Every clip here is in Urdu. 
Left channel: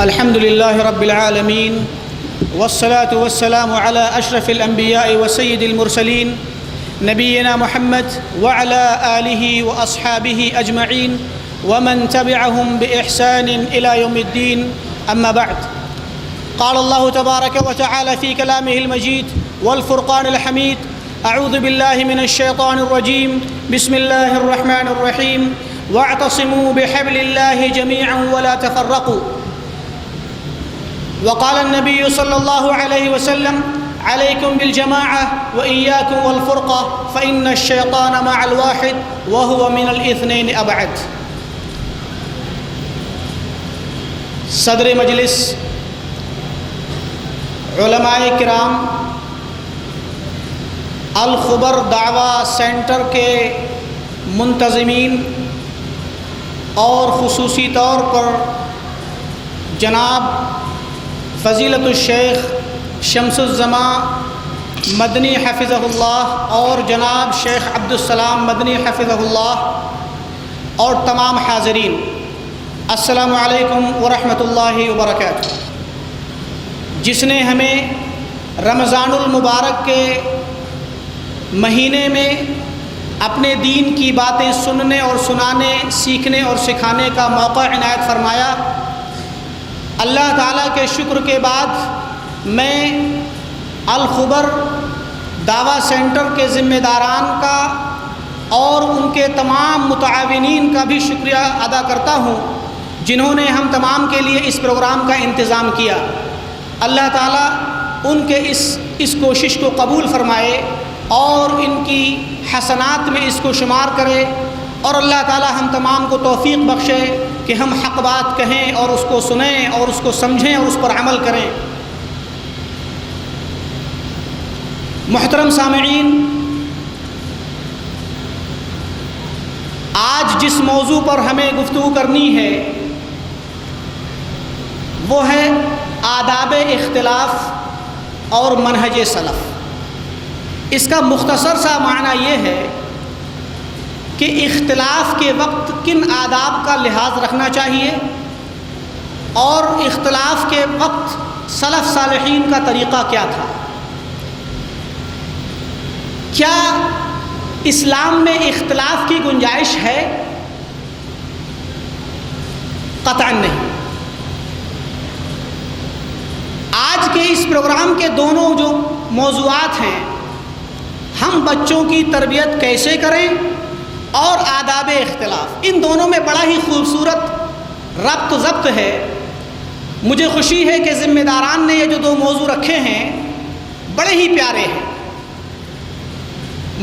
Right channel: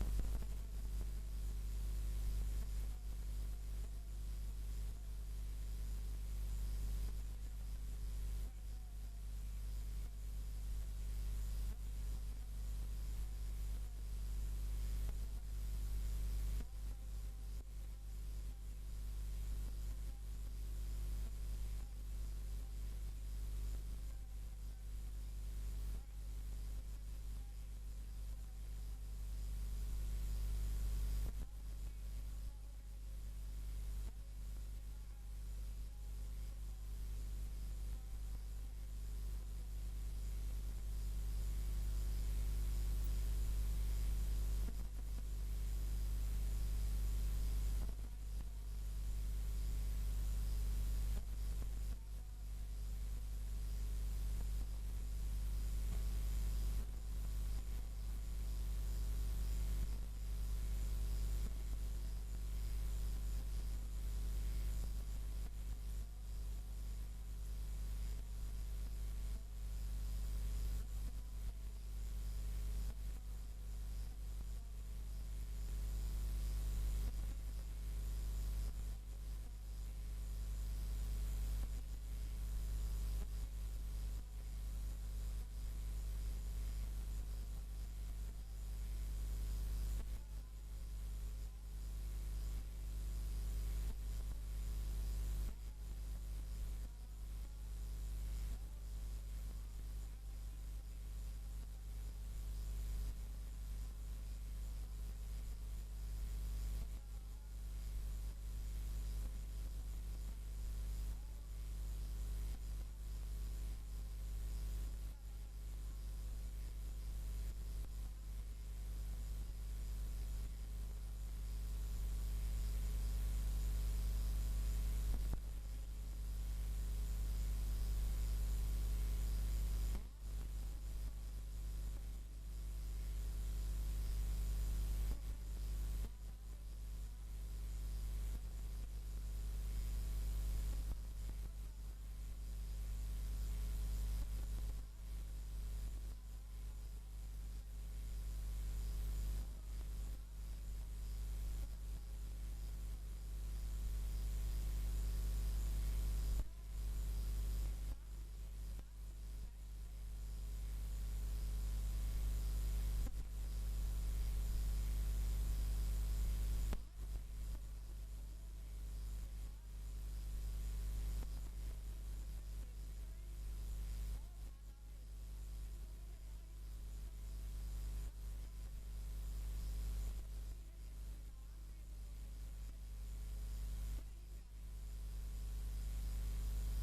الحمد لله رب العالمين والصلاة والسلام على أشرف الأنبياء وسيد المرسلين نبينا محمد وعلى آله وأصحابه أجمعين ومن تبعهم بإحسان إلى يوم الدين. أما بعد، قال الله تبارك وتعالى في كلامه المجيد والفرقان الحميد: أعوذ بالله من الشيطان الرجيم، بسم الله الرحمن الرحيم، واعتصموا بحبل الله جميعا ولا تفرقوا. وقال النبي صلى الله عليه وسلم: عليكم بالجماعة وإياكم والفرقة فإن الشيطان مع الواحد وهو من الاثنين أبعد. صدر مجلس، علماء کرام، الخبر دعویٰ سینٹر کے منتظمین اور خصوصی طور پر جناب فضیلت الشیخ شمس الزمان مدنی حفظہ اللہ اور جناب شیخ عبدالسلام مدنی حفظہ اللہ اور تمام حاضرین، السلام علیکم ورحمۃ اللہ وبرکاتہ. جس نے ہمیں رمضان المبارک کے مہینے میں اپنے دین کی باتیں سننے اور سنانے، سیکھنے اور سکھانے کا موقع عنایت فرمایا، اللہ تعالیٰ کے شکر کے بعد میں الخبر دعویٰ سینٹر کے ذمہ داران کا اور ان کے تمام متعاونین کا بھی شکریہ ادا کرتا ہوں جنہوں نے ہم تمام کے لیے اس پروگرام کا انتظام کیا. اللہ تعالیٰ ان کے اس کوشش کو قبول فرمائے اور ان کی حسنات میں اس کو شمار کرے، اور اللہ تعالیٰ ہم تمام کو توفیق بخشے کہ ہم حق بات کہیں اور اس کو سنیں اور اس کو سمجھیں اور اس پر عمل کریں. محترم سامعین، آج جس موضوع پر ہمیں گفتگو کرنی ہے وہ ہے آداب اختلاف اور منہج سلف. اس کا مختصر سا معنی یہ ہے کہ اختلاف کے وقت کن آداب کا لحاظ رکھنا چاہیے اور اختلاف کے وقت سلف صالحین کا طریقہ کیا تھا. کیا اسلام میں اختلاف کی گنجائش ہے؟ قطعاً نہیں. آج کے اس پروگرام کے دونوں جو موضوعات ہیں، ہم بچوں کی تربیت کیسے کریں اور آداب اختلاف، ان دونوں میں بڑا ہی خوبصورت ربط ضبط ہے. مجھے خوشی ہے کہ ذمہ داران نے یہ جو دو موضوع رکھے ہیں بڑے ہی پیارے ہیں.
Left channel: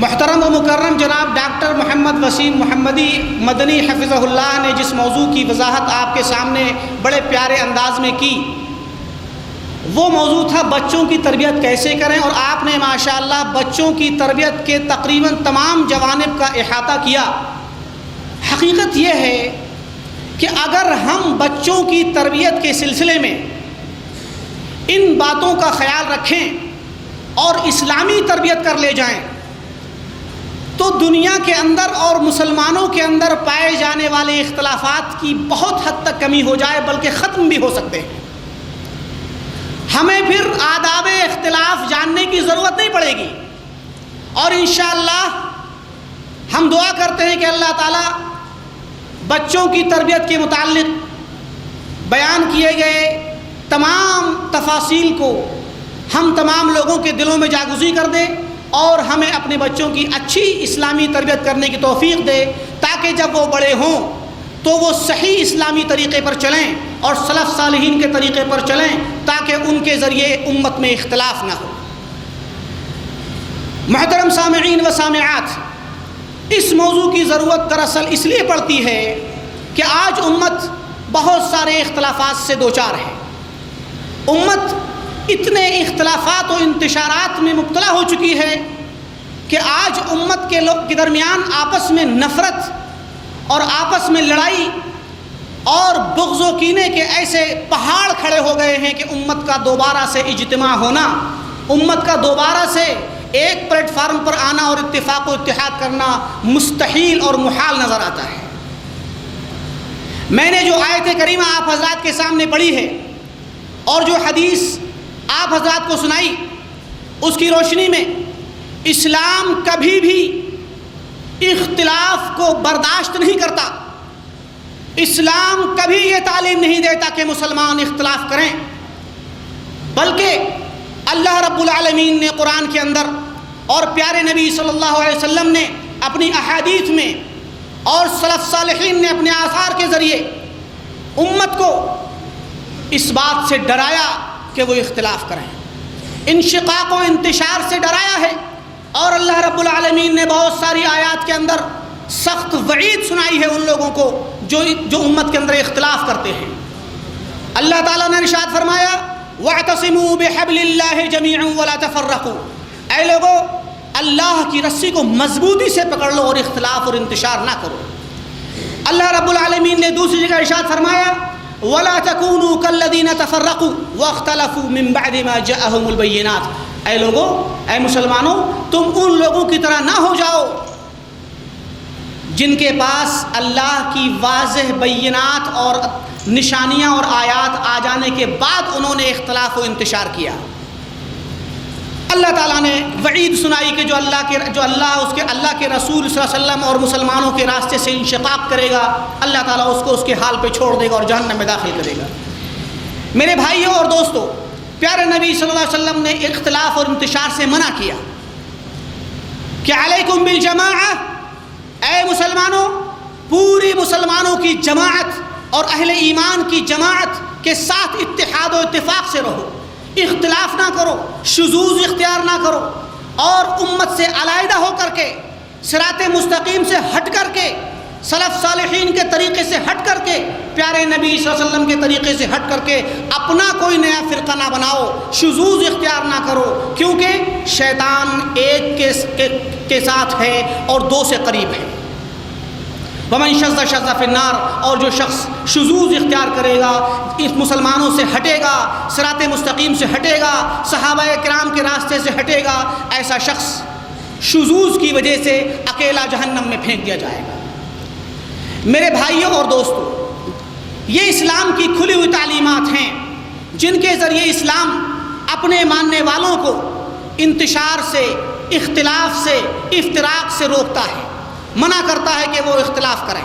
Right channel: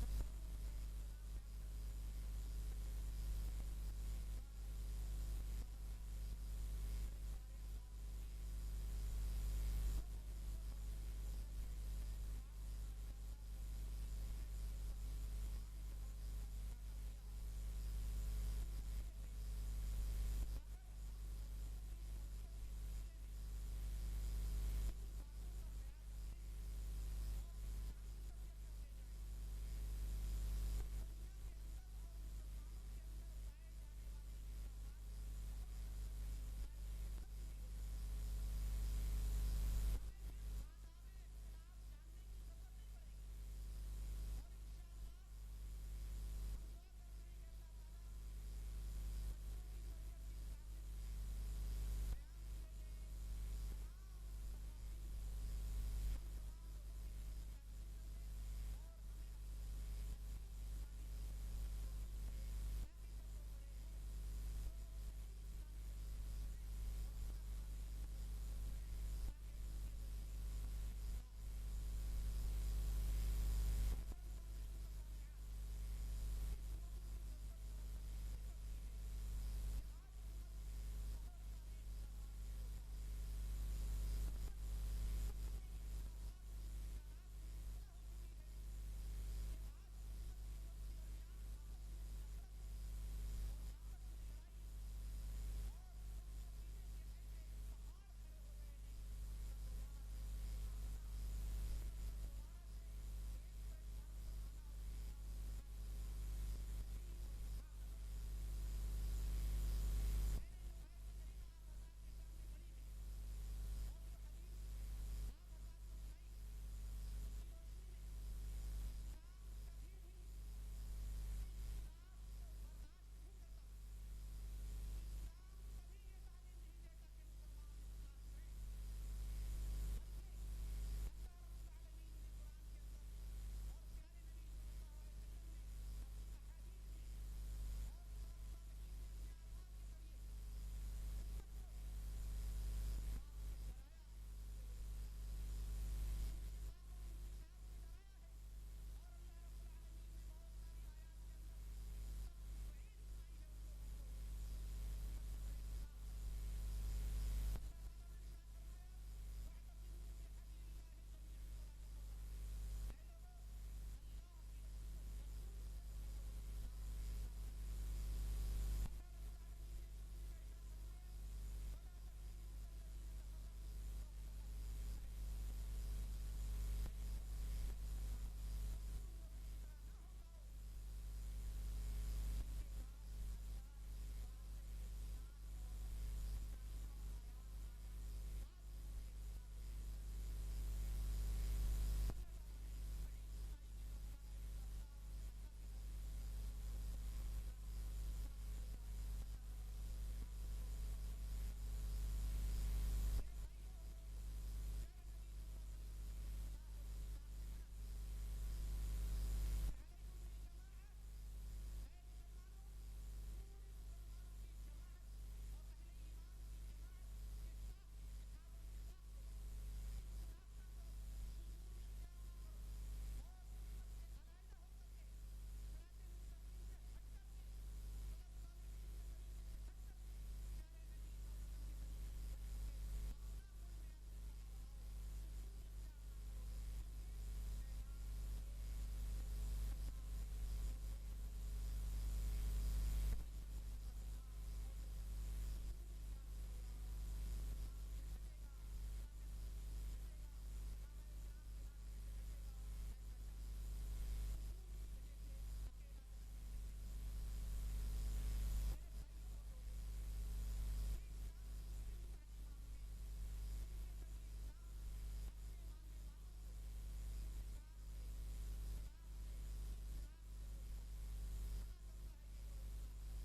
محترم و مکرم جناب ڈاکٹر محمد وسیم محمدی مدنی حفظہ اللہ نے جس موضوع کی وضاحت آپ کے سامنے بڑے پیارے انداز میں کی، وہ موضوع تھا بچوں کی تربیت کیسے کریں، اور آپ نے ماشاءاللہ بچوں کی تربیت کے تقریباً تمام جوانب کا احاطہ کیا. حقیقت یہ ہے کہ اگر ہم بچوں کی تربیت کے سلسلے میں ان باتوں کا خیال رکھیں اور اسلامی تربیت کر لے جائیں تو دنیا کے اندر اور مسلمانوں کے اندر پائے جانے والے اختلافات کی بہت حد تک کمی ہو جائے، بلکہ ختم بھی ہو سکتے ہیں. ہمیں پھر آداب اختلاف جاننے کی ضرورت نہیں پڑے گی، اور انشاءاللہ ہم دعا کرتے ہیں کہ اللہ تعالیٰ بچوں کی تربیت کے متعلق بیان کیے گئے تمام تفاصیل کو ہم تمام لوگوں کے دلوں میں جاگزی کر دے اور ہمیں اپنے بچوں کی اچھی اسلامی تربیت کرنے کی توفیق دے، تاکہ جب وہ بڑے ہوں تو وہ صحیح اسلامی طریقے پر چلیں اور سلف صالحین کے طریقے پر چلیں، تاکہ ان کے ذریعے امت میں اختلاف نہ ہو. محترم سامعین و سامعات، اس موضوع کی ضرورت دراصل اس لیے پڑتی ہے کہ آج امت بہت سارے اختلافات سے دوچار ہے. امت اتنے اختلافات و انتشارات میں مبتلا ہو چکی ہے کہ آج امت کے درمیان آپس میں نفرت اور آپس میں لڑائی اور بغض و کینے کے ایسے پہاڑ کھڑے ہو گئے ہیں کہ امت کا دوبارہ سے اجتماع ہونا، امت کا دوبارہ سے ایک پلیٹ فارم پر آنا اور اتفاق و اتحاد کرنا مستحیل اور محال نظر آتا ہے. میں نے جو آیت کریمہ آپ حضرات کے سامنے پڑھی ہے اور جو حدیث آپ حضرات کو سنائی، اس کی روشنی میں اسلام کبھی بھی اختلاف کو برداشت نہیں کرتا۔ اسلام کبھی یہ تعلیم نہیں دیتا کہ مسلمان اختلاف کریں، بلکہ اللہ رب العالمین نے قرآن کے اندر اور پیارے نبی صلی اللہ علیہ وسلم نے اپنی احادیث میں اور سلف صالحین نے اپنے آثار کے ذریعے امت کو اس بات سے ڈرایا کہ وہ اختلاف کریں، انشقاق و انتشار سے ڈرایا ہے، اور اللہ رب العالمین نے بہت ساری آیات کے اندر سخت وعید سنائی ہے ان لوگوں کو جو امت کے اندر اختلاف کرتے ہیں۔ اللہ تعالیٰ نے ارشاد فرمایا وَاعْتَصِمُوا بِحَبْلِ اللَّهِ جَمِيعًا وَلَا تَفَرَّقُوا، اے لوگو اللہ کی رسی کو مضبوطی سے پکڑ لو اور اختلاف اور انتشار نہ کرو۔ اللہ رب العالمین نے دوسری جگہ ارشاد فرمایا وَلَا تَكُونُوا كَالَّذِينَ تَفَرَّقُوا وَاخْتَلَفُوا مِن بَعْدِ مَا جَاءَهُمُ الْبَيِّنَاتُ، اے لوگو، اے مسلمانوں، تم ان لوگوں کی طرح نہ ہو جاؤ جن کے پاس اللہ کی واضح بینات اور نشانیاں اور آیات آ جانے کے بعد انہوں نے اختلاف و انتشار کیا۔ اللہ تعالیٰ نے وعید سنائی کہ جو اللہ کے رسول صلی اللہ علیہ وسلم اور مسلمانوں کے راستے سے انشقاق کرے گا، اللہ تعالیٰ اس کو اس کے حال پہ چھوڑ دے گا اور جہنم میں داخل کرے گا۔ میرے بھائیوں اور دوستوں، پیارے نبی صلی اللہ علیہ وسلم نے اختلاف اور انتشار سے منع کیا کہ علیکم بالجماعہ، اے مسلمانوں، پوری مسلمانوں کی جماعت اور اہل ایمان کی جماعت کے ساتھ اتحاد و اتفاق سے رہو، اختلاف نہ کرو، شذوذ اختیار نہ کرو، اور امت سے علیحدہ ہو کر کے، صراط مستقیم سے ہٹ کر کے، سلف صالحین کے طریقے سے ہٹ کر کے، پیارے نبی صلی اللہ علیہ وسلم کے طریقے سے ہٹ کر کے اپنا کوئی نیا فرقہ نہ بناؤ، شذوذ اختیار نہ کرو، کیونکہ شیطان ایک کے ساتھ ہے اور دو سے قریب ہے۔ وَمَنْ شَذَّ شَذَّ فِي النَّارِ، اور جو شخص شذوذ اختیار کرے گا، اس مسلمانوں سے ہٹے گا، صراط مستقیم سے ہٹے گا، صحابہ کرام کے راستے سے ہٹے گا، ایسا شخص شذوذ کی وجہ سے اکیلا جہنم میں پھینک دیا جائے گا۔ میرے بھائیوں اور دوستوں، یہ اسلام کی کھلی ہوئی تعلیمات ہیں جن کے ذریعے اسلام اپنے ماننے والوں کو انتشار سے، اختلاف سے، افتراق سے روکتا ہے، منع کرتا ہے کہ وہ اختلاف کریں۔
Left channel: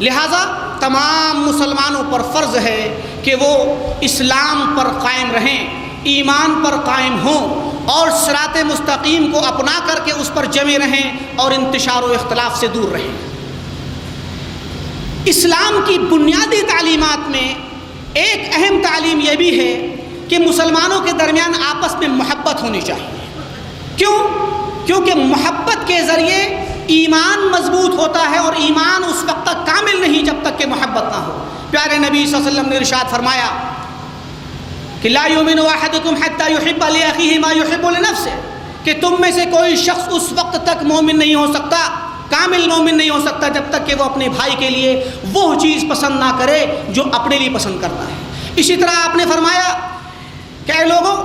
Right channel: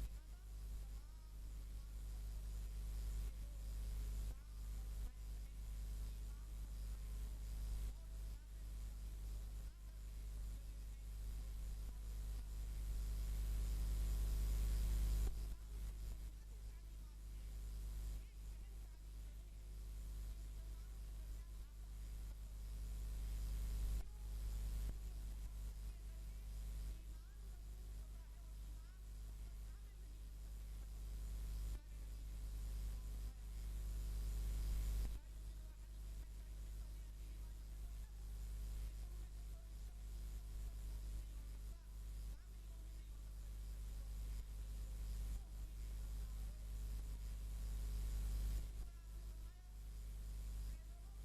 لہٰذا تمام مسلمانوں پر فرض ہے کہ وہ اسلام پر قائم رہیں، ایمان پر قائم ہوں، اور صراط مستقیم کو اپنا کر کے اس پر جمے رہیں اور انتشار و اختلاف سے دور رہیں۔ اسلام کی بنیادی تعلیمات میں ایک اہم تعلیم یہ بھی ہے کہ مسلمانوں کے درمیان آپس میں محبت ہونی چاہیے۔ کیونکہ محبت کے ذریعے ایمان مضبوط ہوتا ہے، اور ایمان اس وقت تک کامل نہیں جب تک کہ محبت نہ ہو۔ پیارے نبی صلی اللہ علیہ وسلم نے ارشاد فرمایا کہ لا یؤمن احدکم حتی یحب لاخیہ ما یحب لنفسہ، کہ تم میں سے کوئی شخص اس وقت تک مومن نہیں ہو سکتا، کامل مومن نہیں ہو سکتا، جب تک کہ وہ اپنے بھائی کے لیے وہ چیز پسند نہ کرے جو اپنے لیے پسند کرتا ہے۔ اسی طرح آپ نے فرمایا کہ اے لوگوں،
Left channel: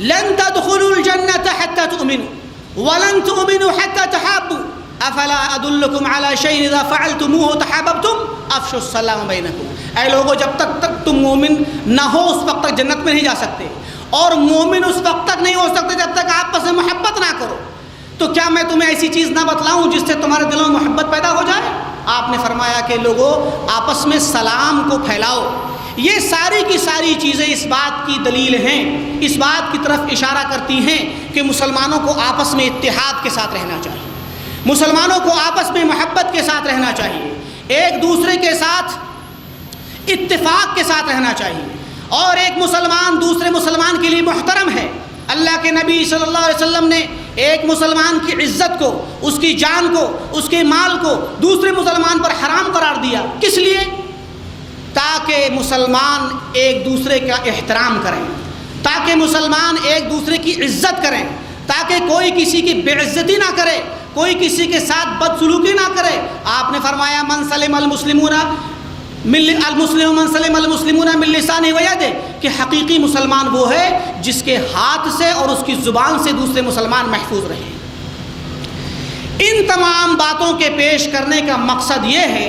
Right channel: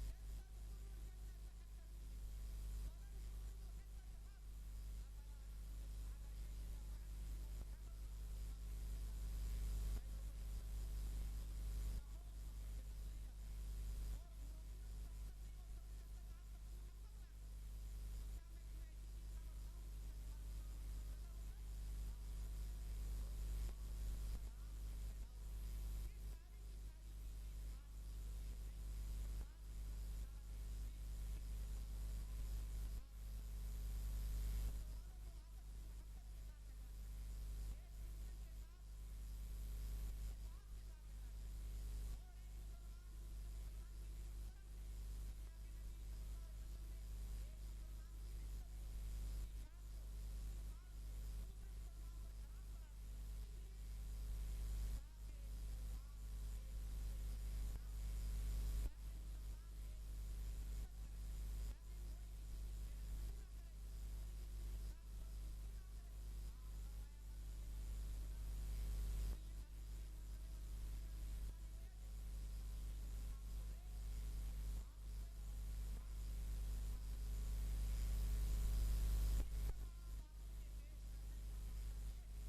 لن تدخلوا الجنة حتى تؤمنوا ولن تؤمنوا حتى تحابوا افلا ادلکم علی شیء اذا فعلتموه تحاببتم افشوا السلام بینکم، اے لوگوں، جب تک تم مومن نہ ہو اس وقت تک جنت میں نہیں جا سکتے، اور مومن اس وقت تک نہیں ہو سکتے جب تک آپس میں محبت نہ کرو۔ تو کیا میں تمہیں ایسی چیز نہ بتلاؤں جس سے تمہارے دلوں میں محبت پیدا ہو جائے؟ آپ نے فرمایا کہ لوگوں، آپس میں سلام کو پھیلاؤ۔ یہ ساری کی ساری چیزیں اس بات کی دلیل ہیں، اس بات کی طرف اشارہ کرتی ہیں کہ مسلمانوں کو آپس میں اتحاد کے ساتھ رہنا چاہیے، مسلمانوں کو آپس میں محبت کے ساتھ رہنا چاہیے، ایک دوسرے کے ساتھ اتفاق کے ساتھ رہنا چاہیے، اور ایک مسلمان دوسرے مسلمان کے لیے محترم ہے۔ اللہ کے نبی صلی اللہ علیہ وسلم نے ایک مسلمان کی عزت کو، اس کی جان کو، اس کے مال کو دوسرے مسلمان پر حرام قرار دیا۔ کس لیے؟ تاکہ مسلمان ایک دوسرے کا احترام کریں، تاکہ مسلمان ایک دوسرے کی عزت کریں، تاکہ کوئی کسی کی بے عزتی نہ کرے، کوئی کسی کے ساتھ بدسلوکی نہ کرے۔ آپ نے فرمایا من سلم المسلمون من لسانہ و یدہ، کہ حقیقی مسلمان وہ ہے جس کے ہاتھ سے اور اس کی زبان سے دوسرے مسلمان محفوظ رہیں۔ ان تمام باتوں کے پیش کرنے کا مقصد یہ ہے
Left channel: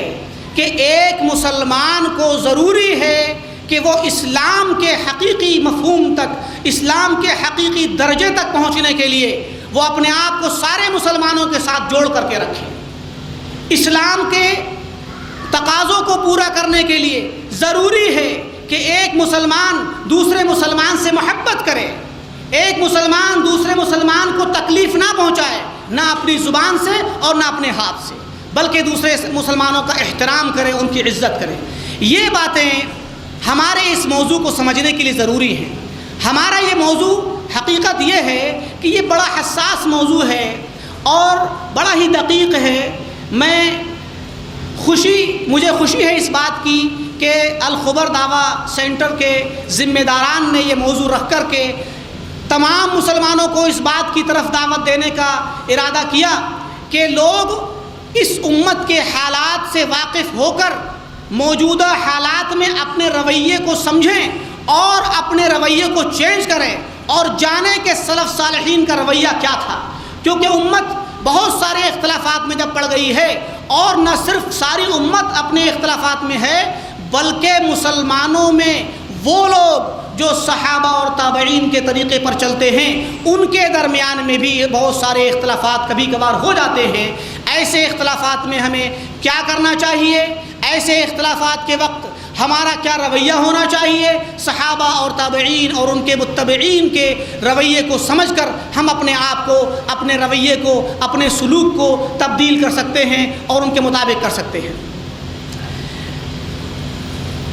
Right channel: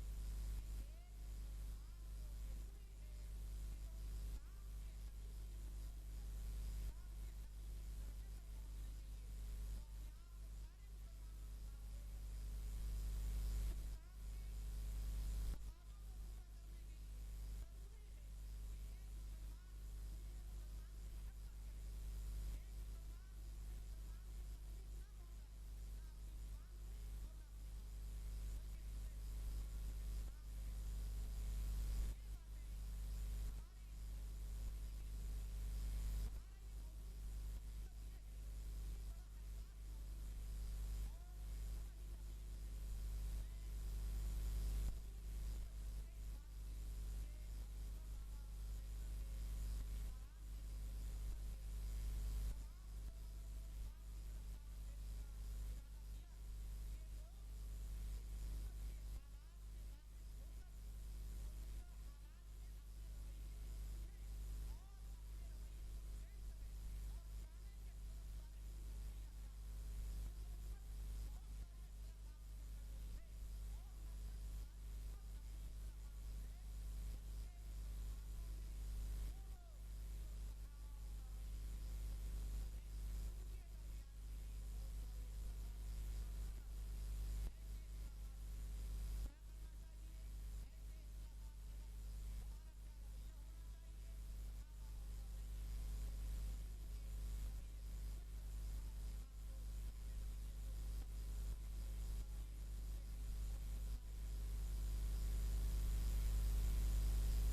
کہ ایک مسلمان کو ضروری ہے کہ وہ اسلام کے حقیقی مفہوم تک، اسلام کے حقیقی درجے تک پہنچنے کے لیے وہ اپنے آپ کو سارے مسلمانوں کے ساتھ جوڑ کر کے رکھے۔ اسلام کے تقاضوں کو پورا کرنے کے لیے ضروری ہے کہ ایک مسلمان دوسرے مسلمان سے محبت کرے، ایک مسلمان دوسرے مسلمان کو تکلیف نہ پہنچائے، نہ اپنی زبان سے اور نہ اپنے ہاتھ سے، بلکہ دوسرے مسلمانوں کا احترام کرے، ان کی عزت کرے۔ یہ باتیں ہمارے اس موضوع کو سمجھنے کے لیے ضروری ہیں۔ ہمارا یہ موضوع حقیقت یہ ہے کہ یہ بڑا حساس موضوع ہے اور بڑا ہی دقیق ہے۔ مجھے خوشی ہے اس بات کی کہ الخبر دعویٰ سینٹر کے ذمہ داران نے یہ موضوع رکھ کر کے تمام مسلمانوں کو اس بات کی طرف دعوت دینے کا ارادہ کیا کہ لوگ اس امت کے حالات سے واقف ہو کر موجودہ حالات میں اپنے رویے کو سمجھیں اور اپنے رویے کو چینج کریں اور جانیں کہ سلف صالحین کا رویہ کیا تھا، کیونکہ امت بہت سارے اختلافات میں جب پڑ گئی ہے، اور نہ صرف ساری امت اپنے اختلافات میں ہے بلکہ مسلمانوں میں وہ لوگ جو صحابہ اور تابعین کے طریقے پر چلتے ہیں ان کے درمیان میں بھی بہت سارے اختلافات کبھی کبھار ہو جاتے ہیں۔ ایسے اختلافات میں ہمیں کیا کرنا چاہیے؟ ایسے اختلافات کے وقت ہمارا کیا رویہ ہونا چاہیے؟ صحابہ اور تابعین اور ان کے متبعین کے رویے کو سمجھ کر ہم اپنے آپ کو، اپنے رویے کو، اپنے سلوک کو تبدیل کر سکتے ہیں اور ان کے مطابق کر سکتے ہیں۔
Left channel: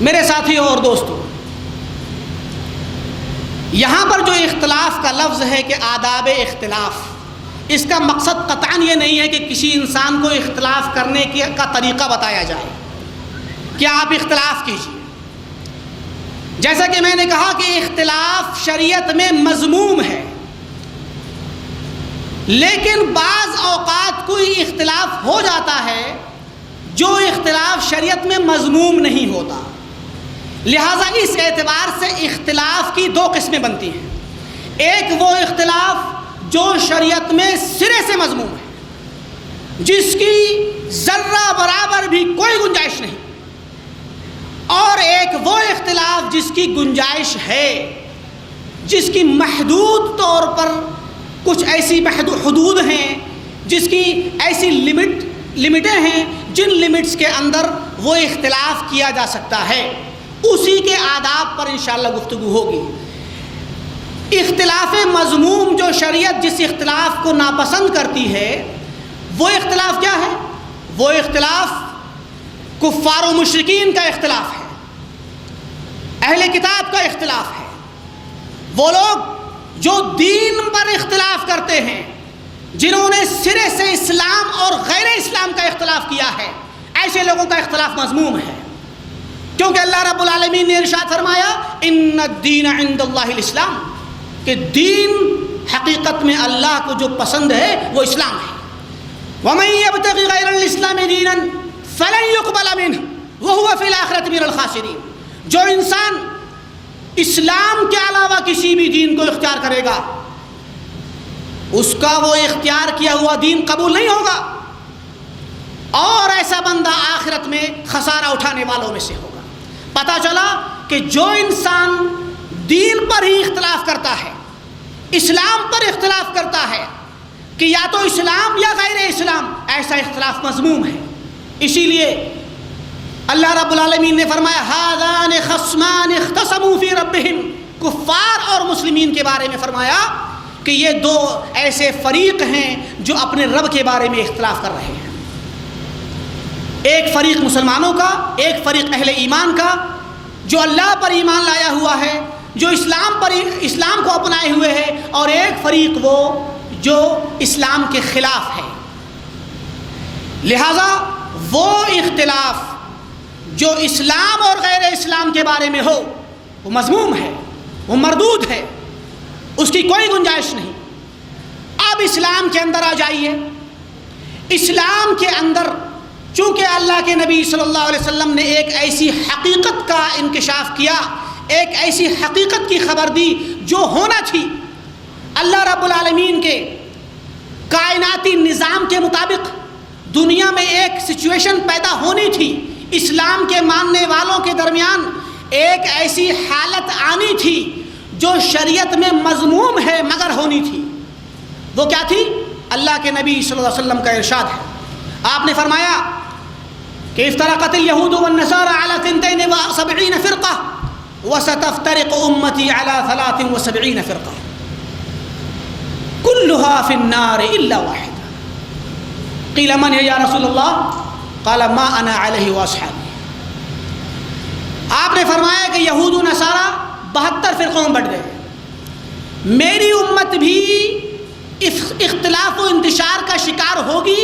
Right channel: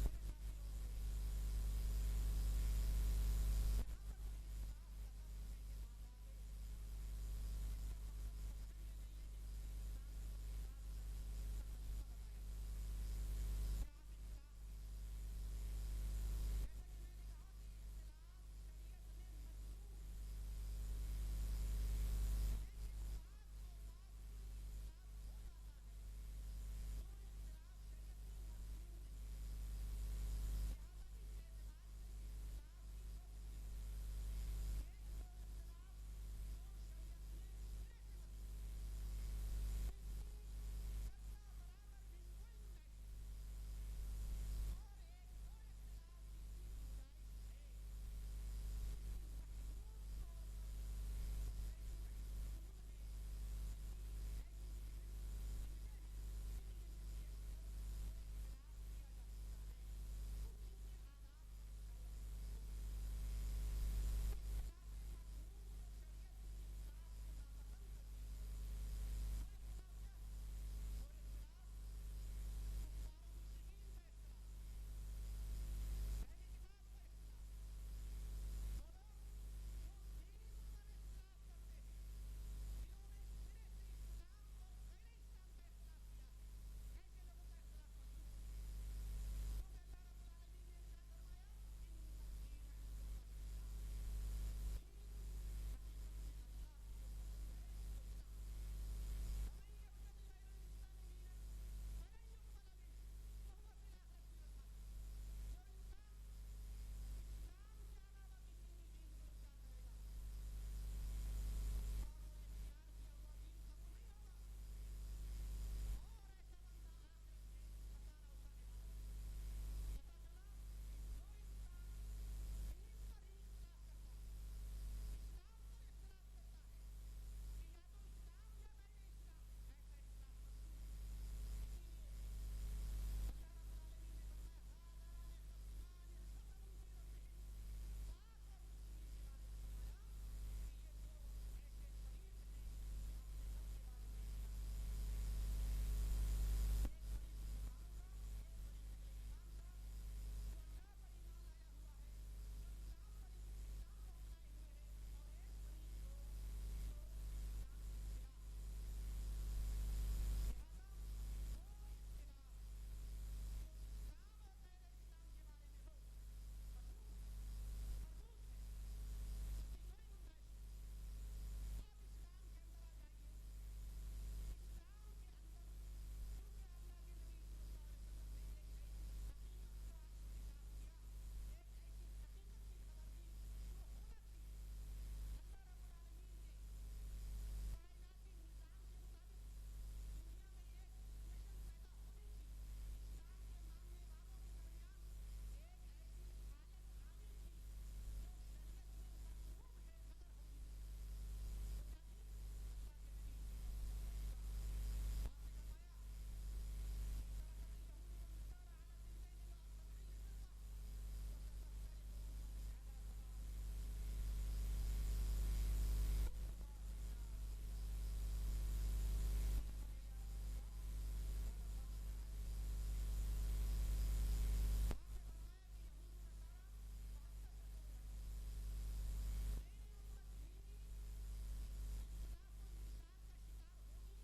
میرے ساتھیوں اور دوستوں، یہاں پر جو اختلاف کا لفظ ہے کہ آداب اختلاف، اس کا مقصد قطعاً یہ نہیں ہے کہ کسی انسان کو اختلاف کرنے کا طریقہ بتایا جائے کہ آپ اختلاف کیجیے۔ جیسا کہ میں نے کہا کہ اختلاف شریعت میں مذموم ہے، لیکن بعض اوقات کوئی اختلاف ہو جاتا ہے جو اختلاف شریعت میں مذموم نہیں ہوتا، لہٰذا اس اعتبار سے اختلاف کی دو قسمیں بنتی ہیں۔ ایک وہ اختلاف جو شریعت میں سرے سے مذموم ہے، جس کی ذرہ برابر بھی کوئی گنجائش نہیں، اور ایک وہ اختلاف جس کی گنجائش ہے، جس کی محدود طور پر کچھ ایسی حدود ہیں، جس کی ایسی لمٹیں ہیں جن لمٹس کے اندر وہ اختلاف کیا جا سکتا ہے، اسی کے آداب پر انشاءاللہ گفتگو ہوگی۔ اختلاف مذموم جو شریعت جس اختلاف کو ناپسند کرتی ہے، وہ اختلاف کیا ہے؟ وہ اختلاف کفار و مشرکین کا اختلاف ہے، اہل کتاب کا اختلاف ہے۔ وہ لوگ جو دین پر اختلاف کرتے ہیں، جنہوں نے سرے سے اسلام اور غیر اسلام کا اختلاف کیا ہے، ایسے لوگوں کا اختلاف مذموم ہے، کیونکہ اللہ رب العالمین نے ارشاد فرمایا ان الدین عند اللہ الاسلام، کہ دین حقیقت میں اللہ کو جو پسند ہے وہ اسلام ہے۔ وَمَن يَبْتَغِ غَيْرَ الْإِسْلَامِ دِينًا فَلَن يُقْبَلَ مِنْهُ وَهُوَ فِي الْآخِرَةِ مِنَ الْخَاسِرِينَ، جو انسان اسلام کے علاوہ کسی بھی دین کو اختیار کرے گا، اس کا وہ اختیار کیا ہوا دین قبول نہیں ہوگا، اور ایسا بندہ آخرت میں خسارہ اٹھانے والوں میں سے ہوگا۔ پتہ چلا کہ جو انسان دین پر ہی اختلاف کرتا ہے، اسلام پر اختلاف کرتا ہے کہ یا تو اسلام یا غیر اسلام، ایسا اختلاف مذموم ہے۔ اسی لیے اللہ رب العالمین نے فرمایا ہذان خصمان اختصموا فی ربہم، کفار اور مسلمین کے بارے میں فرمایا کہ یہ دو ایسے فریق ہیں جو اپنے رب کے بارے میں اختلاف کر رہے ہیں۔ ایک فریق مسلمانوں کا، ایک فریق اہل ایمان کا جو اللہ پر ایمان لایا ہوا ہے، جو اسلام کو اپنائے ہوئے ہے، اور ایک فریق وہ جو اسلام کے خلاف ہے۔ لہذا وہ اختلاف جو اسلام اور غیر اسلام کے بارے میں ہو وہ مذموم ہے، وہ مردود ہے، اس کی کوئی گنجائش نہیں۔ اب اسلام کے اندر آ جائیے۔ اسلام کے اندر چونکہ اللہ کے نبی صلی اللہ علیہ وسلم نے ایک ایسی حقیقت کا انکشاف کیا، ایک ایسی حقیقت کی خبر دی جو ہونا تھی، اللہ رب العالمین کے کائناتی نظام کے مطابق دنیا میں ایک سچویشن پیدا ہونی تھی، اسلام کے ماننے والوں کے درمیان ایک ایسی حالت آنی تھی جو شریعت میں مذموم ہے مگر ہونی تھی۔ وہ کیا تھی؟ اللہ کے نبی صلی اللہ علیہ وسلم کا ارشاد ہے، آپ نے فرمایا کہ افترقت اليہود والنصارى على 72 فرقہ وستفترق امتی على 73 فرقہ كلها في النار الا واحدہ قیل من یا رسول اللہ قال ما انا علیہ واصحابی۔ آپ نے فرمایا کہ یہود و نصارہ 72 فرقوں میں بٹ گئے، میری امت بھی اختلاف و انتشار کا شکار ہوگی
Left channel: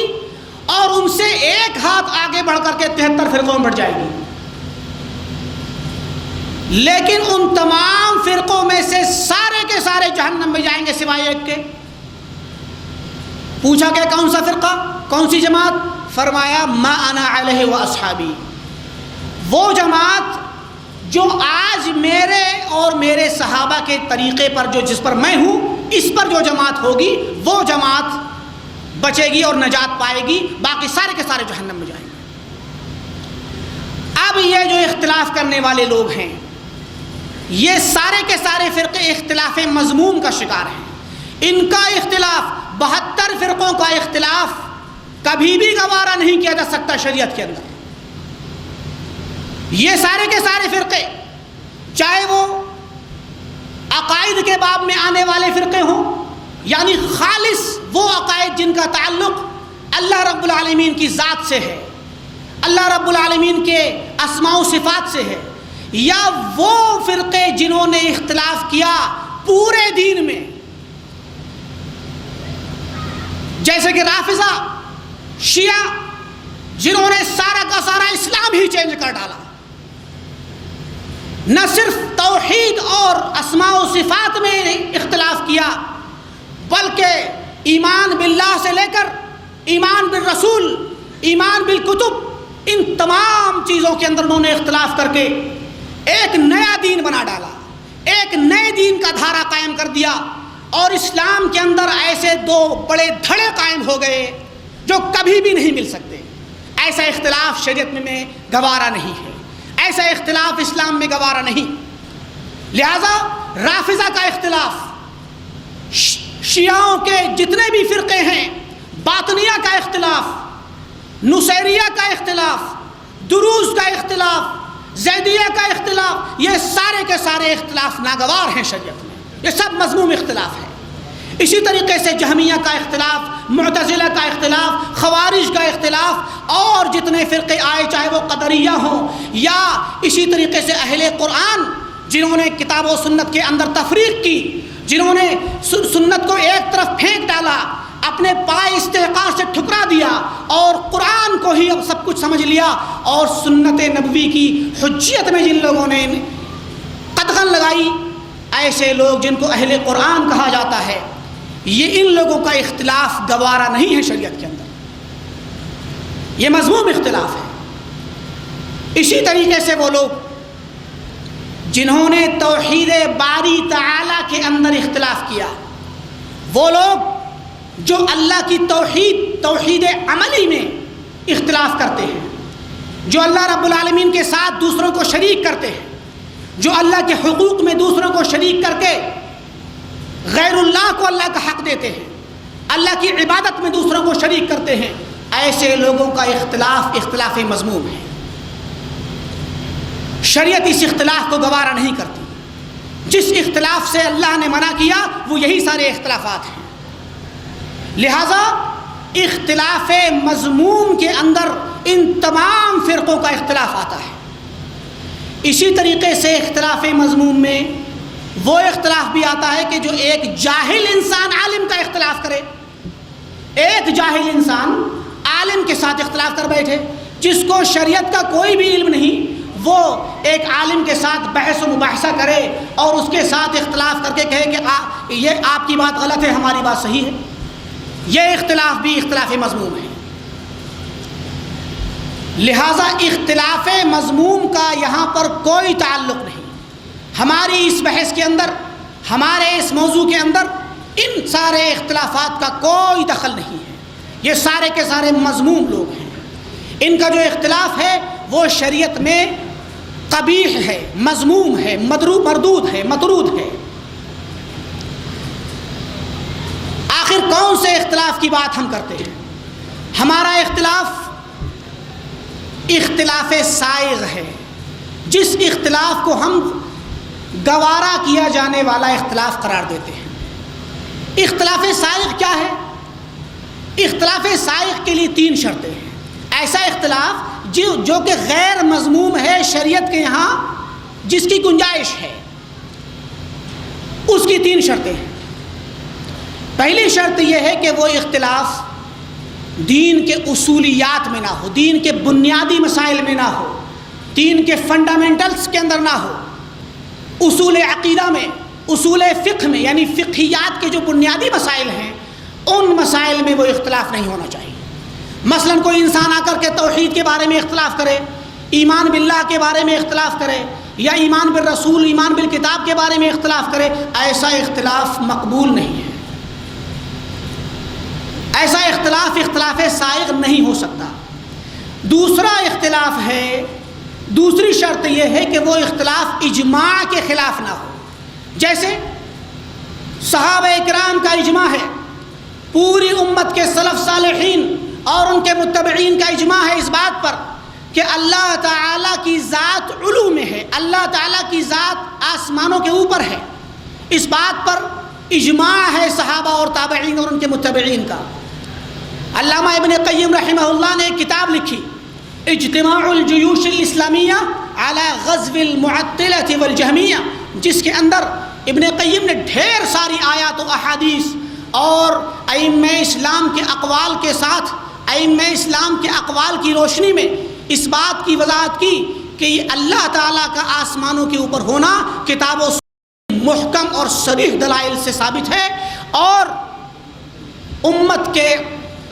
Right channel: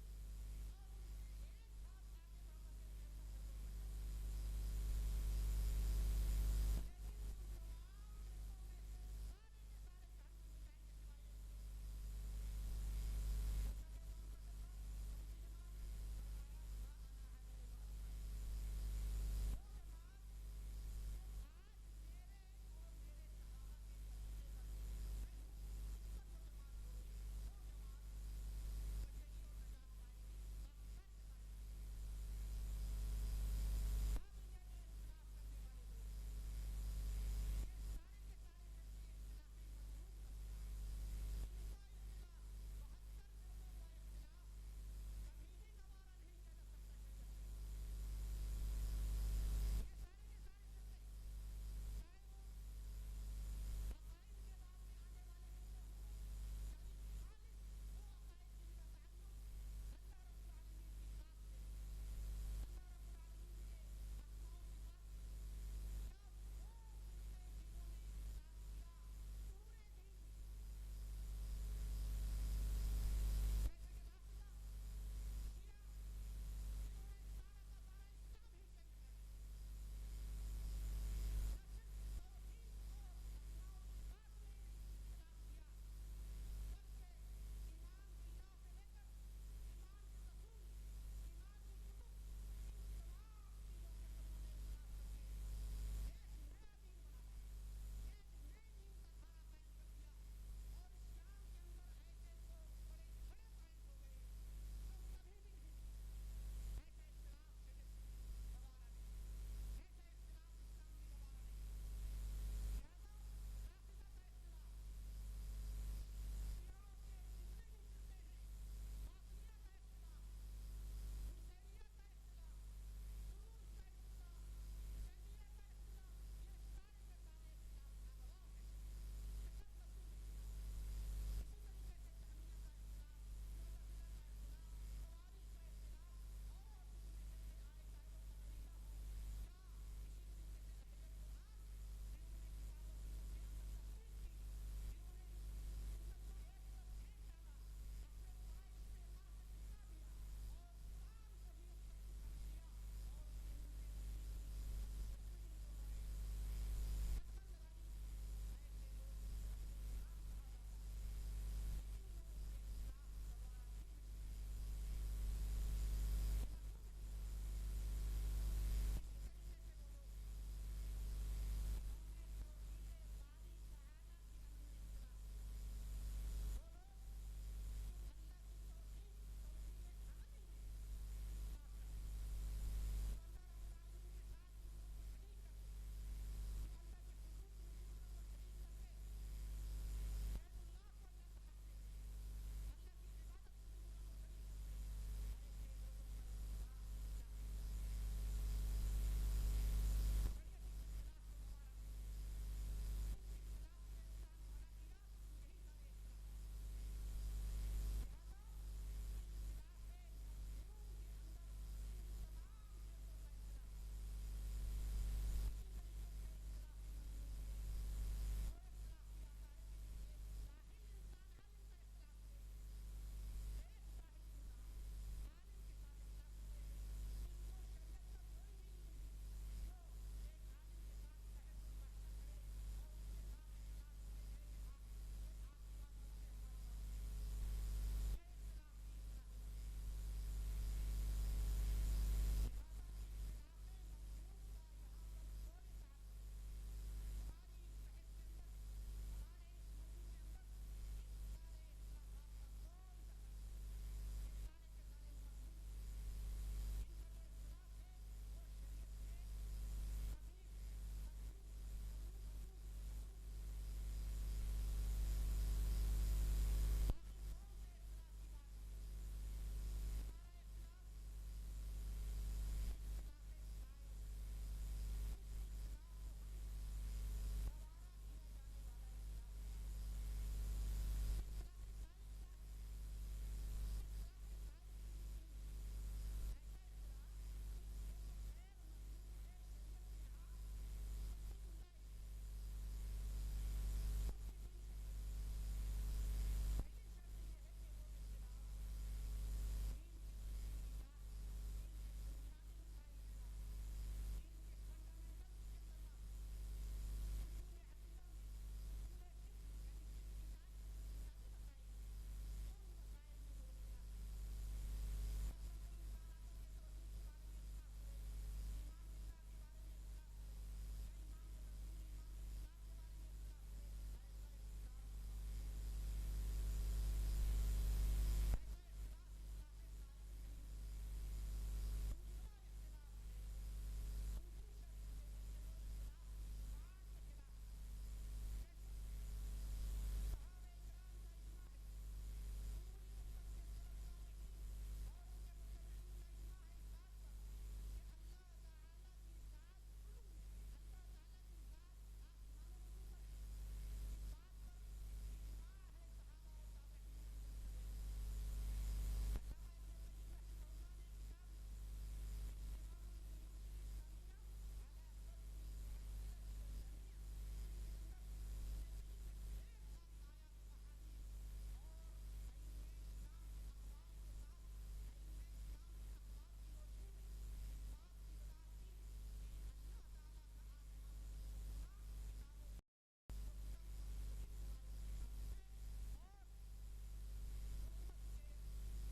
اور ان سے ایک ہاتھ آگے بڑھ کر کے 73 فرقوں میں بٹ جائے گی، لیکن ان تمام فرقوں میں سے سارے کے سارے جہنم میں جائیں گے سوائے ایک کے۔ پوچھا کہ کون سا فرقہ، کون سی جماعت؟ فرمایا ما انا علیہ واصحابی، وہ جماعت جو آج میرے اور میرے صحابہ کے طریقے پر جس پر میں ہوں، اس پر جو جماعت ہوگی وہ جماعت بچے گی اور نجات پائے گی، باقی سارے کے سارے جہنم میں جائیں گے۔ اب یہ جو اختلاف کرنے والے لوگ ہیں، یہ سارے کے سارے فرقے اختلاف مذموم کا شکار ہیں۔ ان کا اختلاف، 72 فرقوں کا اختلاف کبھی بھی گوارا نہیں کیا جا سکتا شریعت کے اندر۔ یہ سارے کے سارے فرقے، چاہے وہ عقائد کے باب میں آنے والے فرقے ہوں، یعنی خالص وہ عقائد جن کا تعلق اللہ رب العالمین کی ذات سے ہے، اللہ رب العالمین کے اسماء و صفات سے ہے، یا وہ فرقے جنہوں نے اختلاف کیا پورے دین میں، جیسے کہ رافضہ، شیعہ، جنہوں نے سارا کا سارا اسلام ہی چینج کر ڈالا، نہ صرف توحید اور اسماء و صفات میں اختلاف کیا بلکہ ایمان باللہ سے لے کر ایمان بالرسول، ایمان بالکتب، ان تمام چیزوں کے اندر انہوں نے اختلاف کر کے ایک نیا دین بنا ڈالا، ایک نئے دین کا دھارا قائم کر دیا، اور اسلام کے اندر ایسے دو بڑے دھڑے قائم ہو گئے جو کبھی بھی نہیں مل سکتے۔ ایسا اختلاف شریعت میں گوارا نہیں ہے، ایسا اختلاف اسلام میں گوارا نہیں۔ لہذا رافضہ کا اختلاف، شیعوں کے جتنے بھی فرقے ہیں، باطنیہ کا اختلاف، نصیریہ کا اختلاف، دروز کا اختلاف، زیدیہ کا اختلاف، یہ سارے کے سارے اختلاف ناگوار ہیں شریعت میں، یہ سب مذموم اختلاف ہے۔ اسی طریقے سے جہمیہ کا اختلاف، معتزلہ کا اختلاف، خوارج کا اختلاف، اور جتنے فرقے آئے چاہے وہ قدریہ ہوں، یا اسی طریقے سے اہل قرآن جنہوں نے کتاب و سنت کے اندر تفریق کی، جنہوں نے سنت کو ایک طرف پھینک ڈالا، اپنے پائے استحقاق سے ٹھکرا دیا اور قرآن کو ہی اب سب کچھ سمجھ لیا، اور سنت نبوی کی حجیت میں جن لوگوں نے قدغن لگائی، ایسے لوگ جن کو اہل قرآن کہا جاتا ہے، یہ ان لوگوں کا اختلاف گوارا نہیں ہے شریعت کے اندر، یہ مذموم اختلاف ہے۔ اسی طریقے سے وہ لوگ جنہوں نے توحید باری تعالیٰ کے اندر اختلاف کیا، وہ لوگ جو اللہ کی توحید عملی میں اختلاف کرتے ہیں، جو اللہ رب العالمین کے ساتھ دوسروں کو شریک کرتے ہیں، جو اللہ کے حقوق میں دوسروں کو شریک کر کے غیر اللہ کو اللہ کا حق دیتے ہیں، اللہ کی عبادت میں دوسروں کو شریک کرتے ہیں، ایسے لوگوں کا اختلاف مذموم ہے۔ شریعت اس اختلاف کو گوارا نہیں کرتی۔ جس اختلاف سے اللہ نے منع کیا وہ یہی سارے اختلافات ہیں۔ لہذا اختلاف مذموم کے اندر ان تمام فرقوں کا اختلاف آتا ہے۔ اسی طریقے سے اختلاف مذموم میں وہ اختلاف بھی آتا ہے کہ جو ایک جاہل انسان عالم کا اختلاف کرے، ایک جاہل انسان عالم کے ساتھ اختلاف کر بیٹھے، جس کو شریعت کا کوئی بھی علم نہیں، وہ ایک عالم کے ساتھ بحث و مباحثہ کرے اور اس کے ساتھ اختلاف کر کے کہے کہ یہ آپ کی بات غلط ہے، ہماری بات صحیح ہے، یہ اختلاف بھی اختلاف مذموم ہے۔ لہذا اختلاف مذموم کا یہاں پر کوئی تعلق نہیں۔ ہماری اس بحث کے اندر، ہمارے اس موضوع کے اندر ان سارے اختلافات کا کوئی دخل نہیں ہے۔ یہ سارے کے سارے مذموم لوگ ہیں۔ ان کا جو اختلاف ہے وہ شریعت میں قبیح ہے، مذموم ہے، مردود ہے، مطرود ہے۔ آخر کون سے اختلاف کی بات ہم کرتے ہیں؟ ہمارا اختلاف سائغ ہے، جس اختلاف کو ہم گوارا کیا جانے والا اختلاف قرار دیتے ہیں۔ اختلاف سائغ کیا ہے؟ اختلاف سائغ کے لیے 3 شرطیں ہیں۔ ایسا اختلاف جو کہ غیر مذموم ہے شریعت کے یہاں، جس کی گنجائش ہے، اس کی 3 شرطیں ہیں۔ پہلی شرط یہ ہے کہ وہ اختلاف دین کے اصولیات میں نہ ہو، دین کے بنیادی مسائل میں نہ ہو، دین کے فنڈامنٹلز کے اندر نہ ہو، اصول عقیدہ میں، اصول فقہ میں، یعنی فقہیات کے جو بنیادی مسائل ہیں ان مسائل میں وہ اختلاف نہیں ہونا چاہیے۔ مثلا کوئی انسان آ کر کے توحید کے بارے میں اختلاف کرے، ایمان باللہ کے بارے میں اختلاف کرے، یا ایمان بالرسول، ایمان بالکتاب کے بارے میں اختلاف کرے، ایسا اختلاف مقبول نہیں ہے۔ ایسا اختلاف سائغ نہیں ہو سکتا۔ دوسرا اختلاف ہے، دوسری شرط یہ ہے کہ وہ اختلاف اجماع کے خلاف نہ ہو۔ جیسے صحابہ کرام کا اجماع ہے، پوری امت کے سلف صالحین اور ان کے متبعین کا اجماع ہے اس بات پر کہ اللہ تعالیٰ کی ذات علو میں ہے، اللہ تعالیٰ کی ذات آسمانوں کے اوپر ہے۔ اس بات پر اجماع ہے صحابہ اور تابعین اور ان کے متبعین کا۔ علامہ ابن قیم رحمہ اللہ نے ایک کتاب لکھی، اجتماع الجیوش الاسلامیہ علی غزو المعطلۃ والجہمیہ، جس کے اندر ابن قیم نے ڈھیر ساری آیات و احادیث اور ائمہ اسلام کے اقوال کے ساتھ، ائمہ اسلام کے اقوال کی روشنی میں اس بات کی وضاحت کی کہ یہ اللہ تعالیٰ کا آسمانوں کے اوپر ہونا کتاب و سنت محکم اور صریح دلائل سے ثابت ہے، اور امت کے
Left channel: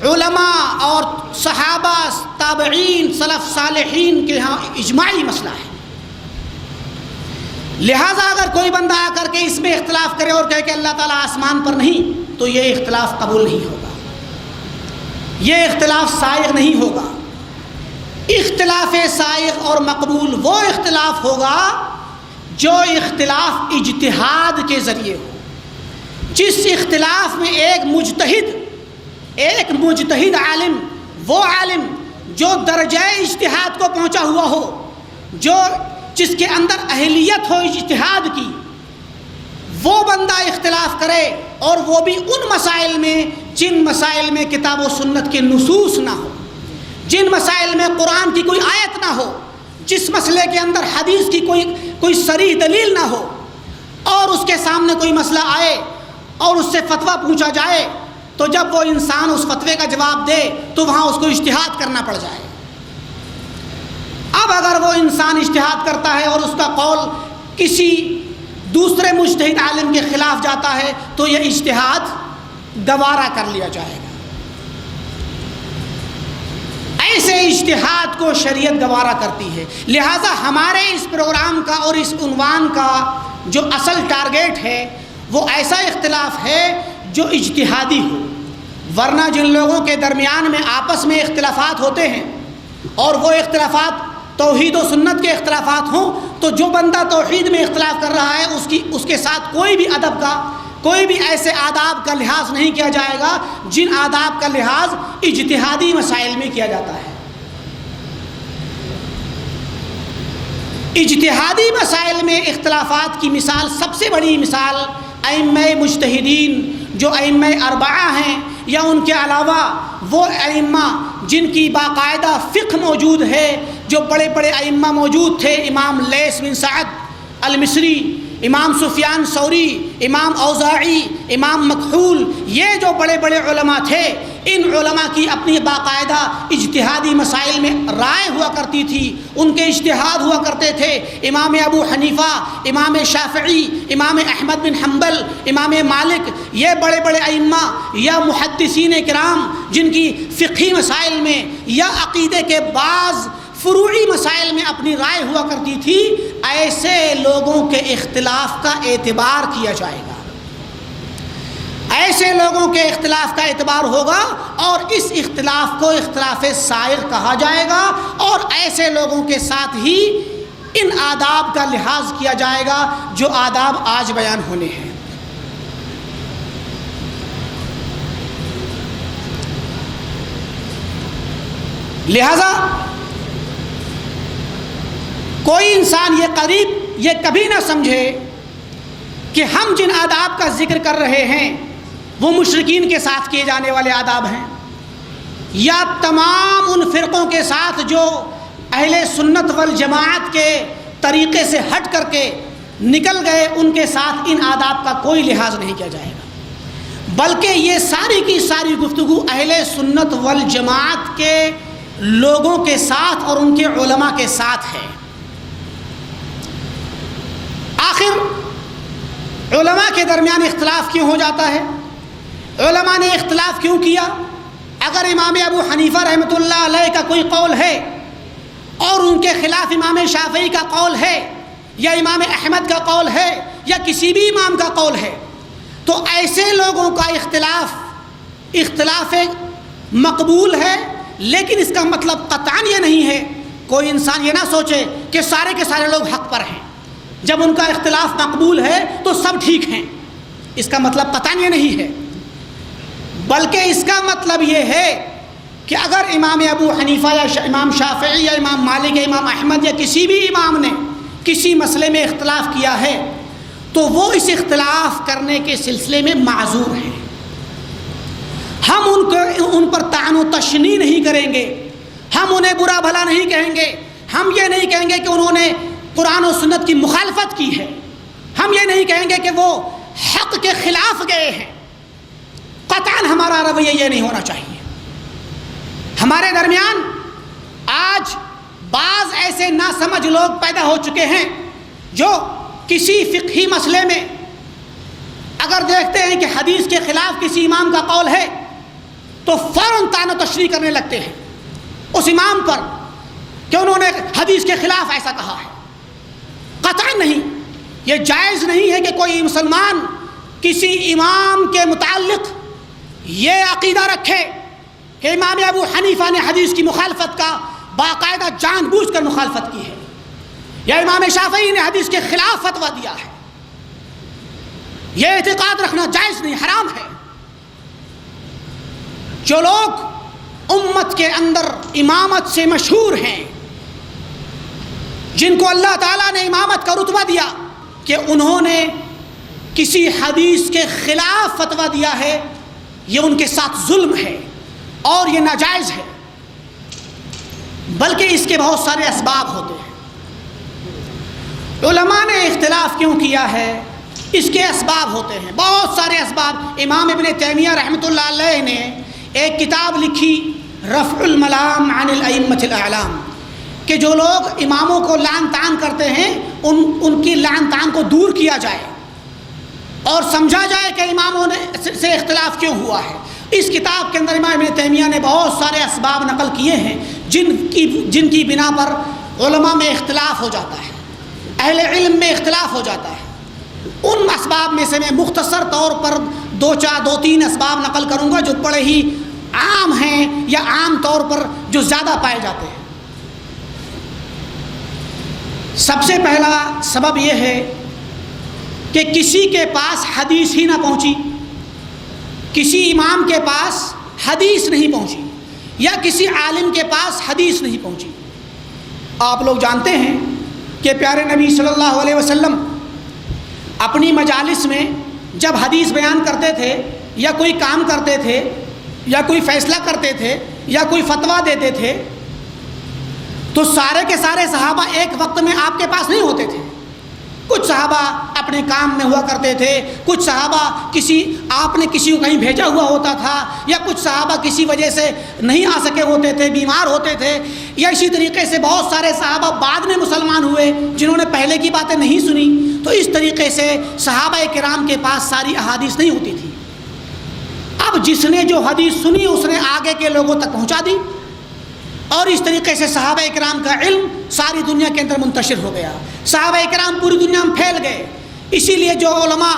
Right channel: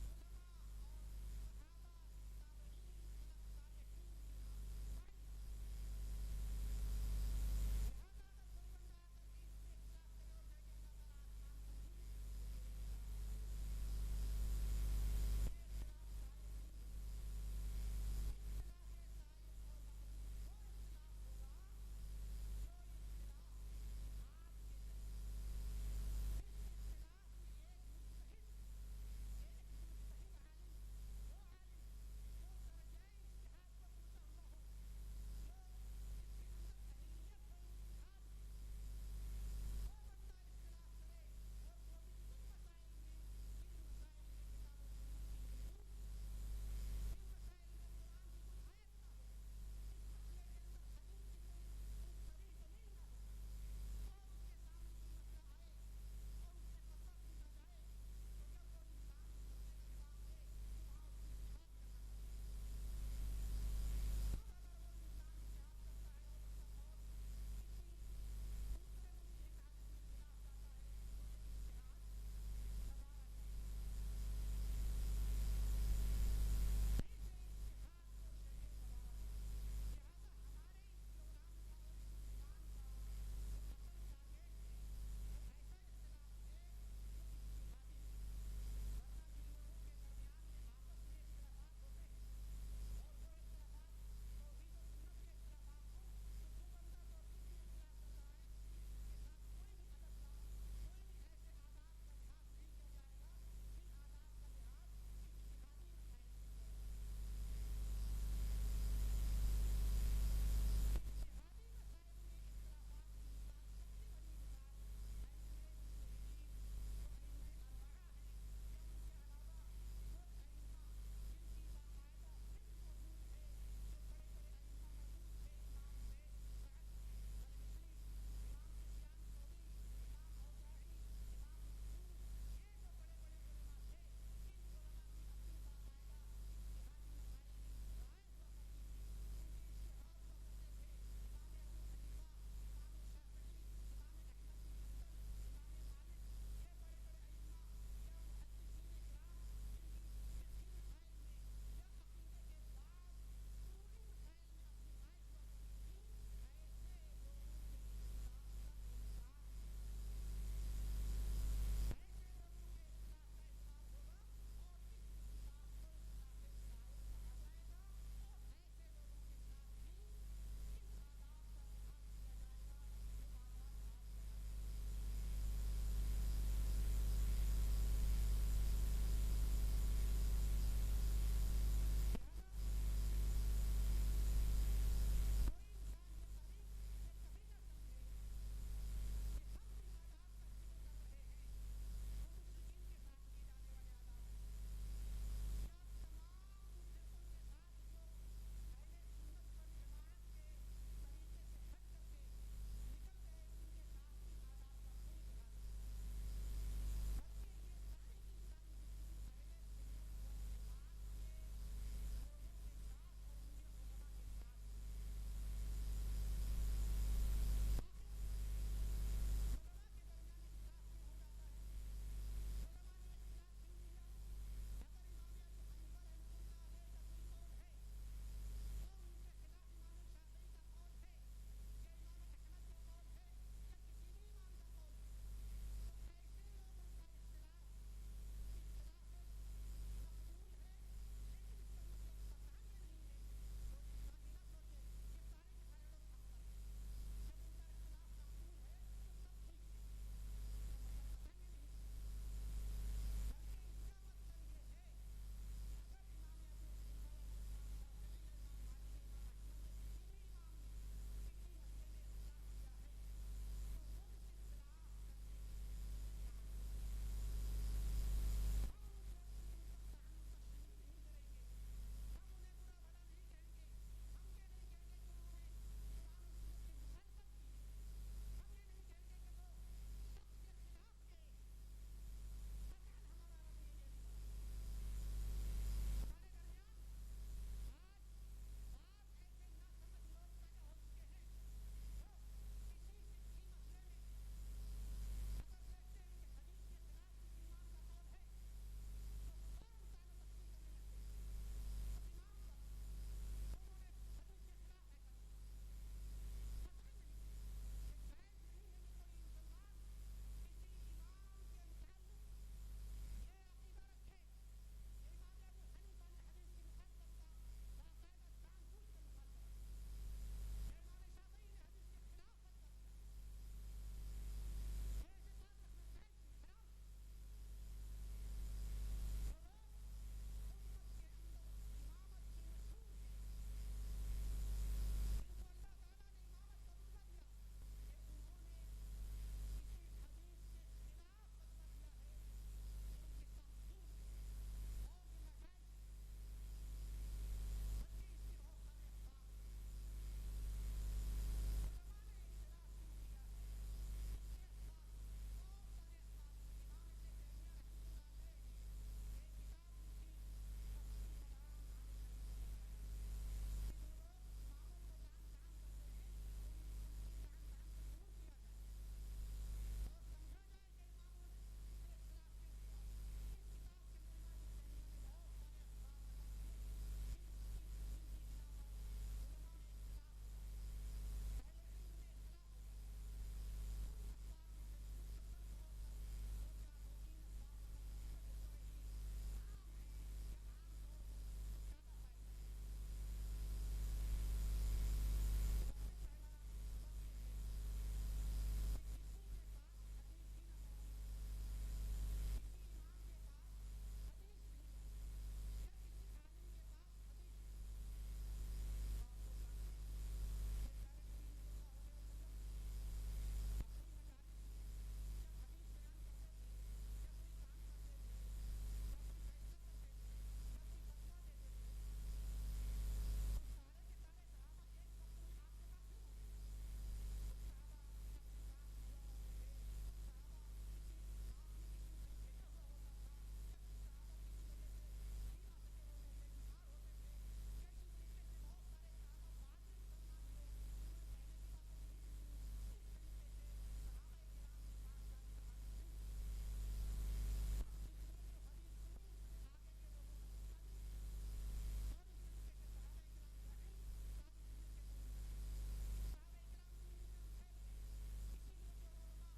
علماء اور صحابہ، تابعین، سلف صالحین کے ہاں اجماعی مسئلہ ہے۔ لہٰذا اگر کوئی بندہ آ کر کے اس میں اختلاف کرے اور کہے کہ اللہ تعالیٰ آسمان پر نہیں، تو یہ اختلاف قبول نہیں ہوگا، یہ اختلاف سائغ نہیں ہوگا۔ اختلاف سائغ اور مقبول وہ اختلاف ہوگا جو اختلاف اجتہاد کے ذریعے ہو، جس اختلاف میں ایک مجتہد عالم، وہ عالم جو درجہ اجتہاد کو پہنچا ہوا ہو، جس کے اندر اہلیت ہو اجتہاد کی، وہ بندہ اختلاف کرے، اور وہ بھی ان مسائل میں جن مسائل میں کتاب و سنت کے نصوص نہ ہو، جن مسائل میں قرآن کی کوئی آیت نہ ہو، جس مسئلے کے اندر حدیث کی کوئی صریح دلیل نہ ہو، اور اس کے سامنے کوئی مسئلہ آئے اور اس سے فتویٰ پوچھا جائے، تو جب وہ انسان اس فتوے کا جواب دے تو وہاں اس کو اجتہاد کرنا پڑ جائے۔ اب اگر وہ انسان اجتہاد کرتا ہے اور اس کا قول کسی دوسرے مجتہد عالم کے خلاف جاتا ہے تو یہ اجتہاد گوارا کر لیا جائے گا۔ ایسے اجتہاد کو شریعت گوارا کرتی ہے۔ لہٰذا ہمارے اس پروگرام کا اور اس عنوان کا جو اصل ٹارگیٹ ہے وہ ایسا اختلاف ہے جو اجتہادی ہو، ورنہ جن لوگوں کے درمیان میں آپس میں اختلافات ہوتے ہیں اور وہ اختلافات توحید و سنت کے اختلافات ہوں، تو جو بندہ توحید میں اختلاف کر رہا ہے اس کے ساتھ کوئی بھی ادب کا، کوئی بھی ایسے آداب کا لحاظ نہیں کیا جائے گا جن آداب کا لحاظ اجتہادی مسائل میں کیا جاتا ہے۔ اجتہادی مسائل میں اختلافات کی مثال، سب سے بڑی مثال ائمہ مجتہدین جو ائمہ اربعہ ہیں، یا ان کے علاوہ وہ ائمہ جن کی باقاعدہ فقہ موجود ہے، جو بڑے بڑے ائمہ موجود تھے، امام لیث بن سعد المصری، امام سفیان ثوری، امام اوزاعی، امام مکحول، یہ جو بڑے بڑے علماء تھے، ان علماء کی اپنی باقاعدہ اجتہادی مسائل میں رائے ہوا کرتی تھی، ان کے اجتہاد ہوا کرتے تھے۔ امام ابو حنیفہ، امام شافعی، امام احمد بن حنبل، امام مالک، یہ بڑے بڑے ائمہ یا محدثین کرام جن کی فقہی مسائل میں یا عقیدے کے بعض فروعی مسائل میں اپنی رائے ہوا کرتی تھی، ایسے لوگوں کے اختلاف کا اعتبار کیا جائے گا، ایسے لوگوں کے اختلاف کا اعتبار ہوگا اور اس اختلاف کو اختلاف سائغ کہا جائے گا، اور ایسے لوگوں کے ساتھ ہی ان آداب کا لحاظ کیا جائے گا جو آداب آج بیان ہونے ہیں۔ لہذا کوئی انسان یہ کبھی نہ سمجھے کہ ہم جن آداب کا ذکر کر رہے ہیں وہ مشرکین کے ساتھ کیے جانے والے آداب ہیں، یا تمام ان فرقوں کے ساتھ جو اہل سنت والجماعت کے طریقے سے ہٹ کر کے نکل گئے، ان کے ساتھ ان آداب کا کوئی لحاظ نہیں کیا جائے گا، بلکہ یہ ساری کی ساری گفتگو اہل سنت والجماعت کے لوگوں کے ساتھ اور ان کے علماء کے ساتھ ہے۔ آخر علماء کے درمیان اختلاف کیوں ہو جاتا ہے؟ علماء نے اختلاف کیوں کیا؟ اگر امام ابو حنیفہ رحمۃ اللہ علیہ کا کوئی قول ہے اور ان کے خلاف امام شافعی کا قول ہے یا امام احمد کا قول ہے یا کسی بھی امام کا قول ہے، تو ایسے لوگوں کا اختلاف مقبول ہے، لیکن اس کا مطلب قطعاً یہ نہیں ہے، کوئی انسان یہ نہ سوچے کہ سارے کے سارے لوگ حق پر ہیں، جب ان کا اختلاف مقبول ہے تو سب ٹھیک ہیں، اس کا مطلب قطعاً یہ نہیں ہے، بلکہ اس کا مطلب یہ ہے کہ اگر امام ابو حنیفہ یا امام شافعی یا امام مالک یا امام احمد یا کسی بھی امام نے کسی مسئلے میں اختلاف کیا ہے تو وہ اس اختلاف کرنے کے سلسلے میں معذور ہیں، ہم ان پر طعن و تشنیع نہیں کریں گے، ہم انہیں برا بھلا نہیں کہیں گے، ہم یہ نہیں کہیں گے کہ انہوں نے قرآن و سنت کی مخالفت کی ہے، ہم یہ نہیں کہیں گے کہ وہ حق کے خلاف گئے ہیں، قطعاً ہمارا رویہ یہ نہیں ہونا چاہیے۔ ہمارے درمیان آج بعض ایسے ناسمجھ لوگ پیدا ہو چکے ہیں جو کسی فقہی مسئلے میں اگر دیکھتے ہیں کہ حدیث کے خلاف کسی امام کا قول ہے تو فوراً طعن و تشریح کرنے لگتے ہیں اس امام پر کہ انہوں نے حدیث کے خلاف ایسا کہا ہے۔ قطعاً نہیں، یہ جائز نہیں ہے کہ کوئی مسلمان کسی امام کے متعلق یہ عقیدہ رکھے کہ امام ابو حنیفہ نے حدیث کی مخالفت کا باقاعدہ جان بوجھ کر مخالفت کی ہے، یا امام شافعی نے حدیث کے خلاف فتویٰ دیا ہے، یہ اعتقاد رکھنا جائز نہیں، حرام ہے۔ جو لوگ امت کے اندر امامت سے مشہور ہیں، جن کو اللہ تعالیٰ نے امامت کا رتبہ دیا کہ انہوں نے کسی حدیث کے خلاف فتویٰ دیا ہے، یہ ان کے ساتھ ظلم ہے اور یہ ناجائز ہے، بلکہ اس کے بہت سارے اسباب ہوتے ہیں۔ علماء نے اختلاف کیوں کیا ہے؟ اس کے اسباب ہوتے ہیں، بہت سارے اسباب۔ امام ابن تیمیہ رحمۃ اللہ علیہ نے ایک کتاب لکھی رفع الملام عن الائمۃ الاعلام، کہ جو لوگ اماموں کو لعن طعن کرتے ہیں ان کی لعن طعن کو دور کیا جائے اور سمجھا جائے کہ اماموں سے اختلاف کیوں ہوا ہے۔ اس کتاب کے اندر امام ابن تیمیہ نے بہت سارے اسباب نقل کیے ہیں جن کی بنا پر علماء میں اختلاف ہو جاتا ہے، اہل علم میں اختلاف ہو جاتا ہے۔ ان اسباب میں سے میں مختصر طور پر دو تین اسباب نقل کروں گا جو بڑے ہی عام ہیں یا عام طور پر جو زیادہ پائے جاتے ہیں۔ سب سے پہلا سبب یہ ہے کہ کسی کے پاس حدیث ہی نہ پہنچی، کسی امام کے پاس حدیث نہیں پہنچی یا کسی عالم کے پاس حدیث نہیں پہنچی۔ آپ لوگ جانتے ہیں کہ پیارے نبی صلی اللہ علیہ وسلم اپنی مجالس میں جب حدیث بیان کرتے تھے یا کوئی کام کرتے تھے یا کوئی فیصلہ کرتے تھے یا کوئی فتویٰ دیتے تھے تو سارے کے سارے صحابہ ایک وقت میں آپ کے پاس نہیں ہوتے تھے۔ کچھ صحابہ اپنے کام میں ہوا کرتے تھے، کچھ صحابہ آپ نے کسی کو کہیں بھیجا ہوا ہوتا تھا، یا کچھ صحابہ کسی وجہ سے نہیں آ سکے ہوتے تھے، بیمار ہوتے تھے، یا اسی طریقے سے بہت سارے صحابہ بعد میں مسلمان ہوئے جنہوں نے پہلے کی باتیں نہیں سنی۔ تو اس طریقے سے صحابہ کرام کے پاس ساری احادیث نہیں ہوتی تھی۔ اب جس نے جو حدیث سنی اس نے آگے کے لوگوں تک پہنچا دی، اور اس طریقے سے صحابہ کرام کا علم ساری دنیا کے اندر منتشر ہو گیا، صحابہ کرام پوری دنیا میں پھیل گئے۔ اسی لیے جو علماء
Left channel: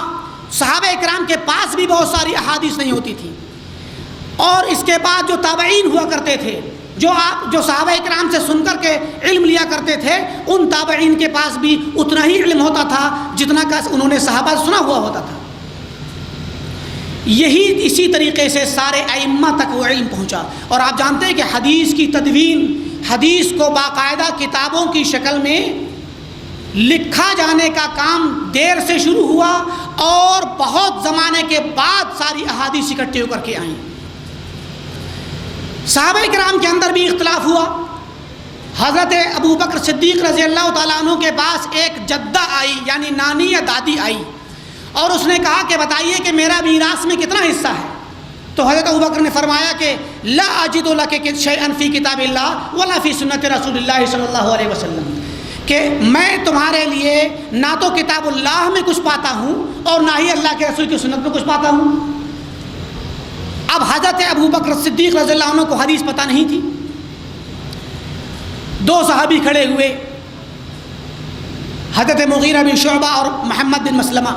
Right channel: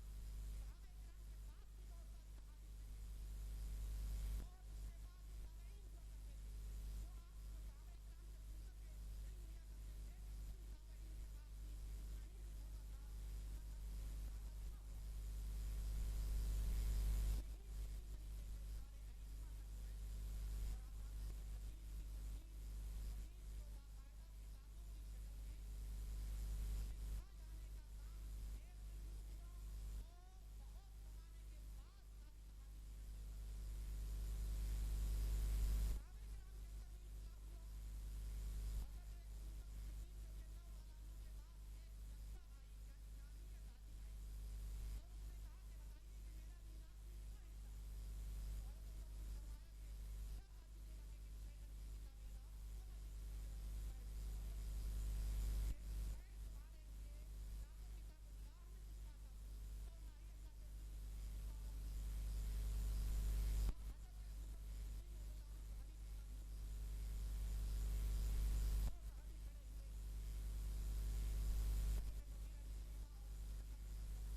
صحابہ کرام کے پاس بھی بہت ساری احادیث نہیں ہوتی تھی، اور اس کے بعد جو تابعین ہوا کرتے تھے، جو صحابہ کرام سے سن کر کے علم لیا کرتے تھے، ان تابعین کے پاس بھی اتنا ہی علم ہوتا تھا جتنا کہ انہوں نے صحابہ سے سنا ہوا ہوتا تھا۔ اسی طریقے سے سارے ائمہ تک وہ علم پہنچا۔ اور آپ جانتے ہیں کہ حدیث کی تدوین، حدیث کو باقاعدہ کتابوں کی شکل میں لکھا جانے کا کام دیر سے شروع ہوا، اور بہت زمانے کے بعد ساری احادیث اکٹھے ہو کر کے آئیں۔ صحابہ کرام کے اندر بھی اختلاف ہوا۔ حضرت ابو بکر صدیق رضی اللہ تعالیٰ عنہ کے پاس ایک جدہ آئی، یعنی نانی یا دادی آئی، اور اس نے کہا کہ بتائیے کہ میرا میراث میں کتنا حصہ ہے؟ تو حضرت ابو بکر نے فرمایا کہ لا اجد لک شیئا فی کتاب اللہ ولا فی سنت رسول اللہ صلی اللہ علیہ وسلم، کہ میں تمہارے لیے نہ تو کتاب اللہ میں کچھ پاتا ہوں اور نہ ہی اللہ کے رسول کی سنت میں کچھ پاتا ہوں۔ اب حضرت ابو بکر صدیق رضی اللہ عنہ کو حدیث پتہ نہیں تھی۔ دو صحابی کھڑے ہوئے، حضرت مغیرہ بن شعبہ اور محمد بن مسلمہ۔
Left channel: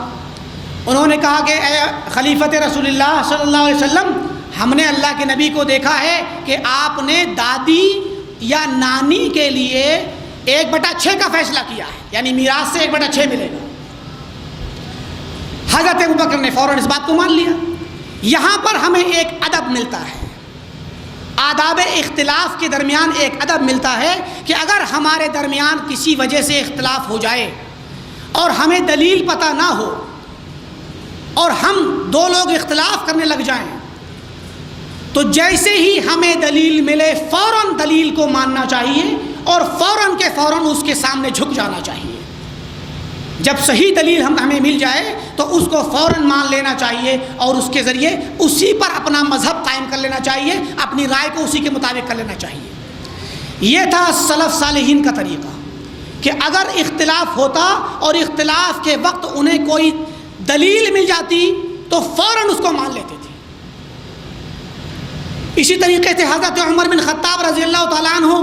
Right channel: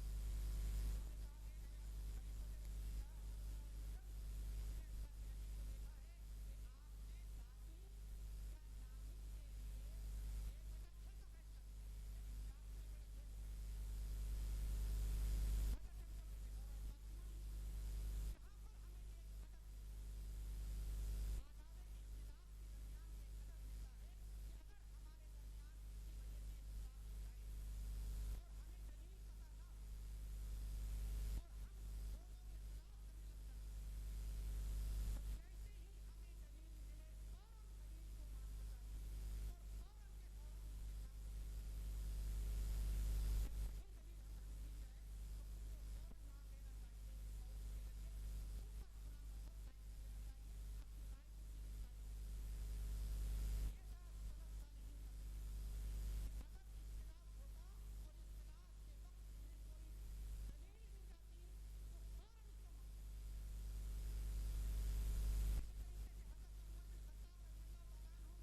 انہوں نے کہا کہ اے خلیفۃ رسول اللہ صلی اللہ علیہ وسلم، ہم نے اللہ کے نبی کو دیکھا ہے کہ آپ نے دادی یا نانی کے لیے 1/6 کا فیصلہ کیا ہے، یعنی میراث سے 1/6 ملے گا۔ حضرت ابو بکر نے فوراً اس بات کو مان لیا۔ یہاں پر ہمیں ایک ادب ملتا ہے، آداب اختلاف کے درمیان ایک ادب ملتا ہے کہ اگر ہمارے درمیان کسی وجہ سے اختلاف ہو جائے اور ہمیں دلیل پتہ نہ ہو اور ہم دو لوگ اختلاف کرنے لگ جائیں، تو جیسے ہی ہمیں دلیل ملے فوراً دلیل کو ماننا چاہیے اور فوراً کے فوراً اس کے سامنے جھک جانا چاہیے۔ جب صحیح دلیل ہمیں مل جائے تو اس کو فوراً مان لینا چاہیے اور اس کے ذریعے اسی پر اپنا مذہب قائم کر لینا چاہیے، اپنی رائے کو اسی کے مطابق کر لینا چاہیے۔ یہ تھا سلف صالحین کا طریقہ کہ اگر اختلاف ہوتا اور اختلاف کے وقت انہیں کوئی دلیل مل جاتی تو فوراً اس کو مان لیتے تھے۔ اسی طریقے سے حضرت عمر بن خطاب رضی اللہ تعالیٰ عنہ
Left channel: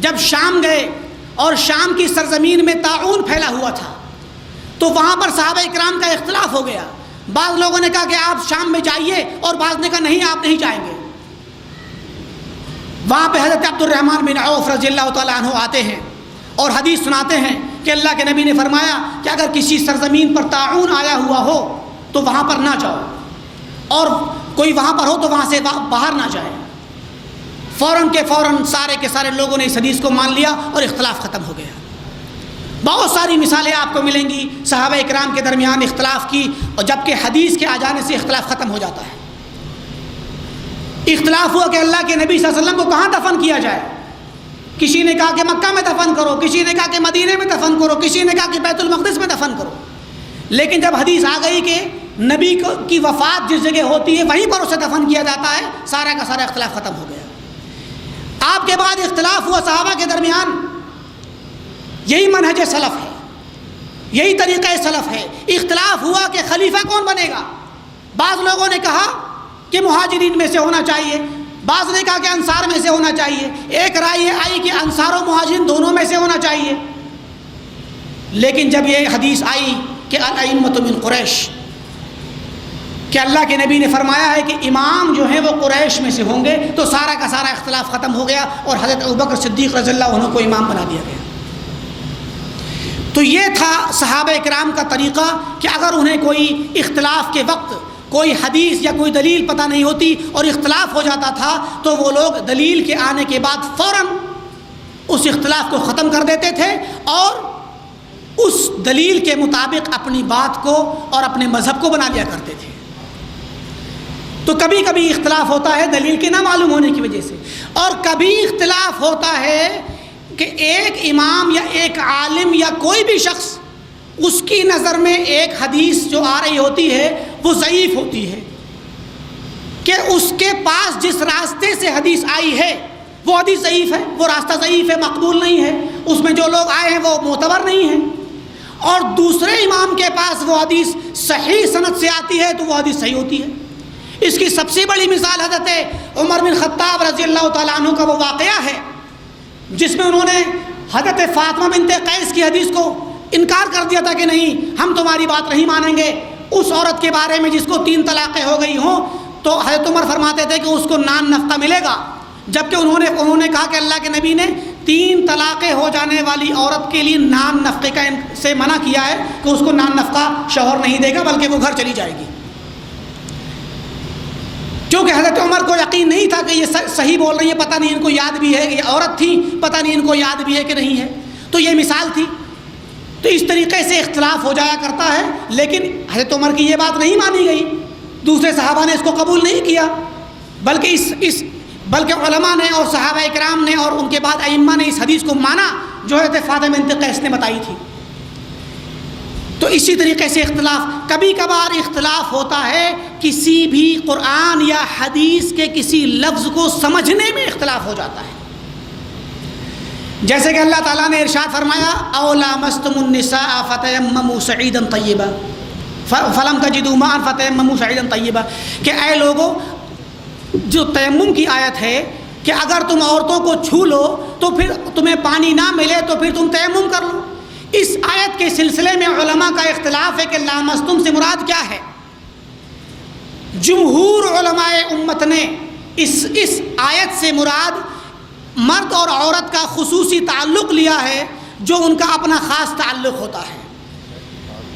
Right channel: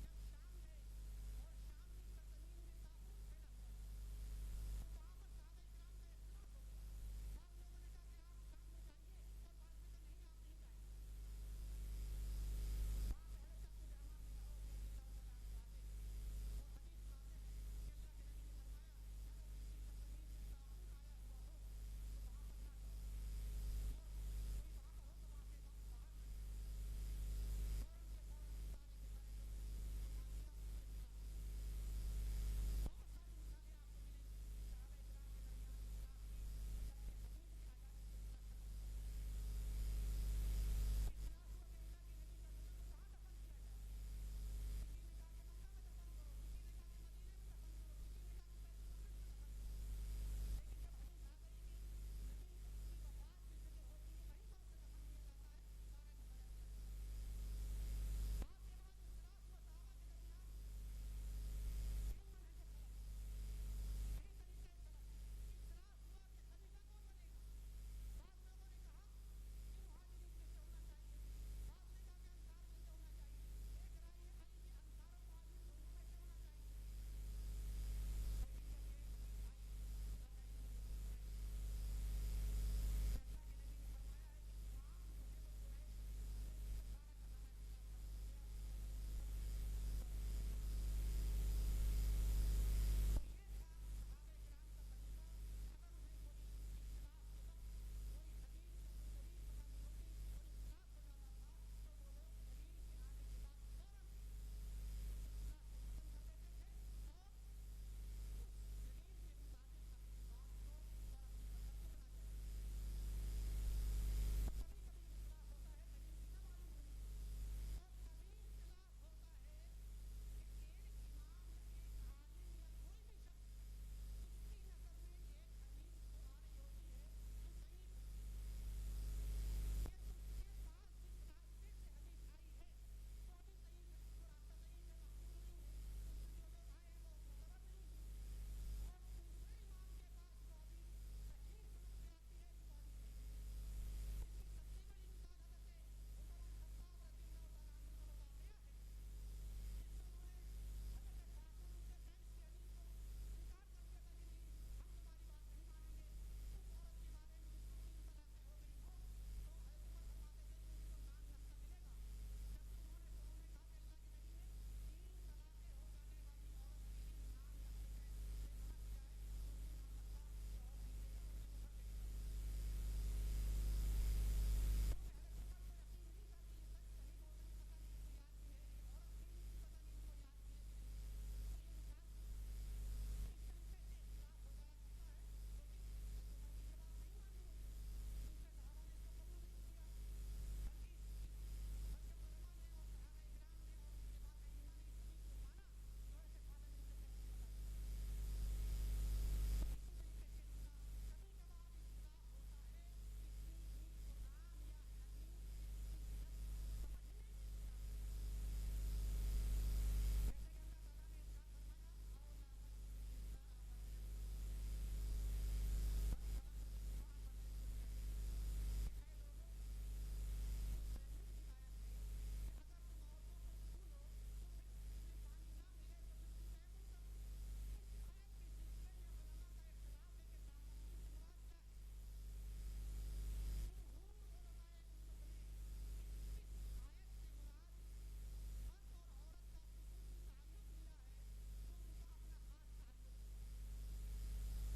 جب شام گئے اور شام کی سرزمین میں طاعون پھیلا ہوا تھا، تو وہاں پر صحابہ اکرام کا اختلاف ہو گیا۔ بعض لوگوں نے کہا کہ آپ شام میں جائیے، اور بعض نے کہا نہیں آپ نہیں جائیں گے۔ وہاں پہ حضرت عبد الرحمن بن عوف رضی اللہ تعالیٰ عنہ آتے ہیں اور حدیث سناتے ہیں کہ اللہ کے نبی نے فرمایا کہ اگر کسی سرزمین پر طاعون آیا ہوا ہو تو وہاں پر نہ جاؤ، اور کوئی وہاں پر ہو تو وہاں سے باہر نہ جائے۔ فوراً کے فوراً سارے کے سارے لوگوں نے اس حدیث کو مان لیا اور اختلاف ختم ہو گیا۔ بہت ساری مثالیں آپ کو ملیں گی صحابہ اکرام کے درمیان اختلاف کی، اور جبکہ حدیث کے آ جانے سے اختلاف ختم ہو جاتا ہے۔ اختلاف ہوا کہ اللہ کے نبی صلی اللہ علیہ وسلم کو کہاں دفن کیا جائے۔ کسی نے کہا کہ مکہ میں دفن کرو، کسی نے کہا کہ مدینے میں دفن کرو، کسی نے کہا کہ بیت المقدس میں دفن کرو۔ لیکن جب حدیث آ گئی کہ نبی کی وفات جس جگہ ہوتی ہے وہیں پر اسے دفن کیا جاتا ہے، سارا کا سارا اختلاف ختم ہو گیا۔ آپ کے بعد اختلاف ہوا صحابہ کے درمیان، یہی منہج سلف ہے، یہی طریقہ سلف ہے۔ اختلاف ہوا کہ خلیفہ کون بنے گا۔ بعض لوگوں نے کہا کہ مہاجرین میں سے ہونا چاہیے، بعض نے کہا کہ انصار میں سے ہونا چاہیے، ایک رائے یہ آئی کہ انصار و مہاجرین دونوں میں سے ہونا چاہیے۔ لیکن جب یہ حدیث آئی کہ الائمۃ من قریش، کہ اللہ کے نبی نے فرمایا ہے کہ امام جو ہیں وہ قریش میں سے ہوں گے، تو سارا کا سارا اختلاف ختم ہو گیا اور حضرت ابوبکر صدیق رضی اللہ عنہ کو امام بنا دیا گیا۔ تو یہ تھا صحابہ اکرام کا طریقہ کہ اگر انہیں کوئی اختلاف کے وقت کوئی حدیث یا کوئی دلیل پتہ نہیں ہوتی اور اختلاف ہو جاتا تھا تو وہ لوگ دلیل کے آنے کے بعد فوراً اس اختلاف کو ختم کر دیتے تھے اور اس دلیل کے مطابق اپنی بات کو اور اپنے مذہب کو بنا لیا کرتے تھے۔ تو کبھی کبھی اختلاف ہوتا ہے دلیل کے نہ معلوم ہونے کی وجہ سے، اور کبھی اختلاف ہوتا ہے کہ ایک امام یا ایک عالم یا کوئی بھی شخص، اس کی نظر میں ایک حدیث جو آ رہی ہوتی ہے وہ ضعیف ہوتی ہے، کہ اس کے پاس جس راستے سے حدیث آئی ہے وہ حدیث ضعیف ہے، وہ راستہ ضعیف ہے، مقبول نہیں ہے، اس میں جو لوگ آئے ہیں وہ معتبر نہیں ہیں، اور دوسرے امام کے پاس وہ حدیث صحیح سند سے آتی ہے تو وہ حدیث صحیح ہوتی ہے۔ اس کی سب سے بڑی مثال حضرت عمر بن خطاب رضی اللہ تعالیٰ عنہ کا وہ واقعہ ہے جس میں انہوں نے حضرت فاطمہ بنت قیس کی حدیث کو انکار کر دیا تھا کہ نہیں ہم تمہاری بات نہیں مانیں گے، اس عورت کے بارے میں جس کو 3 طلاقیں ہو گئی ہوں تو حضرت عمر فرماتے تھے کہ اس کو نان نفقہ ملے گا، جبکہ انہوں نے کہا کہ اللہ کے نبی نے 3 طلاقیں ہو جانے والی عورت کے لیے نان نفقے کا سے منع کیا ہے کہ اس کو نان نفقہ شوہر نہیں دے گا بلکہ وہ گھر چلی جائے گی، کیونکہ حضرت عمر کو یقین نہیں تھا کہ یہ صحیح بول رہی ہے، پتہ نہیں ان کو یاد بھی ہے، یہ عورت تھی پتہ نہیں ان کو یاد بھی ہے کہ نہیں ہے، تو یہ مثال تھی۔ تو اس طریقے سے اختلاف ہو جایا کرتا ہے، لیکن حضرت عمر کی یہ بات نہیں مانی گئی، دوسرے صحابہ نے اس کو قبول نہیں کیا، بلکہ علماء نے اور صحابہ اکرام نے اور ان کے بعد ائمہ نے اس حدیث کو مانا جو حضرت فاطمہ بنت قیس نے بتائی تھی۔ تو اسی طریقے سے اختلاف، کبھی کبھار اختلاف ہوتا ہے کسی بھی قرآن یا حدیث کے کسی لفظ کو سمجھنے میں اختلاف ہو جاتا ہے، جیسے کہ اللہ تعالیٰ نے ارشاد فرمایا او لامستم النساء فتیمموا صعیدا طیبا فلم تجدوا ماء فتیمموا صعیدا طیبا، کہ اے لوگوں، جو تیمم کی آیت ہے کہ اگر تم عورتوں کو چھو لو تو پھر تمہیں پانی نہ ملے تو پھر تم تیمم کر لو۔ اس آیت کے سلسلے میں علماء کا اختلاف ہے کہ لامستم سے مراد کیا ہے۔ جمہور علماء امت نے اس آیت سے مراد مرد اور عورت کا خصوصی تعلق لیا ہے، جو ان کا اپنا خاص تعلق ہوتا ہے،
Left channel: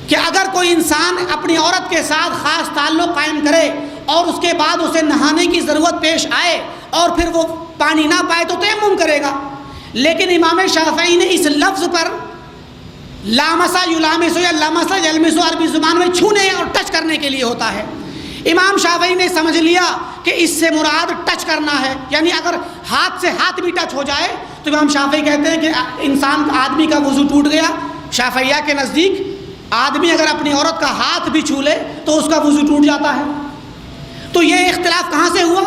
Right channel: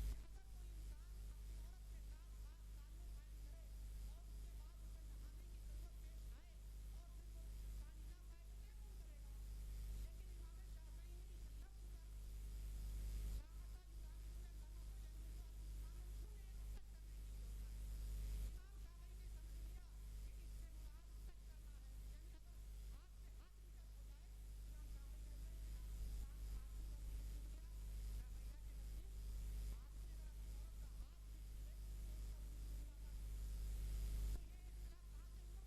کہ اگر کوئی انسان اپنی عورت کے ساتھ خاص تعلق قائم کرے اور اس کے بعد اسے نہانے کی ضرورت پیش آئے اور پھر وہ پانی نہ پائے تو تیمم کرے گا، لیکن امام شافعی نے اس لفظ پر لامسا یلامسو یا لامسا یلمسو عربی زبان میں چھونے اور ٹچ کرنے کے لیے ہوتا ہے، امام شافعی نے سمجھ لیا کہ اس سے مراد ٹچ کرنا ہے، یعنی اگر ہاتھ سے ہاتھ بھی ٹچ ہو جائے تو امام شافعی کہتے ہیں کہ آدمی کا وضو ٹوٹ گیا۔ شافعیہ کے نزدیک آدمی اگر اپنی عورت کا ہاتھ بھی چھو لے تو اس کا وضو ٹوٹ جاتا ہے۔ تو یہ اختلاف کہاں سے ہوا؟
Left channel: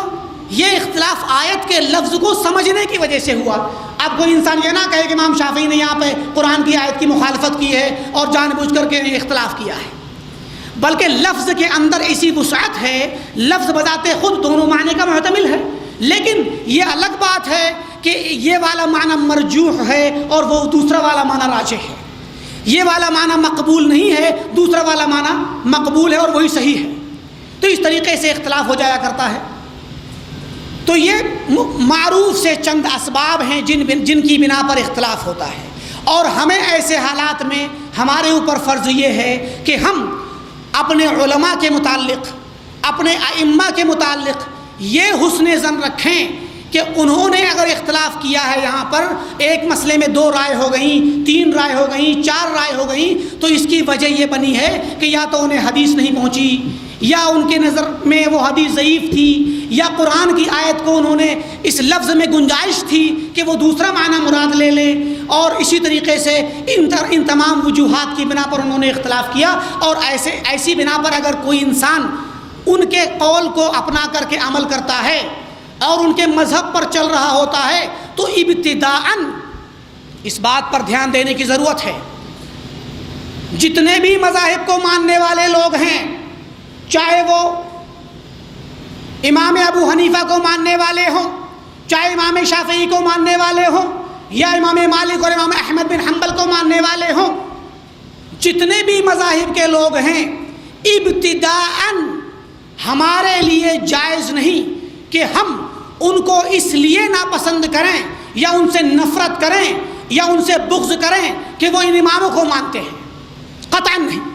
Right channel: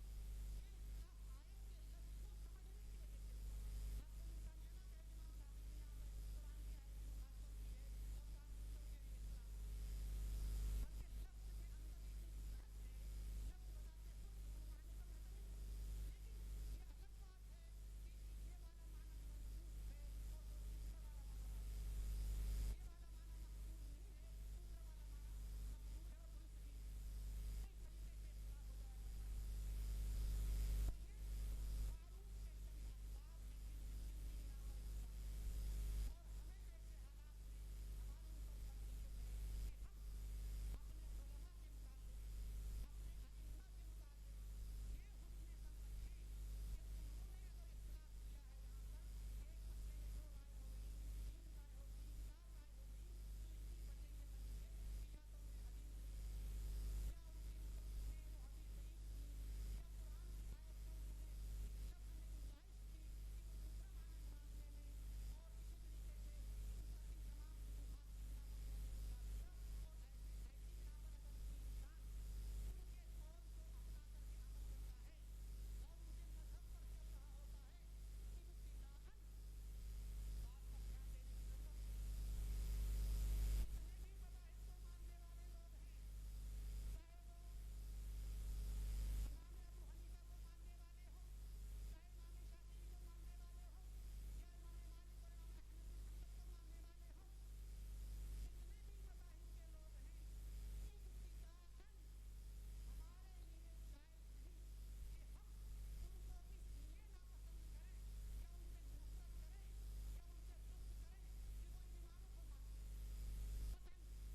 یہ اختلاف آیت کے لفظ کو سمجھنے کی وجہ سے ہوا۔ اب کوئی انسان یہ نہ کہے کہ امام شافعی نے یہاں پہ قرآن کی آیت کی مخالفت کی ہے اور جان بوجھ کر کے اختلاف کیا ہے، بلکہ لفظ کے اندر ایسی وسعت ہے، لفظ بذات خود دونوں معنی کا محتمل ہے، لیکن یہ الگ بات ہے کہ یہ والا معنی مرجوح ہے اور وہ دوسرا والا معنی راجح ہے، یہ والا معنی مقبول نہیں ہے، دوسرا والا معنی مقبول ہے اور وہی صحیح ہے۔ تو اس طریقے سے اختلاف ہو جایا کرتا ہے۔ تو یہ معروف سے چند اسباب ہیں جن کی بنا پر اختلاف ہوتا ہے، اور ہمیں ایسے حالات میں ہمارے اوپر فرض یہ ہے کہ ہم اپنے علماء کے متعلق، اپنے ائمہ کے متعلق یہ حسن ظن رکھیں کہ انہوں نے اگر اختلاف کیا ہے، یہاں پر ایک مسئلے میں 2 رائے ہو گئیں، 3 رائے ہو گئیں، 4 رائے ہو گئیں، تو اس کی وجہ یہ بنی ہے کہ یا تو انہیں حدیث نہیں پہنچی، یا ان کے نظر میں وہ حدیث ضعیف تھی، یا قرآن کی آیت کو انہوں نے اس لفظ میں گنجائش تھی کہ وہ دوسرا معنی مراد لے لیں، اور اسی طریقے سے ان تمام وجوہات کی بنا پر انہوں نے اختلاف کیا۔ اور ایسی بنا پر اگر کوئی انسان ان کے قول کو اپنا کر کے عمل کرتا ہے اور ان کے مذہب پر چل رہا ہوتا ہے تو ابتداءً اس بات پر دھیان دینے کی ضرورت ہے، جتنے بھی مذاہب کو ماننے والے لوگ ہیں، چاہے وہ امام ابو حنیفہ کو ماننے والے ہوں، چاہے امام شافعی کو ماننے والے ہوں، یا امام مالک اور امام احمد بن حنبل کو ماننے والے ہوں، جتنے بھی مذاہب کے لوگ ہیں، ابتداءً ہمارے لیے جائز نہیں کہ ہم ان کو اس لیے ناپسند کریں یا ان سے نفرت کریں یا ان سے بغض کریں کہ وہ ان اماموں کو مانتے ہیں، قطعاً نہیں،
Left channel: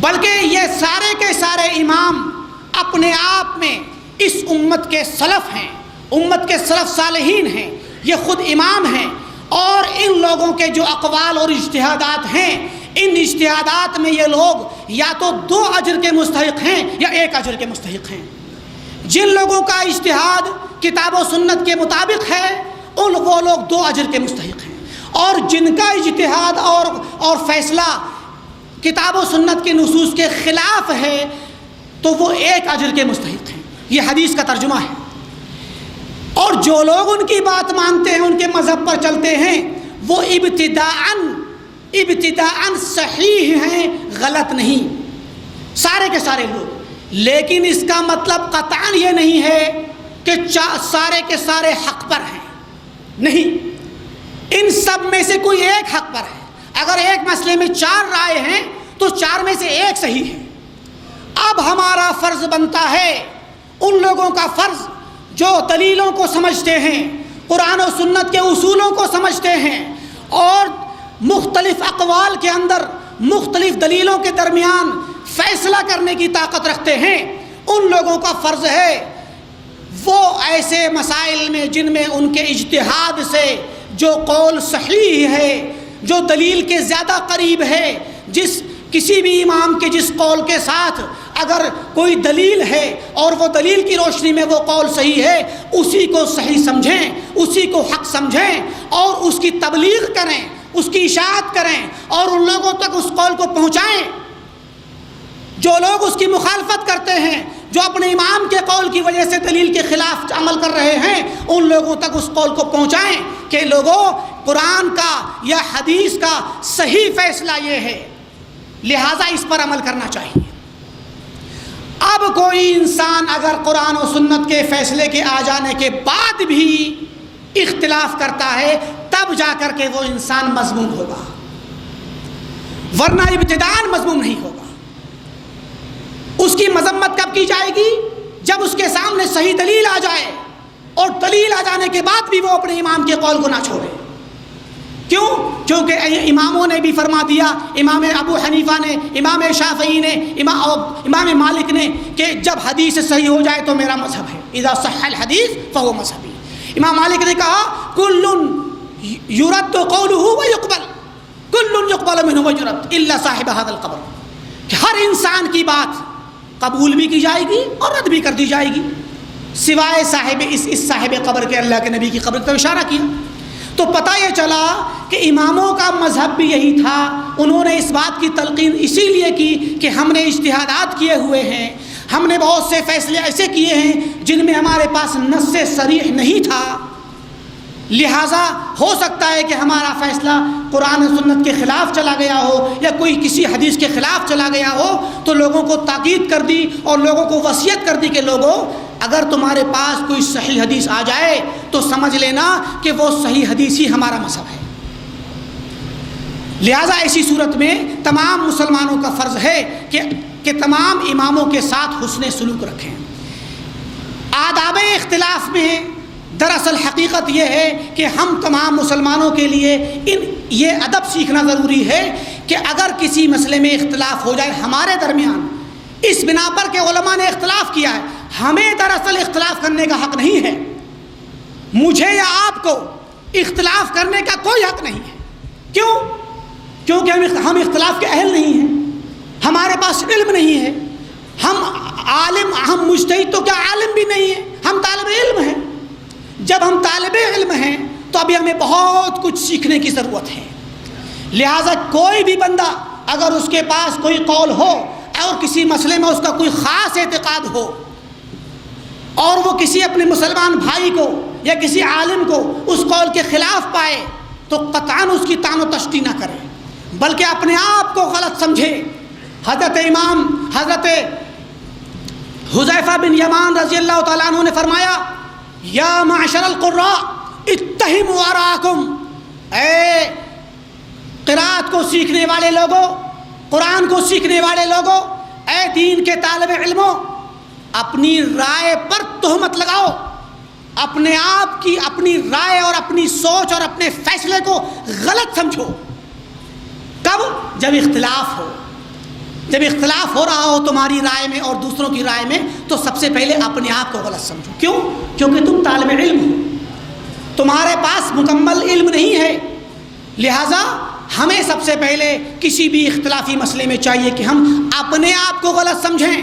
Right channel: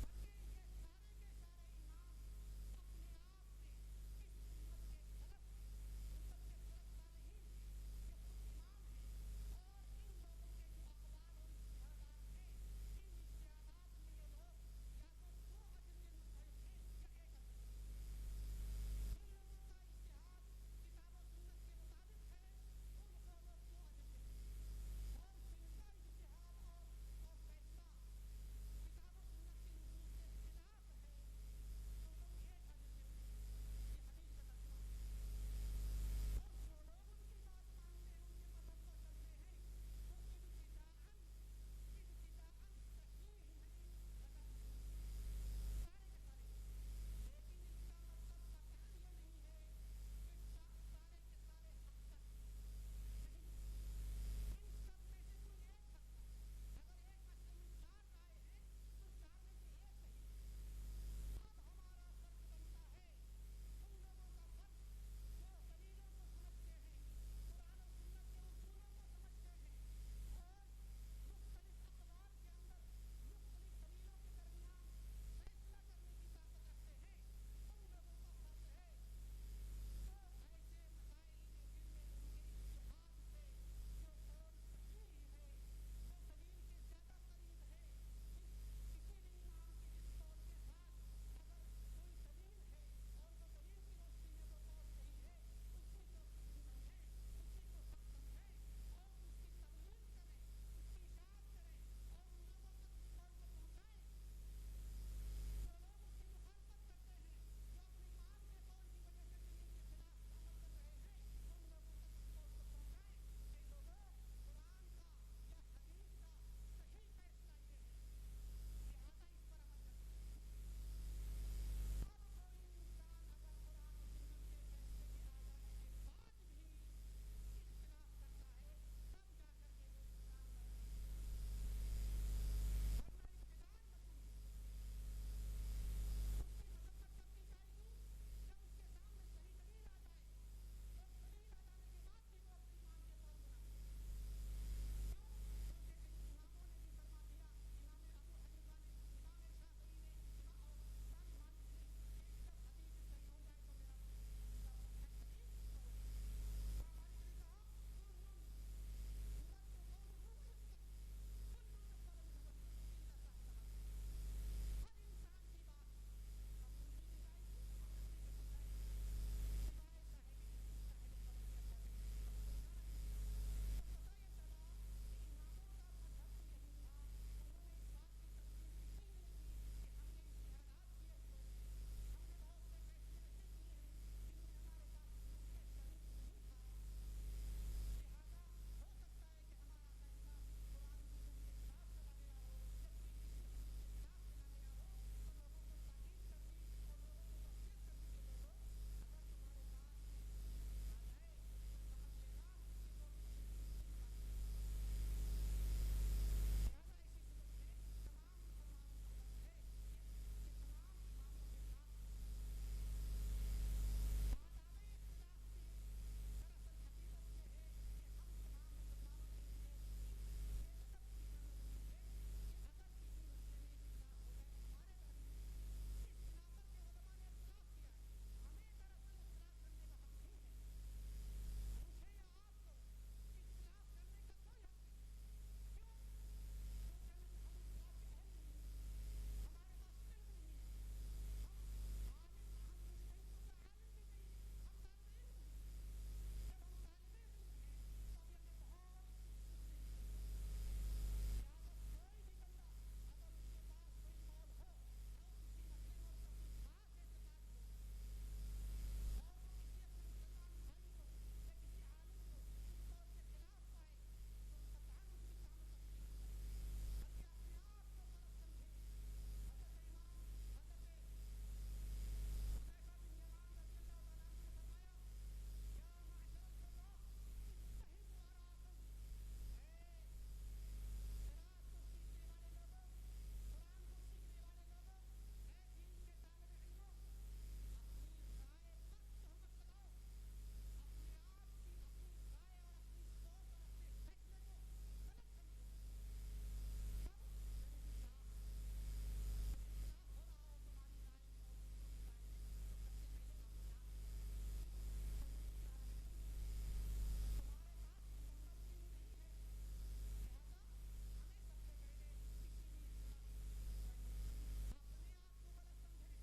بلکہ یہ سارے کے سارے امام اپنے آپ میں اس امت کے سلف ہیں، امت کے سلف صالحین ہیں، یہ خود امام ہیں، اور ان لوگوں کے جو اقوال اور اجتہادات ہیں، ان اجتہادات میں یہ لوگ یا تو 2 اجر کے مستحق ہیں یا 1 اجر کے مستحق ہیں۔ جن لوگوں کا اجتہاد کتاب و سنت کے مطابق ہے وہ لوگ 2 اجر کے مستحق ہیں، اور جن کا اجتہاد اور فیصلہ کتاب و سنت کے نصوص کے خلاف ہے تو وہ 1 اجر کے مستحق ہیں۔ یہ حدیث کا ترجمہ ہے۔ اور جو لوگ ان کی بات مانتے ہیں، ان کے مذہب پر چلتے ہیں، وہ ابتداءً صحیح ہیں، غلط نہیں، سارے کے سارے لوگ۔ لیکن اس کا مطلب قطعاً یہ نہیں ہے کہ سارے کے سارے حق پر ہیں، نہیں، ان سب میں سے کوئی ایک حق پر ہے۔ اگر ایک مسئلے میں 4 رائے ہیں تو تو 4 میں سے 1 صحیح ہے۔ اب ہمارا فرض بنتا ہے، ان لوگوں کا فرض جو دلیلوں کو سمجھتے ہیں، قرآن و سنت کے اصولوں کو سمجھتے ہیں اور مختلف اقوال کے اندر مختلف دلیلوں کے درمیان فیصلہ کرنے کی طاقت رکھتے ہیں، ان لوگوں کا فرض ہے وہ ایسے مسائل میں جن میں ان کے اجتہاد سے جو قول صحیح ہے، جو دلیل کے زیادہ قریب ہے، کسی بھی امام کے جس قول کے ساتھ اگر کوئی دلیل ہے اور وہ دلیل کی روشنی میں وہ قول صحیح ہے، اسی کو صحیح سمجھیں، اسی کو حق سمجھیں اور اس کی تبلیغ کریں، اس کی اشاعت کریں اور ان لوگوں تک اس قول کو پہنچائیں۔ جو لوگ اس کی مخالفت کرتے ہیں، جو اپنے امام کے قول کی وجہ سے دلیل کے خلاف عمل کر رہے ہیں، ان لوگوں تک اس قول کو پہنچائیں کہ لوگوں، قرآن کا یا حدیث کا صحیح فیصلہ یہ ہے، لہٰذا اس پر عمل کرنا چاہیے۔ اب کوئی انسان اگر قرآن و سنت کے فیصلے کے آ جانے کے بعد بھی اختلاف کرتا ہے، تب جا کر کے وہ انسان مذموم ہوگا، ورنہ ابتداءً مذموم نہیں ہوگا۔ اس کی مذمت کب کی جائے گی؟ جب اس کے سامنے صحیح دلیل آ جائے، اور دلیل آ جانے کے بعد بھی وہ اپنے امام کے قول کو نہ چھوڑے۔ کیوں؟ کیونکہ اماموں نے بھی فرما دیا، امام ابو حنیفہ نے، امام شافعی نے، امام مالک نے، کہ جب حدیث صحیح ہو جائے تو میرا مذہب ہے، اذا صح الحدیث فهو مذہبی۔ امام مالک نے کہا کل یرد قوله ویقبل، کل یقبل منه ویرد الا صاحب هذا القبر، کہ ہر انسان کی بات قبول بھی کی جائے گی اور رد بھی کر دی جائے گی، سوائے صاحب اس صاحب قبر کے۔ اللہ کے نبی کی قبر پر اشارہ کیا۔ تو پتہ یہ چلا کہ اماموں کا مذہب بھی یہی تھا۔ انہوں نے اس بات کی تلقین اسی لیے کی کہ ہم نے اجتہادات کیے ہوئے ہیں، ہم نے بہت سے فیصلے ایسے کیے ہیں جن میں ہمارے پاس نص صریح نہیں تھا، لہٰذا ہو سکتا ہے کہ ہمارا فیصلہ قرآن و سنت کے خلاف چلا گیا ہو یا کوئی کسی حدیث کے خلاف چلا گیا ہو، تو لوگوں کو تاکید کر دی اور لوگوں کو وصیت کر دی کہ لوگوں، اگر تمہارے پاس کوئی صحیح حدیث آ جائے تو سمجھ لینا کہ وہ صحیح حدیث ہی ہمارا مذہب ہے۔ لہٰذا ایسی صورت میں تمام مسلمانوں کا فرض ہے کہ تمام اماموں کے ساتھ حسن سلوک رکھیں۔ آداب اختلاف میں دراصل حقیقت یہ ہے کہ ہم تمام مسلمانوں کے لیے یہ ادب سیکھنا ضروری ہے کہ اگر کسی مسئلے میں اختلاف ہو جائے ہمارے درمیان، اس بنا پر کہ علماء نے اختلاف کیا ہے، ہمیں دراصل اختلاف کرنے کا حق نہیں ہے۔ مجھے یا آپ کو اختلاف کرنے کا کوئی حق نہیں ہے۔ کیوں؟ کیونکہ ہم اختلاف کے اہل نہیں ہیں، ہمارے پاس علم نہیں ہے، ہم مجتہد تو کیا عالم بھی نہیں ہے، ہم طالب علم ہیں۔ جب ہم طالب علم ہیں تو ابھی ہمیں بہت کچھ سیکھنے کی ضرورت ہے۔ لہٰذا کوئی بھی بندہ اگر اس کے پاس کوئی قول ہو اور کسی مسئلے میں اس کا کوئی خاص اعتقاد ہو اور وہ کسی اپنے مسلمان بھائی کو یا کسی عالم کو اس قول کے خلاف پائے تو قطعاً اس کی طعن و تشنیع نہ کرے، بلکہ اپنے آپ کو غلط سمجھے۔ حضرت حذیفہ بن یمان رضی اللہ تعالیٰ عنہ نے فرمایا، یا معشر القراء اتہموا آراءکم، اے قرات کو سیکھنے والے لوگوں، قرآن کو سیکھنے والے لوگوں، اے دین کے طالب علموں، اپنی رائے پر تہمت لگاؤ، اپنے آپ کی اپنی رائے اور اپنی سوچ اور اپنے فیصلے کو غلط سمجھو۔ کب؟ جب اختلاف ہو، جب اختلاف ہو رہا ہو تمہاری رائے میں اور دوسروں کی رائے میں، تو سب سے پہلے اپنے آپ کو غلط سمجھو۔ کیوں؟ کیونکہ تم طالب علم ہو، تمہارے پاس مکمل علم نہیں ہے، لہٰذا ہمیں سب سے پہلے کسی بھی اختلافی مسئلے میں چاہیے کہ ہم اپنے آپ کو غلط سمجھیں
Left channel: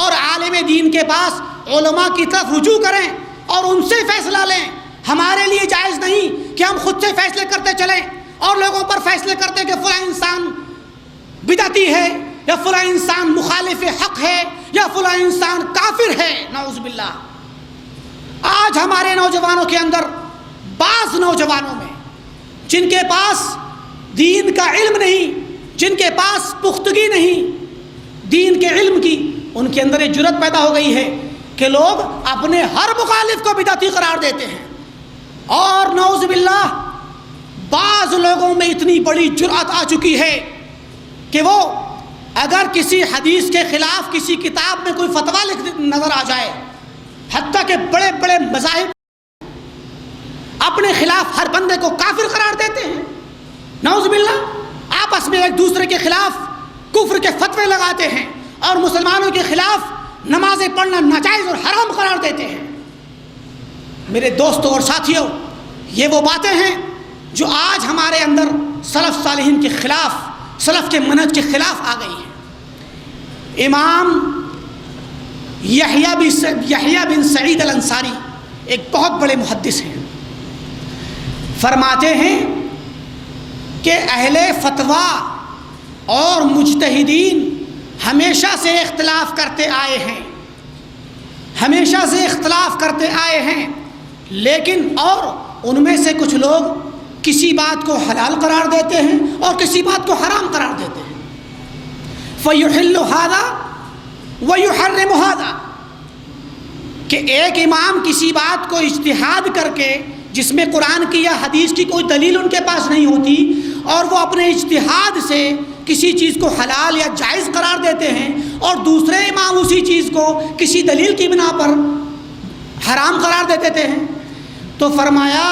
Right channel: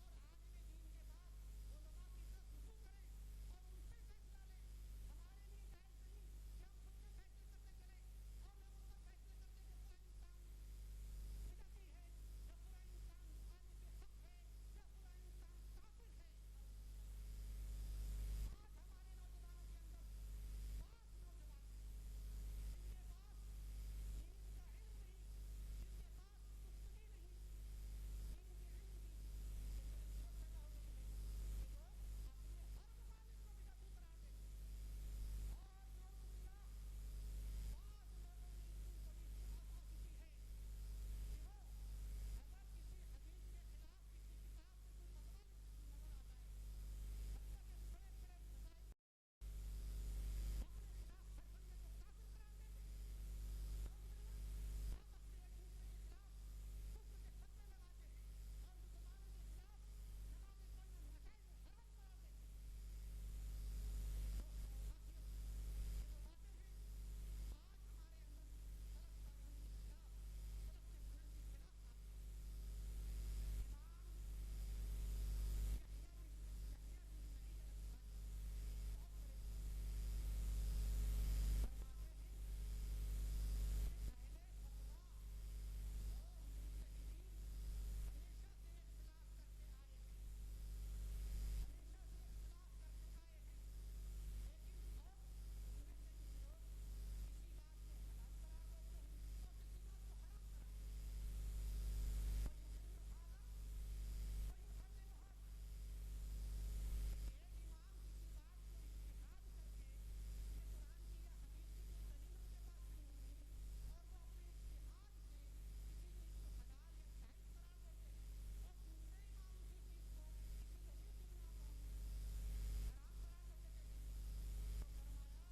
اور عالم دین کے پاس علماء کی طرف رجوع کریں اور ان سے فیصلہ لیں۔ ہمارے لیے جائز نہیں کہ ہم خود سے فیصلے کرتے چلیں اور لوگوں پر فیصلے کرتے کہ فلاں انسان بدعتی ہے یا فلاں انسان مخالف حق ہے یا فلاں انسان کافر ہے، نعوذ باللہ۔ آج ہمارے نوجوانوں کے اندر، بعض نوجوانوں میں جن کے پاس دین کا علم نہیں، جن کے پاس پختگی نہیں دین کے علم کی، ان کے اندر ایک جرأت پیدا ہو گئی ہے کہ لوگ اپنے ہر مخالف کو بدعتی قرار دیتے ہیں، اور نعوذ باللہ بعض لوگوں میں اتنی بڑی جرأت آ چکی ہے کہ وہ اگر کسی حدیث کے خلاف کسی کتاب میں کوئی فتویٰ نظر آ جائے، حتیٰ کہ بڑے بڑے مذاہب اپنے خلاف ہر بندے کو کافر قرار دیتے ہیں، نعوذ باللہ، آپس میں ایک دوسرے کے خلاف کفر کے فتوے لگاتے ہیں اور مسلمانوں کے خلاف نمازیں پڑھنا ناجائز اور حرام قرار دیتے ہیں۔ میرے دوستوں اور ساتھیوں، یہ وہ باتیں ہیں جو آج ہمارے اندر سلف صالحین کے خلاف، سلف کے منہج کے خلاف آ گئی ہیں۔ امام یحییٰ بن سعید الانصاری ایک بہت بڑے محدث ہیں، فرماتے ہیں کہ اہل فتویٰ اور مجتہدین ہمیشہ سے اختلاف کرتے آئے ہیں، ہمیشہ سے اختلاف کرتے آئے ہیں، لیکن اور ان میں سے کچھ لوگ کسی بات کو حلال قرار دیتے ہیں اور کسی بات کو حرام قرار دیتے ہیں۔ فَيُحِلُّ هَذَا وَيُحَرِّمُ هَذَا، کہ ایک امام کسی بات کو اجتہاد کر کے، جس میں قرآن کی یا حدیث کی کوئی دلیل ان کے پاس نہیں ہوتی، اور وہ اپنے اجتہاد سے کسی چیز کو حلال یا جائز قرار دیتے ہیں، اور دوسرے امام اسی چیز کو کسی دلیل کی بنا پر حرام قرار دیتے ہیں، تو فرمایا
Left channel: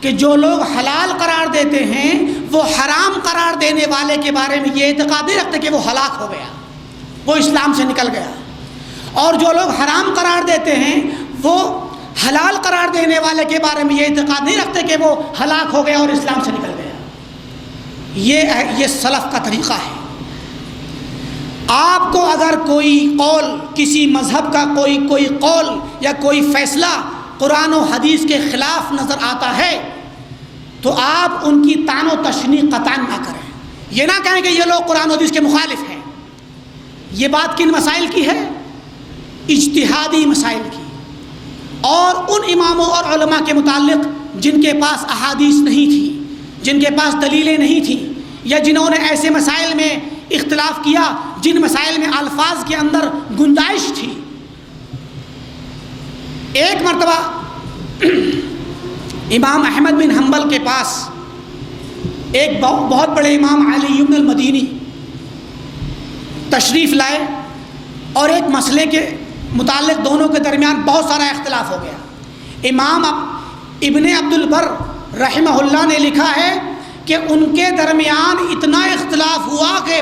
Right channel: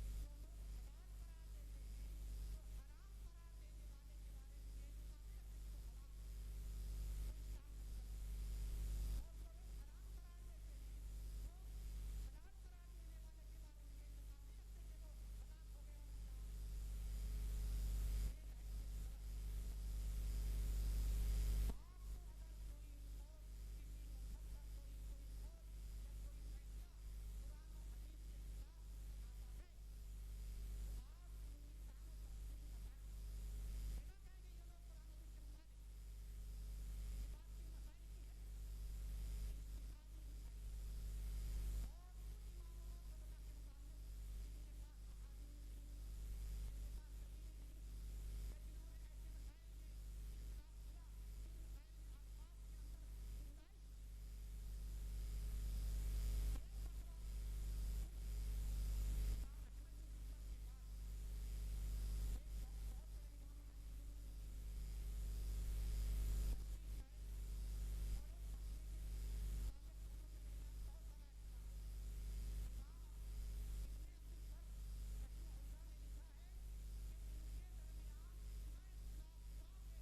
کہ جو لوگ حلال قرار دیتے ہیں وہ حرام قرار دینے والے کے بارے میں یہ اعتقاد نہیں رکھتے کہ وہ ہلاک ہو گیا، وہ اسلام سے نکل گیا، اور جو لوگ حرام قرار دیتے ہیں وہ حلال قرار دینے والے کے بارے میں یہ اعتقاد نہیں رکھتے کہ وہ ہلاک ہو گیا اور اسلام سے نکل گیا۔ یہ سلف کا طریقہ ہے۔ آپ کو اگر کوئی قول، کسی مذہب کا کوئی قول یا کوئی فیصلہ قرآن و حدیث کے خلاف نظر آتا ہے تو آپ ان کی طعن و تشنیع قطعاً نہ کریں۔ یہ نہ کہیں کہ یہ لوگ قرآن و حدیث کے مخالف ہیں۔ یہ بات کن مسائل کی ہے؟ اجتہادی مسائل کی، اور ان اماموں اور علماء کے متعلق جن کے پاس احادیث نہیں تھی، جن کے پاس دلیلیں نہیں تھیں، یا جنہوں نے ایسے مسائل میں اختلاف کیا جن مسائل میں الفاظ کے اندر گنجائش تھی۔ ایک مرتبہ امام احمد بن حنبل کے پاس ایک بہت بڑے امام علی بن المدینی تشریف لائے، اور ایک مسئلے کے متعلق دونوں کے درمیان بہت سارا اختلاف ہو گیا۔ امام ابن عبد البر رحمہ اللہ نے لکھا ہے کہ ان کے درمیان اتنا اختلاف ہوا کہ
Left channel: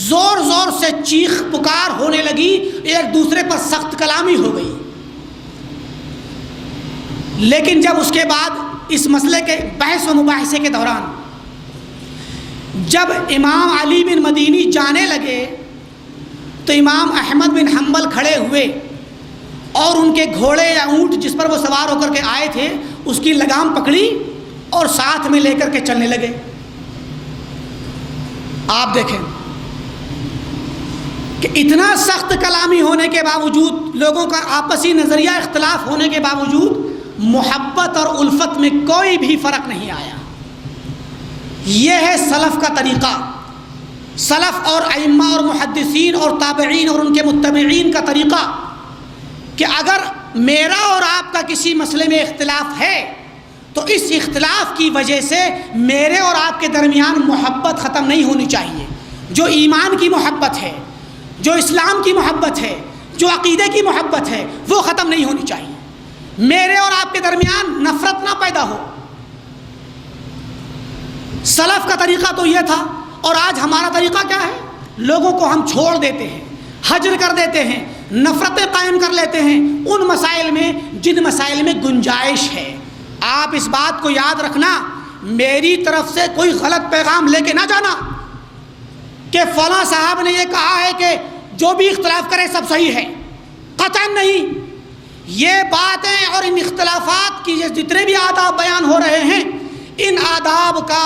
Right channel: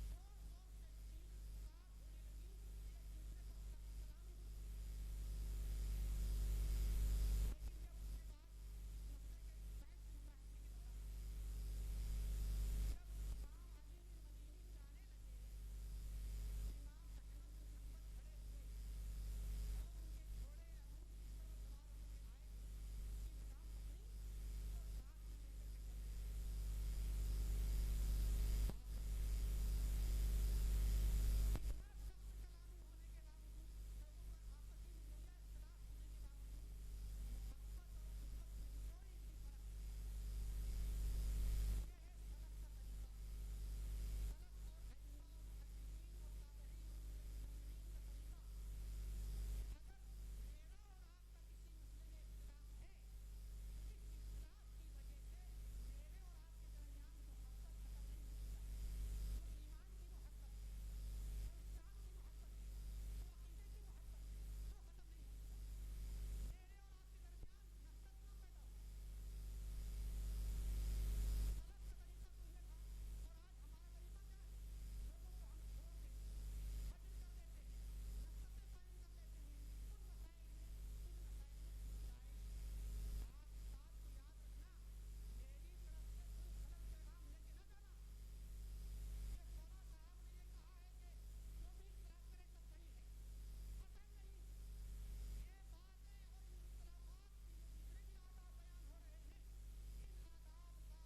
زور زور سے چیخ پکار ہونے لگی، ایک دوسرے پر سخت کلامی ہو گئی۔ لیکن جب اس کے بعد اس مسئلے کے بحث و مباحثے کے دوران جب امام علی بن مدینی جانے لگے تو امام احمد بن حنبل کھڑے ہوئے اور ان کے گھوڑے یا اونٹ جس پر وہ سوار ہو کر کے آئے تھے اس کی لگام پکڑی اور ساتھ میں لے کر کے چلنے لگے۔ آپ دیکھیں کہ اتنا سخت کلامی ہونے کے باوجود، لوگوں کا آپسی نظریہ اختلاف ہونے کے باوجود، محبت اور الفت میں کوئی بھی فرق نہیں آیا۔ یہ ہے سلف کا طریقہ، سلف اور ائمہ اور محدثین اور تابعین اور ان کے متبعین کا طریقہ، کہ اگر میرا اور آپ کا کسی مسئلے میں اختلاف ہے تو اس اختلاف کی وجہ سے میرے اور آپ کے درمیان محبت ختم نہیں ہونی چاہیے۔ جو ایمان کی محبت ہے، جو اسلام کی محبت ہے، جو عقیدے کی محبت ہے، وہ ختم نہیں ہونی چاہیے۔ میرے اور آپ کے درمیان نفرت نہ پیدا ہو۔ سلف کا طریقہ تو یہ تھا، اور آج ہمارا طریقہ کیا ہے؟ لوگوں کو ہم چھوڑ دیتے ہیں، حجر کر دیتے ہیں، نفرتیں قائم کر لیتے ہیں ان مسائل میں جن مسائل میں گنجائش ہے۔ آپ اس بات کو یاد رکھنا، میری طرف سے کوئی غلط پیغام لے کے نہ جانا کہ فلاں صاحب نے یہ کہا ہے کہ جو بھی اختلاف کرے سب صحیح ہے، قطعاً نہیں۔ یہ باتیں اور ان اختلافات کی جتنے بھی آداب بیان ہو رہے ہیں، ان آداب کا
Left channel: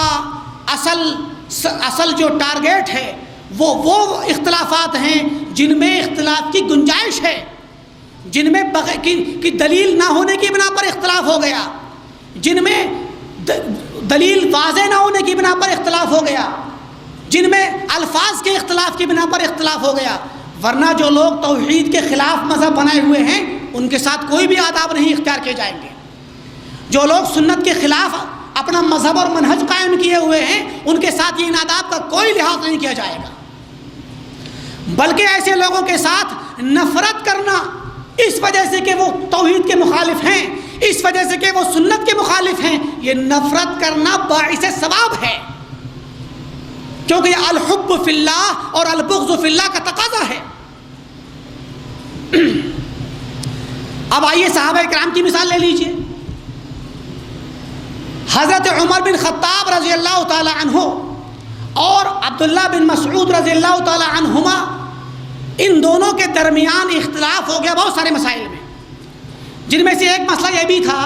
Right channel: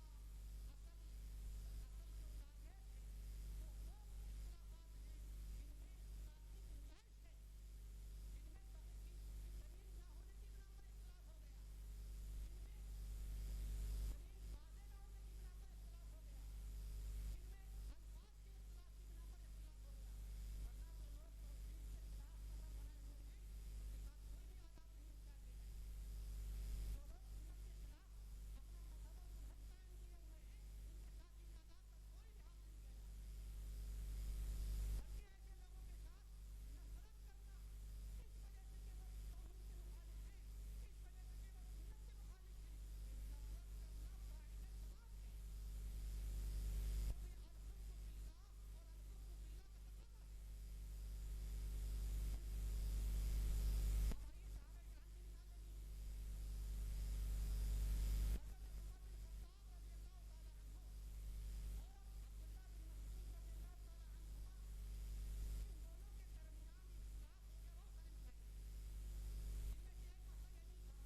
اصل جو ٹارگیٹ ہے وہ اختلافات ہیں جن میں اختلاف کی گنجائش ہے، جن میں کی دلیل نہ ہونے کی بنا پر اختلاف ہو گیا، جن میں دلیل واضح نہ ہونے کی بنا پر اختلاف ہو گیا، جن میں الفاظ کے اختلاف کی بنا پر اختلاف ہو گیا۔ ورنہ جو لوگ توحید کے خلاف مذہب بنائے ہوئے ہیں ان کے ساتھ کوئی بھی آداب نہیں اختیار کیے جائیں گے۔ جو لوگ سنت کے خلاف اپنا مذہب اور منہج قائم کیے ہوئے ہیں ان کے ساتھ یہ ان آداب کا کوئی لحاظ نہیں کیا جائے گا۔ بلکہ ایسے لوگوں کے ساتھ نفرت کرنا اس وجہ سے کہ وہ توحید کے مخالف ہیں، اس وجہ سے کہ وہ سنت کے مخالف ہیں، یہ نفرت کرنا باعث ثواب ہے، کیونکہ یہ الحب فی اللہ اور البغض فی اللہ کا تقاضا ہے۔ اب آئیے صحابہ کرام کی مثال لے لیجئے۔ حضرت عمر بن خطاب رضی اللہ تعالی عنہ اور عبداللہ بن مسعود رضی اللہ تعالی عنہما، ان دونوں کے درمیان اختلاف ہو گیا بہت سارے مسائل میں، جن میں سے ایک مسئلہ یہ بھی تھا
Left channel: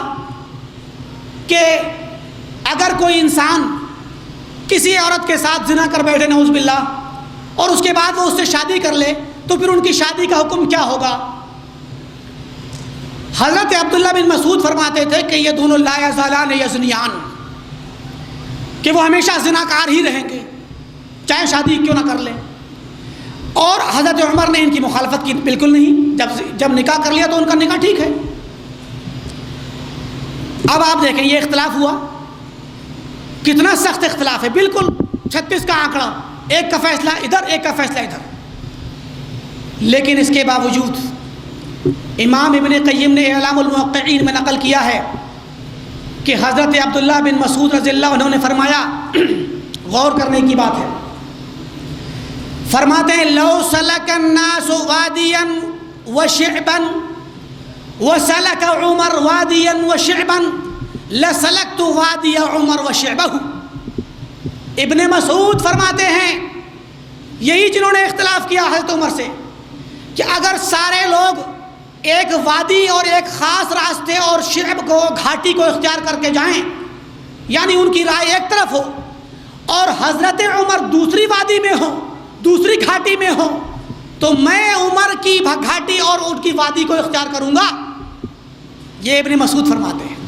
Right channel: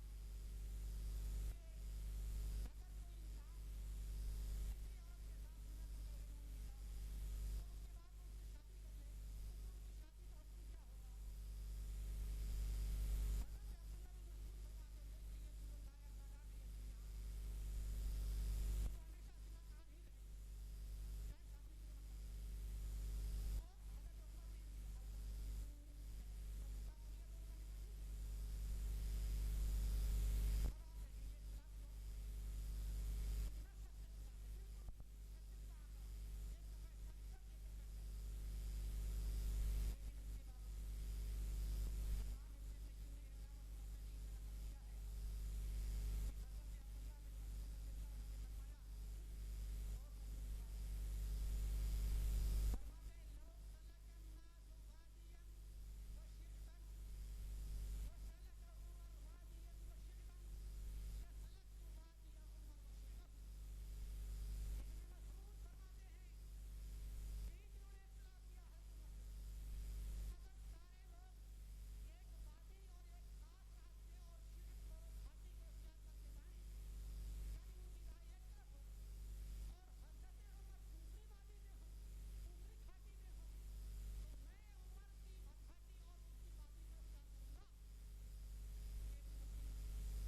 کہ اگر کوئی انسان کسی عورت کے ساتھ زنا کر بیٹھے نعوذ باللہ اور اس کے بعد وہ اس سے شادی کر لے تو پھر ان کی شادی کا حکم کیا ہوگا؟ حضرت عبداللہ بن مسعود فرماتے تھے کہ یہ دونوں لا یزالان یزنیان، کہ وہ ہمیشہ زناکار ہی رہیں گے چاہے شادی کیوں نہ کر لیں، اور حضرت عمر نے ان کی مخالفت کی بالکل نہیں، جب نکاح کر لیا تو ان کا نکاح ٹھیک ہے۔ اب آپ دیکھیں یہ اختلاف ہوا، کتنا سخت اختلاف ہے، بالکل 36 کا آنکڑا، ایک کا فیصلہ ادھر ایک کا فیصلہ ادھر، لیکن اس کے باوجود امام ابن قیم نے اعلام الموقعین میں نقل کیا ہے کہ حضرت عبداللہ بن مسعود رضی اللہ عنہ نے فرمایا، غور کرنے کی بات ہے، فرماتے ہیں لو سلک الناس وادیا وشعبا وسلک عمر وادیا وشعبا لسلکت وادی عمر وشعبہ۔ ابن مسعود فرماتے ہیں، یہی جنہوں نے اختلاف کیا حضرت عمر سے، کہ اگر سارے لوگ ایک وادی اور ایک خاص راستے اور شعب کو گھاٹی کو اختیار کر کے جائیں، یعنی ان کی رائے ایک طرف ہو، اور حضرت عمر دوسری وادی میں ہو، دوسری گھاٹی میں ہو، تو میں عمر کی گھاٹی اور ان کی وادی کو اختیار کروں گا۔ یہ ابن مسعود فرماتے ہیں۔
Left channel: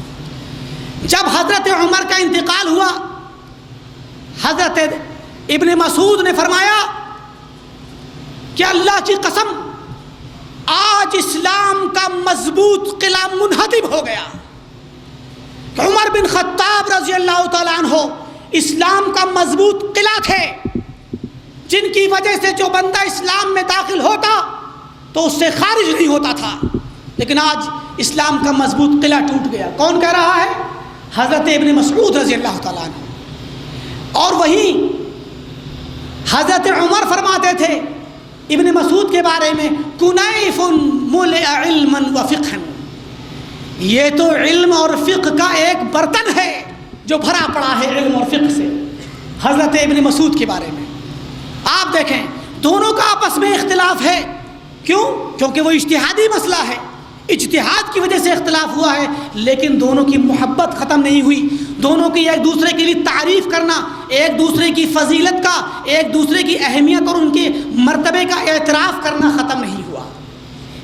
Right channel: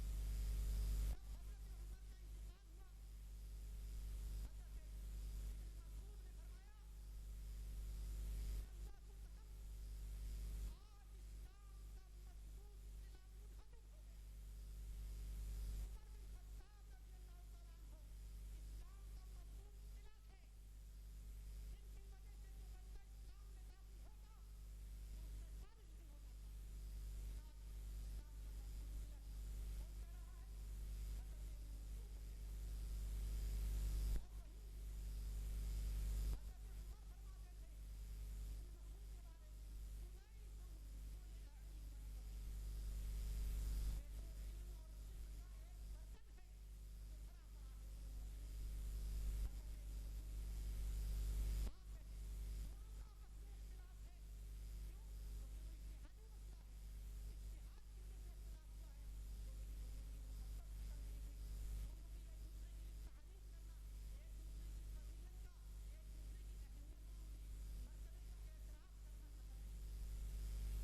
جب حضرت عمر کا انتقال ہوا، حضرت ابن مسعود نے فرمایا کہ اللہ کی قسم آج اسلام کا مضبوط قلعہ منہدم ہو گیا۔ عمر بن خطاب رضی اللہ تعالیٰ عنہ اسلام کا مضبوط قلعہ تھے، جن کی وجہ سے جو بندہ اسلام میں داخل ہوتا تو اس سے خارج نہیں ہوتا تھا، لیکن آج اسلام کا مضبوط قلعہ ٹوٹ گیا۔ کون کہہ رہا ہے؟ حضرت ابن مسعود رضی اللہ تعالیٰ عنہ۔ اور وہیں حضرت عمر فرماتے تھے ابن مسعود کے بارے میں، کنیف ملئ علما وفقہا، یہ تو علم اور فقہ کا ایک برتن ہے جو بھرا پڑا ہے علم اور فقہ سے، حضرت ابن مسعود کے بارے میں۔ آپ دیکھیں دونوں کا آپس میں اختلاف ہے، کیوں؟ کیونکہ وہ اجتہادی مسئلہ ہے، اجتہاد کی وجہ سے اختلاف ہوا ہے، لیکن دونوں کی محبت ختم نہیں ہوئی، دونوں کی ایک دوسرے کے لیے تعریف کرنا، ایک دوسرے کی فضیلت کا، ایک دوسرے کی اہمیت اور ان کے مرتبے کا اعتراف کرنا ختم نہیں ہوا۔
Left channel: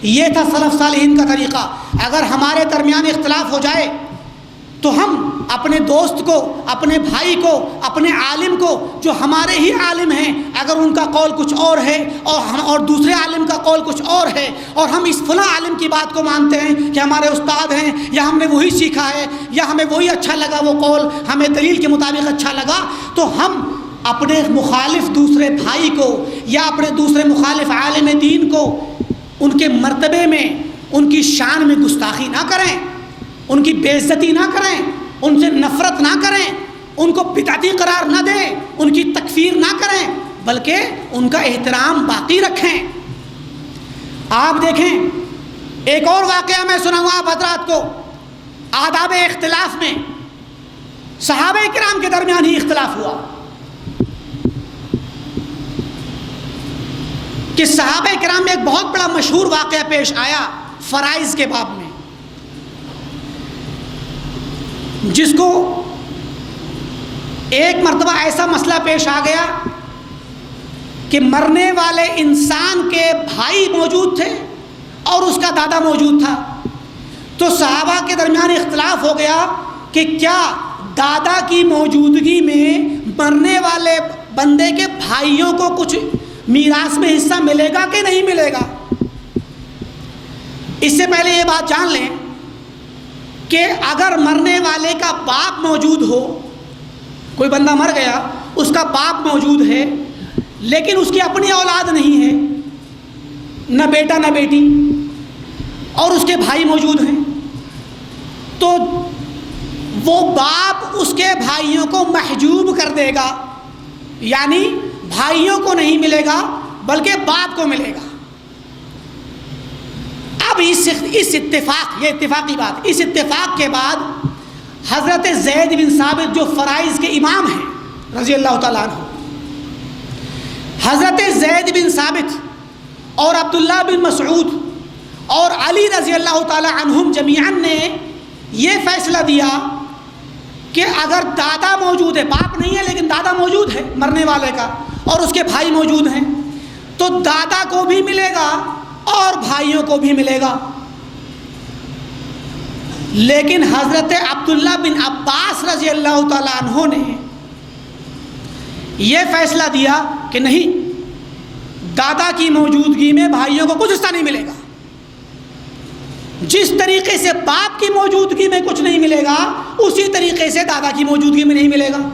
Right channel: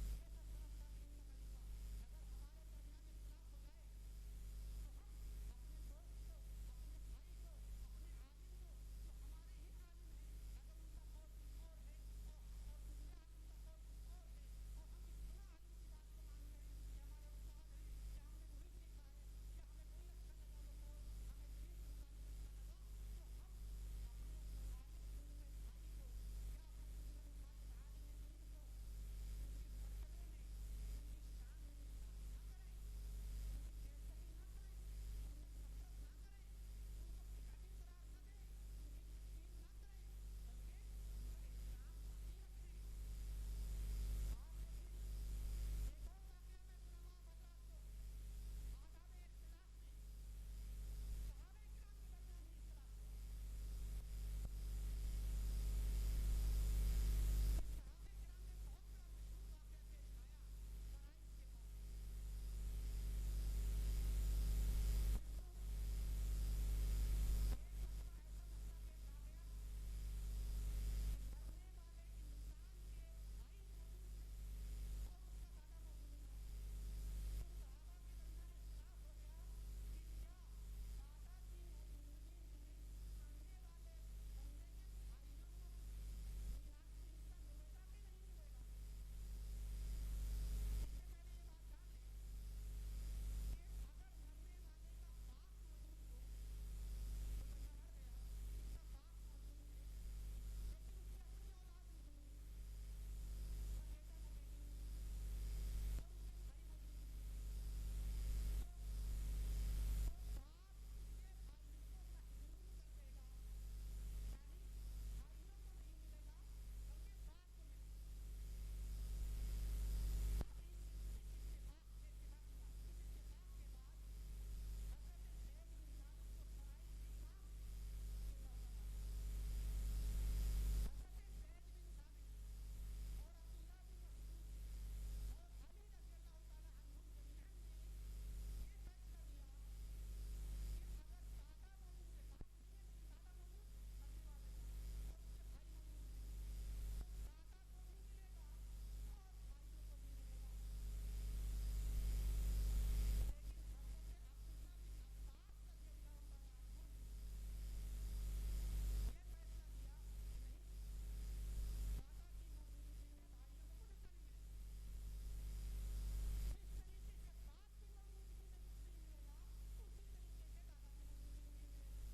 یہ تھا سلف صالحین کا طریقہ۔ اگر ہمارے درمیان اختلاف ہو جائے تو ہم اپنے دوست کو، اپنے بھائی کو، اپنے عالم کو، جو ہمارے ہی عالم ہیں، اگر ان کا قول کچھ اور ہے اور دوسرے عالم کا قول کچھ اور ہے، اور ہم اس فلاں عالم کی بات کو مانتے ہیں کہ ہمارے استاد ہیں یا ہم نے وہی سیکھا ہے یا ہمیں وہی اچھا لگا، وہ قول ہمیں دلیل کے مطابق اچھا لگا، تو ہم اپنے مخالف دوسرے بھائی کو یا اپنے دوسرے مخالف عالم دین کو ان کے مرتبے میں، ان کی شان میں گستاخی نہ کریں، ان کی بے عزتی نہ کریں، ان سے نفرت نہ کریں، ان کو بدعتی قرار نہ دیں، ان کی تکفیر نہ کریں، بلکہ ان کا احترام باقی رکھیں۔ آپ دیکھیں ایک اور واقعہ میں سناؤں آپ حضرات کو، آداب اختلاف میں صحابہ کرام کے درمیان ہی اختلاف ہوا کہ صحابہ کرام میں ایک بہت بڑا مشہور واقعہ پیش آیا فرائض کے باب میں، جس کو ایک مرتبہ ایسا مسئلہ پیش آ گیا کہ مرنے والے انسان کے بھائی موجود تھے اور اس کا دادا موجود تھا، تو صحابہ کے درمیان اختلاف ہو گیا کہ کیا دادا کی موجودگی میں مرنے والے بندے کے بھائیوں کو کچھ میراث میں حصہ ملے گا کہ نہیں ملے گا۔ اس سے پہلے یہ بات جان لیں کہ اگر مرنے والے کا باپ موجود ہو، کوئی بندہ مر گیا، اس کا باپ موجود ہے لیکن اس کی اپنی اولاد نہیں ہے، نہ بیٹا نہ بیٹی، اور اس کے بھائی موجود ہیں، تو وہ باپ اس کے بھائیوں کو محجوب کر دے گا، یعنی بھائیوں کو نہیں ملے گا بلکہ باپ کو ملے گا۔ اب اس اتفاق، یہ اتفاقی بات، اس اتفاق کے بعد حضرت زید بن ثابت جو فرائض کے امام ہیں رضی اللہ تعالیٰ عنہ، حضرت زید بن ثابت اور عبداللہ بن مسعود اور علی رضی اللہ تعالیٰ عنہم جمیعاً نے یہ فیصلہ دیا کہ اگر دادا موجود ہے، باپ نہیں ہے لیکن دادا موجود ہے مرنے والے کا، اور اس کے بھائی موجود ہیں، تو دادا کو بھی ملے گا اور بھائیوں کو بھی ملے گا۔ لیکن حضرت عبداللہ بن عباس رضی اللہ تعالیٰ عنہ نے یہ فیصلہ دیا کہ نہیں، دادا کی موجودگی میں بھائیوں کو کچھ حصہ نہیں ملے گا، جس طریقے سے باپ کی موجودگی میں کچھ نہیں ملے گا اسی طریقے سے دادا کی موجودگی میں نہیں ملے گا۔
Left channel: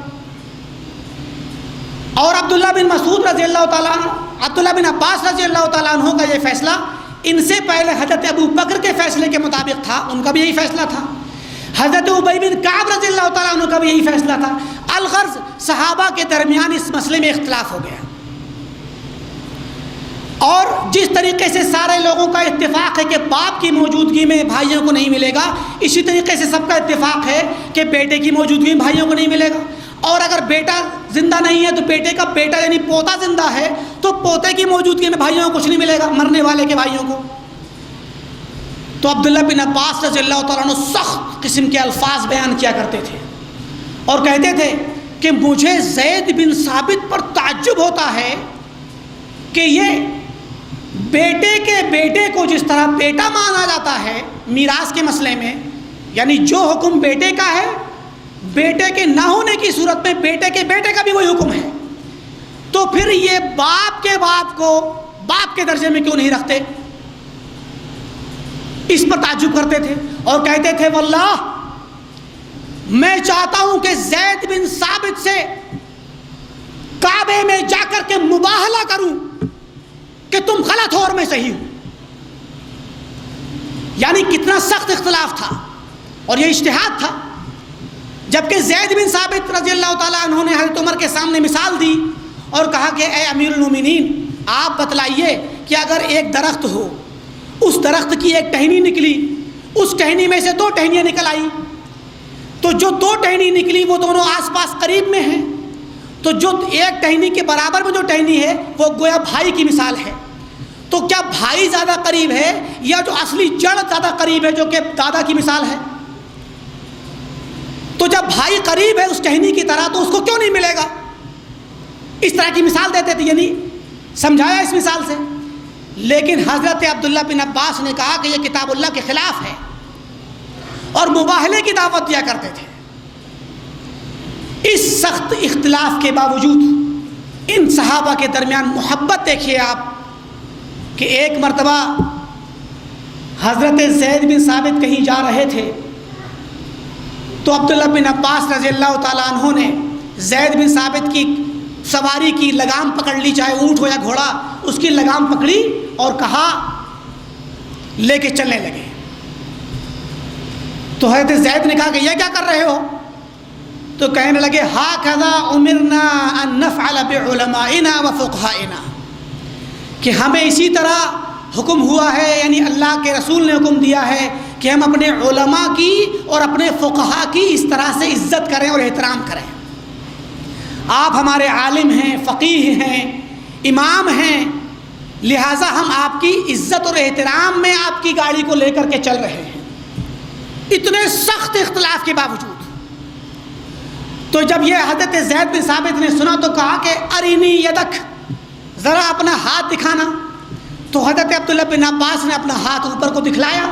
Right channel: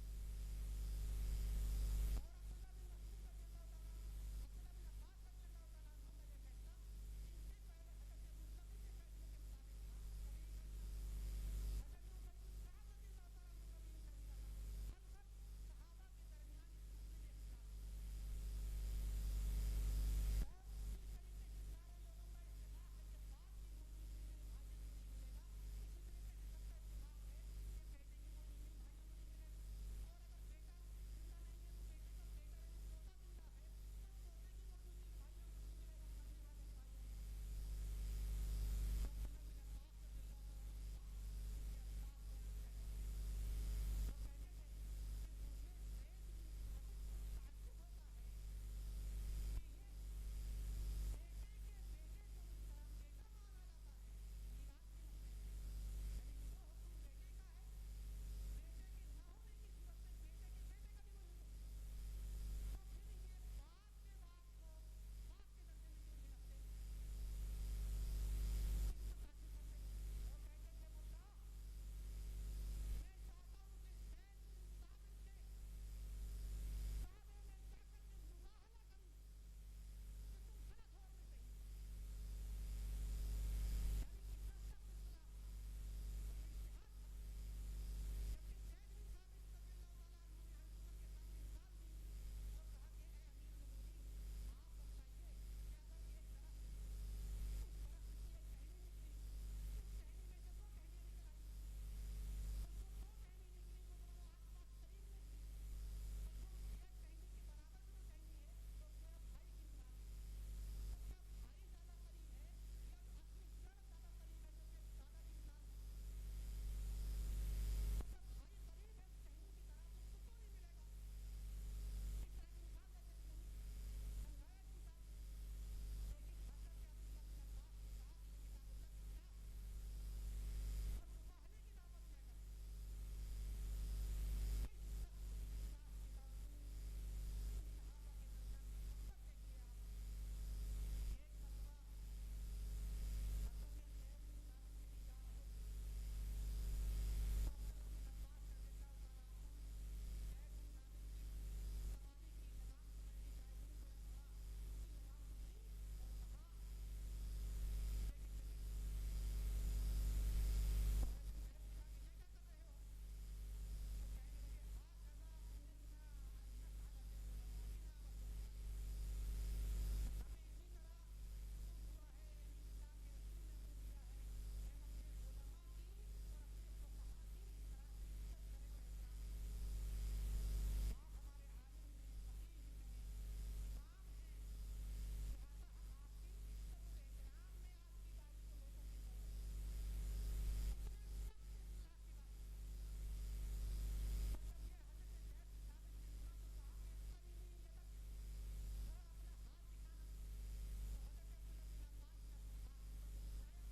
اور عبداللہ بن مسعود رضی اللہ تعالیٰ عنہ، عبداللہ بن عباس رضی اللہ تعالیٰ عنہ کا یہ فیصلہ ان سے پہلے حضرت ابو بکر کے فیصلے کے مطابق تھا، ان کا بھی یہی فیصلہ تھا۔ حضرت ابی بن کعب رضی اللہ تعالیٰ عنہ کا بھی یہی فیصلہ تھا۔ الغرض صحابہ کے درمیان اس مسئلے میں اختلاف ہو گیا، اور جس طریقے سے سارے لوگوں کا اتفاق ہے کہ باپ کی موجودگی میں بھائیوں کو نہیں ملے گا، اسی طریقے سے سب کا اتفاق ہے کہ بیٹے کی موجودگی میں بھائیوں کو نہیں ملے گا، اور اگر بیٹا زندہ نہیں ہے تو بیٹے کا بیٹا یعنی پوتا زندہ ہے تو پوتے کی موجودگی میں بھائیوں کو کچھ نہیں ملے گا، مرنے والے کے بھائیوں کو۔ تو عبداللہ بن عباس رضی اللہ تعالیٰ عنہ سخت قسم کے الفاظ بیان کیا کرتے تھے اور کہتے تھے کہ مجھے زید بن ثابت پر تعجب ہوتا ہے کہ یہ بیٹے کے بیٹے کو جس طرح بیٹا مانا جاتا ہے میراث کے مسئلے میں، یعنی جو حکم بیٹے کا ہے، بیٹے کے نہ ہونے کی صورت میں بیٹے کے بیٹے کا بھی وہی حکم ہے، تو پھر یہ باپ کے باپ کو باپ کے درجے میں کیوں نہیں رکھتے؟ اس پر تعجب کرتے تھے اور کہتے تھے واللہ میں چاہتا ہوں کہ زید بن ثابت سے کعبے میں جا کر کے مباہلہ کروں کہ تم غلط ہو اور میں صحیح ہوں۔ یعنی کتنا سخت اختلاف تھا، اور یہ اجتہاد تھا۔ جبکہ زید بن ثابت رضی اللہ تعالیٰ عنہ نے حضرت عمر کے سامنے مثال دی اور کہا کہ اے امیر المومنین، آپ بتلائیے کہ اگر ایک درخت ہو، اس درخت کی ایک ٹہنی نکلی، اس ٹہنی میں سے دو ٹہنیاں نکل آئی، تو جو دو ٹہنی نکلی وہ دونوں آس پاس قریب میں ہیں، تو جو ایک ٹہنی کے برابر میں جو ٹہنی ہے وہ گویا بھائی کی مثال ہے، تو کیا بھائی زیادہ قریب ہے یا جو اصلی جڑ زیادہ قریب ہے جو کہ دادا کی مثال ہے؟ تو جب بھائی قریب ہے اس ٹہنی کی طرح تو اس کو کیوں نہیں ملے گا؟ اس طرح کی مثال دیتے تھے، یعنی سمجھایا اس مثال سے۔ لیکن حضرت عبداللہ بن عباس نے کہا کہ یہ کتاب اللہ کے خلاف ہے، اور مباہلے کی دعوت دیا کرتے تھے۔ اس سخت اختلاف کے باوجود ان صحابہ کے درمیان محبت دیکھیے آپ کہ ایک مرتبہ حضرت زید بن ثابت کہیں جا رہے تھے تو عبداللہ بن عباس رضی اللہ تعالیٰ عنہ نے زید بن ثابت کی سواری کی لگام پکڑ لی، چاہے اونٹ ہو یا گھوڑا، اس کی لگام پکڑی اور کہا لے کے چلنے لگے۔ تو حضرت زید نے کہا کہ یہ کیا کر رہے ہو؟ تو کہنے لگے ہاکذا امرنا ان نفعل بعلمائنا وفقہائنا، کہ ہمیں اسی طرح حکم ہوا ہے، یعنی اللہ کے رسول نے حکم دیا ہے کہ ہم اپنے علماء کی اور اپنے فقہا کی اس طرح سے عزت کریں اور احترام کریں۔ آپ ہمارے عالم ہیں، فقیہ ہیں، امام ہیں، لہٰذا ہم آپ کی عزت اور احترام میں آپ کی گاڑی کو لے کر کے چل رہے ہیں، اتنے سخت اختلاف کے باوجود۔ تو جب یہ حضرت زید بن ثابت نے سنا تو کہا کہ ارینی یدک، ذرا اپنا ہاتھ دکھانا۔ تو حضرت عبداللہ بن عباس نے اپنا ہاتھ اوپر کو دکھلایا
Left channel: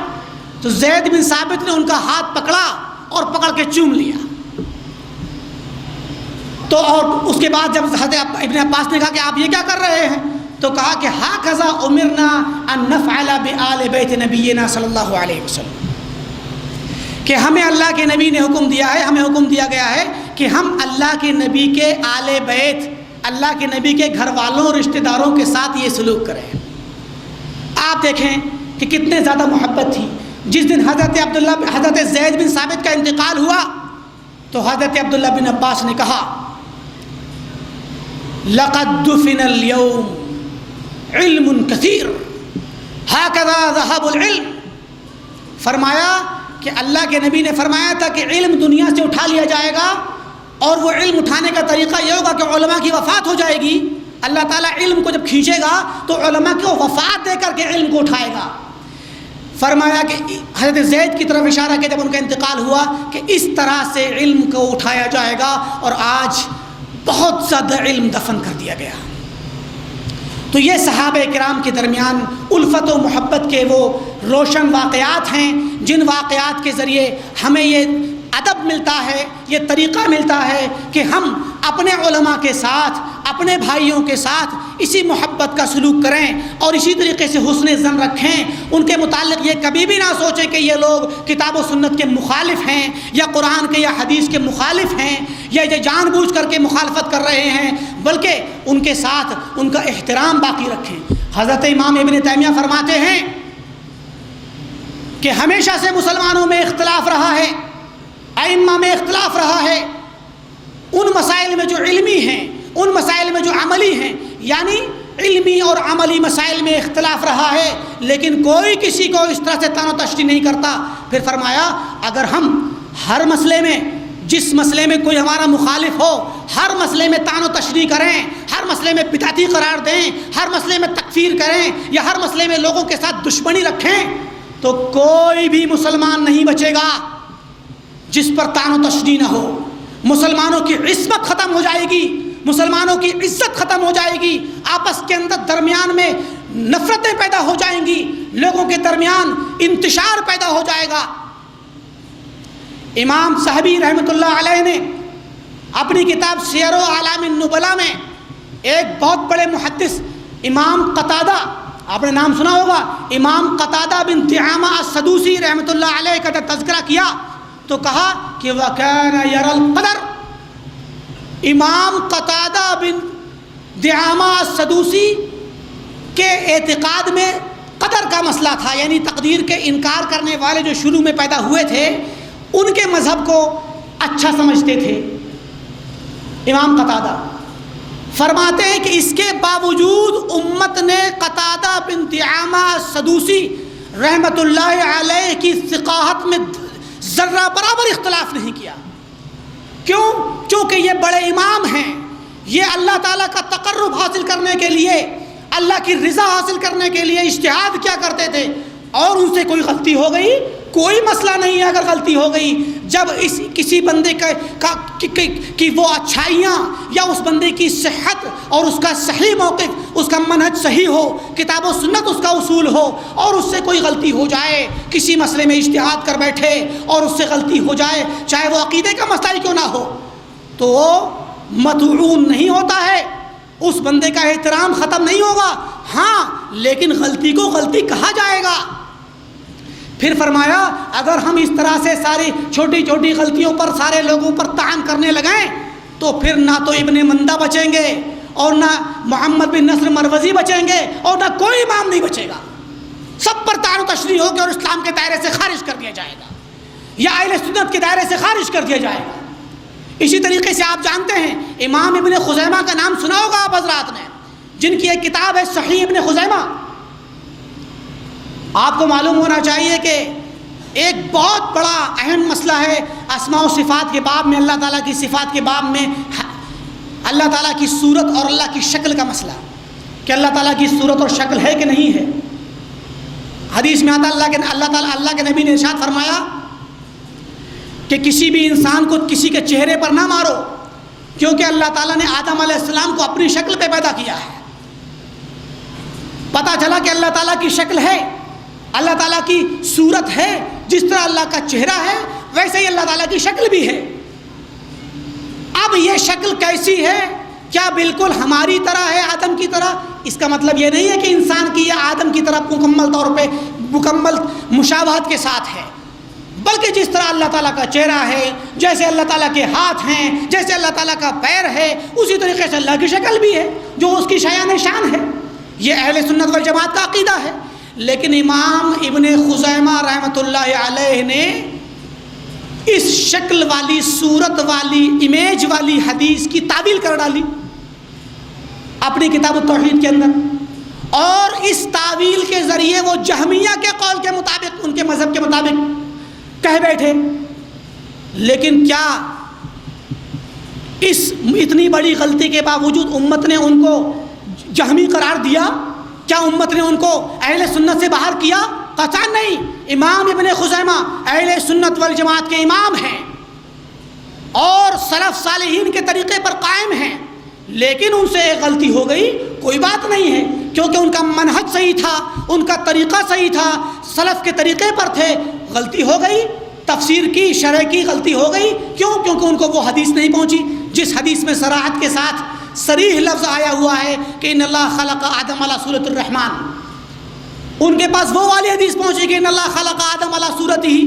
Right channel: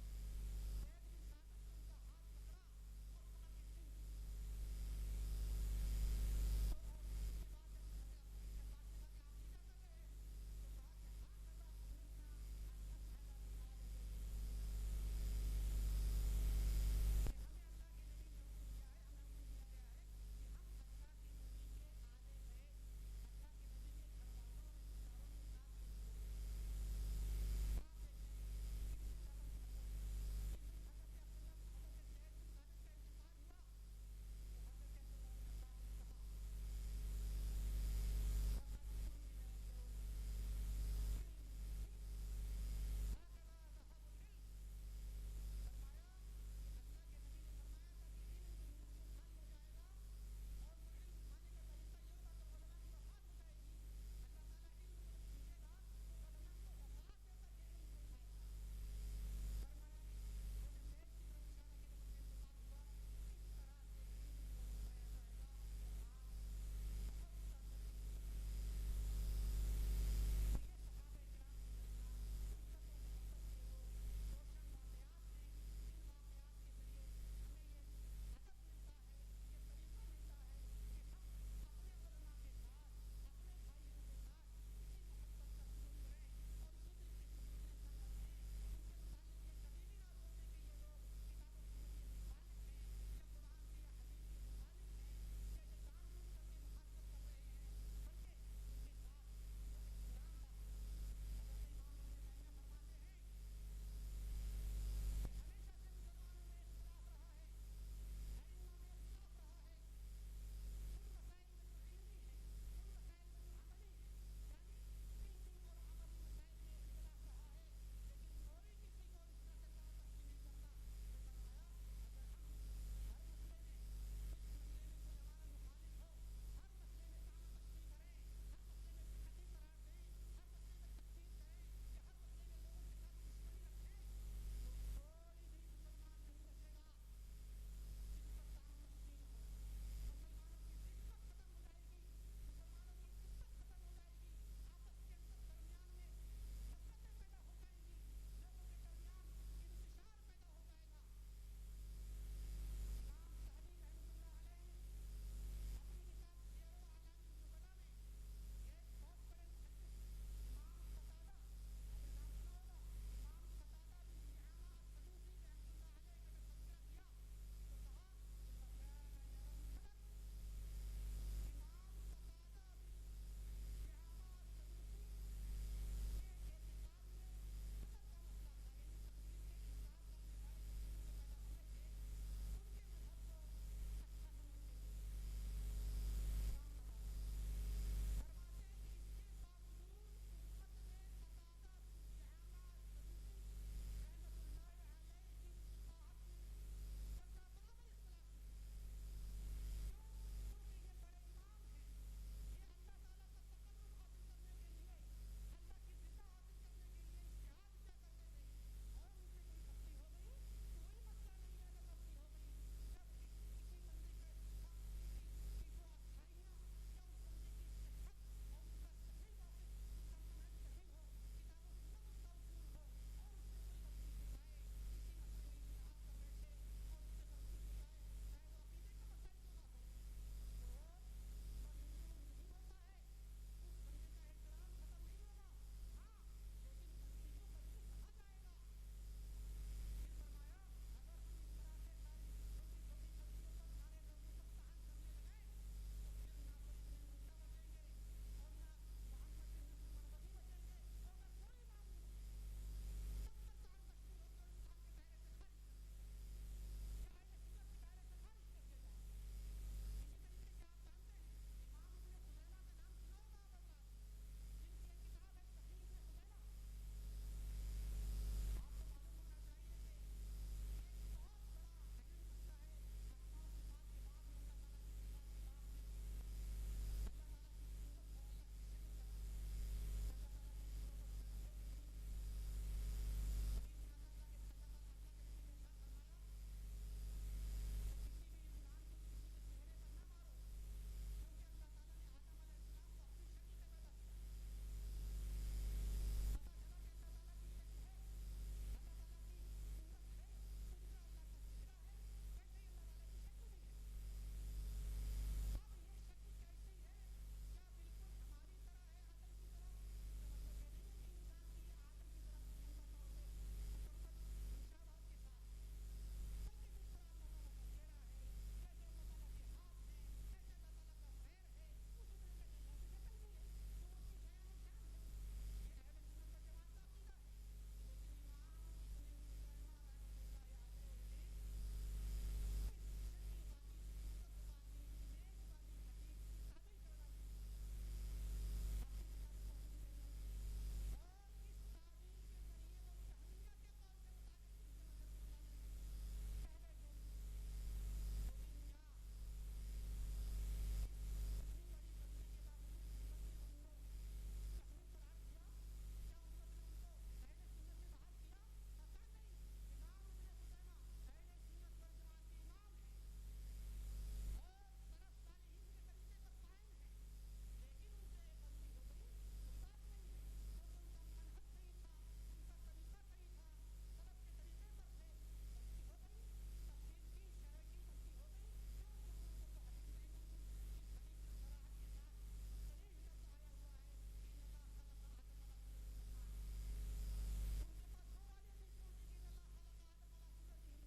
تو زید بن ثابت نے ان کا ہاتھ پکڑا اور پکڑ کے چوم لیا۔ تو اور اس کے بعد جب حضرت ابن عباس نے کہا کہ آپ یہ کیا کر رہے ہیں، تو کہا کہ ہاکذا امرنا ان نفعل بآل بیت نبینا صلی اللہ علیہ وسلم، کہ ہمیں اللہ کے نبی نے حکم دیا ہے، ہمیں حکم دیا گیا ہے کہ ہم اللہ کے نبی کے آل بیت، اللہ کے نبی کے گھر والوں رشتہ داروں کے ساتھ یہ سلوک کریں۔ دیکھیں کہ کتنے زیادہ محبت تھی. جس دن حضرت زید بن ثابت کا انتقال ہوا تو حضرت عبداللہ بن عباس نے کہا لقد دفن اليوم علم کثیر ہکذا ذهب العلم. فرمایا کہ اللہ کے نبی نے فرمایا تھا کہ علم دنیا سے اٹھا لیا جائے گا، اور وہ علم اٹھانے کا طریقہ یہ ہوگا کہ علماء کی وفات ہو جائے گی. اللہ تعالیٰ علم کو جب کھینچے گا تو علماء کو وفات دے کر کے علم کو اٹھائے گا. فرمایا کہ حضرت زید کی طرف اشارہ کہ جب ان کا انتقال ہوا کہ اس طرح سے علم کو اٹھایا جائے گا، اور آج بہت زیادہ علم دفن کر دیا گیا. تو یہ صحابہ کرام کے درمیان الفت و محبت کے وہ روشن واقعات ہیں جن واقعات کے ذریعے ہمیں یہ ادب ملتا ہے، یہ طریقہ ملتا ہے کہ ہم اپنے علماء کے ساتھ، اپنے بھائیوں کے ساتھ اسی محبت کا سلوک کریں اور اسی طریقے سے حسن ظن رکھیں. ان کے متعلق یہ کبھی بھی نہ سوچیں کہ یہ لوگ کتاب و سنت کے مخالف ہیں یا قرآن کے یا حدیث کے مخالف ہیں یا یہ جان بوجھ کر کے مخالفت کر رہے ہیں، بلکہ ان کے ساتھ ان کا احترام باقی رکھیں. حضرت امام ابن تیمیہ فرماتے ہیں کہ ہمیشہ سے مسلمانوں میں اختلاف رہا ہے، ائمہ میں اختلاف رہا ہے، ان مسائل میں جو علمی ہیں، ان مسائل میں جو عملی ہیں، یعنی علمی اور عملی مسائل میں اختلاف رہا ہے، لیکن کوئی کسی کو اس طرح سے تان و تشریح نہیں کرتا. پھر فرمایا اگر ہم ہر مسئلے میں، جس مسئلے میں کوئی ہمارا مخالف ہو، ہر مسئلے میں تان و تشریح کریں، ہر مسئلے میں بدعتی قرار دیں، ہر مسئلے میں تکفیر کریں یا ہر مسئلے میں لوگوں کے ساتھ دشمنی رکھیں، تو کوئی بھی مسلمان نہیں بچے گا جس پر تان و تشریح نہ ہو. مسلمانوں کی عصمت ختم ہو جائے گی، مسلمانوں کی عزت ختم ہو جائے گی، آپس کے اندر درمیان میں نفرتیں پیدا ہو جائیں گی، لوگوں کے درمیان انتشار پیدا ہو جائے گا. امام صحابی رحمۃ اللہ علیہ نے اپنی کتاب سیر و اعلام النبلاء میں ایک بہت بڑے محدث امام قتادہ، آپ نے نام سنا ہوگا، امام قتادہ بن دعامہ السدوسی رحمۃ اللہ علیہ کا تذکرہ کیا تو کہا کہ وَكَانَ يَرَى الْقَدَرَ. امام قتادہ بن دعامہ السدوسی کے اعتقاد میں قدر کا مسئلہ تھا، یعنی تقدیر کے انکار کرنے والے جو شروع میں پیدا ہوئے تھے ان کے مذہب کو اچھا سمجھتے تھے. امام قتادہ فرماتے ہیں کہ اس کے باوجود امت نے قتادہ بن دعامہ السدوسی رحمۃ اللہ علیہ کی ثقاہت میں ذرہ برابر اختلاف نہیں کیا. کیوں؟ چونکہ یہ بڑے امام ہیں، یہ اللہ تعالیٰ کا تقرب حاصل کرنے کے لیے، اللہ کی رضا حاصل کرنے کے لیے اجتہاد کیا کرتے تھے، اور ان سے کوئی غلطی ہو گئی کوئی مسئلہ نہیں ہے. اگر غلطی ہو گئی، جب کسی بندے کی وہ اچھائیاں یا اس بندے کی صحت اور اس کا صحیح موقف، اس کا منہج صحیح ہو، کتاب و سنت اس کا اصول ہو، اور اس سے کوئی غلطی ہو جائے، کسی مسئلے میں اجتہاد کر بیٹھے اور اس سے غلطی ہو جائے، چاہے وہ عقیدے کا مسئلہ ہی کیوں نہ ہو، تو وہ مطعون نہیں ہوتا ہے، اس بندے کا احترام ختم نہیں ہوگا. ہاں لیکن غلطی کو غلطی کہا جائے گا. پھر فرمایا اگر ہم اس طرح سے ساری چھوٹی چھوٹی غلطیوں پر سارے لوگوں پر طعن کرنے لگیں تو پھر نہ تو ابن مندہ بچیں گے اور نہ محمد بن نصر مروزی بچیں گے اور نہ کوئی امام نہیں بچے گا. سب پر طعن و تشریح ہوگی اور اسلام کے دائرے سے خارج کر دیا جائے گا یا اہل سنت کے دائرے سے خارج کر دیا جائے گا. اسی طریقے سے آپ جانتے ہیں امام ابن خزیمہ کا نام سنا ہوگا آپ حضرات نے، جن کی ایک کتاب ہے صحیح ابن خزیمہ. آپ کو معلوم ہونا چاہیے کہ ایک بہت بڑا اہم مسئلہ ہے اسماء و صفات کے باب میں، اللہ تعالیٰ کی صفات کے باب میں اللہ تعالیٰ کی صورت اور اللہ کی شکل کا مسئلہ، کہ اللہ تعالیٰ کی صورت اور شکل ہے کہ نہیں ہے. حدیث میں آتا اللہ کے نبی نے ارشاد فرمایا کہ کسی بھی انسان کو کسی کے چہرے پر نہ مارو، کیونکہ اللہ تعالیٰ نے آدم علیہ السلام کو اپنی شکل پہ پیدا کیا ہے. پتہ چلا کہ اللہ تعالیٰ کی شکل ہے، اللہ تعالیٰ کی صورت ہے، جس طرح اللہ کا چہرہ ہے ویسے ہی اللہ تعالیٰ کی شکل بھی ہے. اب یہ شکل کیسی ہے؟ کیا بالکل ہماری طرح ہے، آدم کی طرح؟ اس کا مطلب یہ نہیں ہے کہ انسان کی یا آدم کی طرح مکمل طور پہ مکمل مشابہت کے ساتھ ہے، بلکہ جس طرح اللہ تعالیٰ کا چہرہ ہے، جیسے اللہ تعالیٰ کے ہاتھ ہیں، جیسے اللہ تعالیٰ کا پیر ہے، اسی طریقے سے اللہ کی شکل بھی ہے جو اس کی شایان شان ہے. یہ اہل سنت والجماعت کا عقیدہ ہے. لیکن امام ابن خزیمہ رحمۃ اللہ علیہ نے اس شکل والی، صورت والی، امیج والی حدیث کی تعویل کر ڈالی اپنی کتاب التوحید کے اندر، اور اس تعویل کے ذریعے وہ جہمیہ کے قول کے مطابق، ان کے مذہب کے مطابق کہہ بیٹھے۔ لیکن کیا اس اتنی بڑی غلطی کے باوجود امت نے ان کو جہمی قرار دیا؟ کیا امت نے ان کو اہل سنت سے باہر کیا؟ قطعاً نہیں۔ امام ابن خزیمہ اہل سنت والجماعت کے امام ہیں اور سلف صالحین کے طریقے پر قائم ہیں، لیکن ان سے ایک غلطی ہو گئی، کوئی بات نہیں ہے، کیونکہ ان کا منہج صحیح تھا، ان کا طریقہ صحیح تھا، سلف کے طریقے پر تھے، غلطی ہو گئی، تفسیر کی، شرح کی غلطی ہو گئی۔ کیوں؟ کیونکہ ان کو وہ حدیث نہیں پہنچی جس حدیث میں صراحت کے ساتھ صریح لفظ آیا ہوا ہے کہ ان اللہ خلق آدم علی صورت الرحمن۔ ان کے پاس وہ والی حدیث پہنچی کہ ان اللہ خلق آدم علی صورت ہی،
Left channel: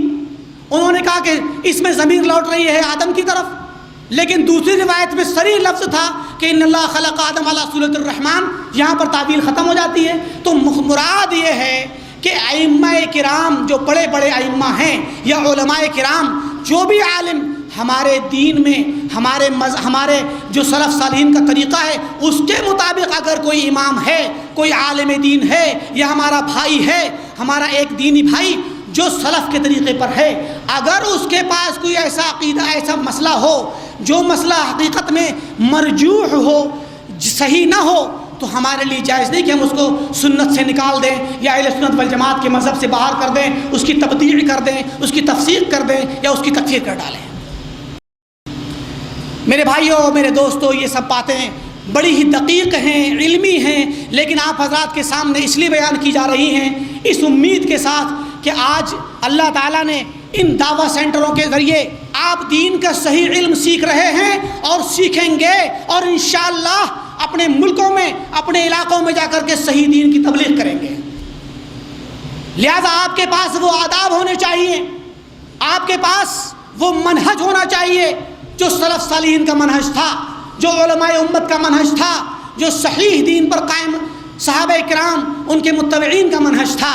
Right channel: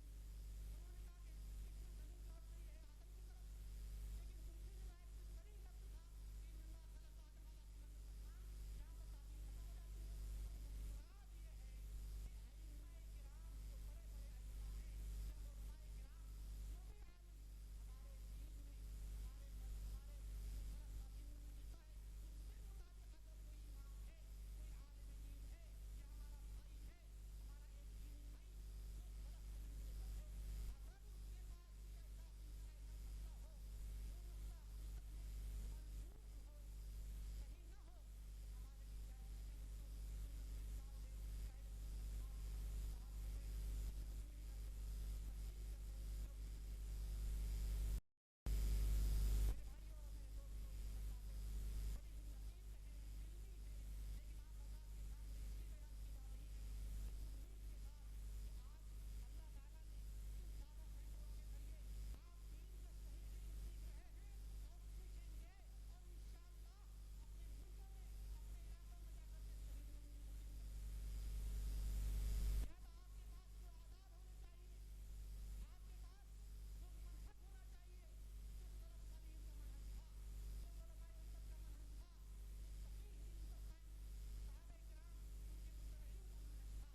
انہوں نے کہا کہ اس میں ضمیر لوٹ رہی ہے آدم کی طرف، لیکن دوسری روایت میں صریح لفظ تھا کہ ان اللہ خلق آدم علی صورت الرحمن، یہاں پر تعبیر ختم ہو جاتی ہے۔ تو مراد یہ ہے کہ ائمہ کرام جو بڑے بڑے ائمہ ہیں یا علماء کرام، جو بھی عالم ہمارے دین میں ہمارے جو سلف صالحین کا طریقہ ہے اس کے مطابق اگر کوئی امام ہے، کوئی عالم دین ہے یا ہمارا بھائی ہے، ہمارا ایک دینی بھائی جو سلف کے طریقے پر ہے، اگر اس کے پاس کوئی ایسا عقیدہ، ایسا مسئلہ ہو جو مسئلہ حقیقت میں مرجوح ہو، صحیح نہ ہو، تو ہمارے لیے جائز نہیں کہ ہم اس کو سنت سے نکال دیں یا اہل سنت والجماعت کے مذہب سے باہر کر دیں، اس کی تبدیع کر دیں، اس کی تفسیر کر دیں یا اس کی تکفیر کر ڈالیں۔ میرے بھائیوں، میرے دوستوں، یہ سب باتیں بڑی ہی دقیق ہیں، علمی ہیں، لیکن آپ حضرات کے سامنے اس لیے بیان کی جا رہی ہیں اس امید کے ساتھ کہ آج اللہ تعالیٰ نے ان دعویٰ سینٹروں کے ذریعے آپ دین کا صحیح علم سیکھ رہے ہیں اور سیکھیں گے، اور انشاءاللہ اپنے ملکوں میں، اپنے علاقوں میں جا کر کے صحیح دین کی تبلیغ کریں گے۔ لہذا آپ کے پاس وہ آداب ہونے چاہیے، آپ کے پاس وہ منہج ہونا چاہیے جو سلف صالحین کا منہج تھا، جو علماء امت کا منہج تھا، جو صحیح دین پر قائم صحابہ کرام ان کے متبعین کا منہج تھا۔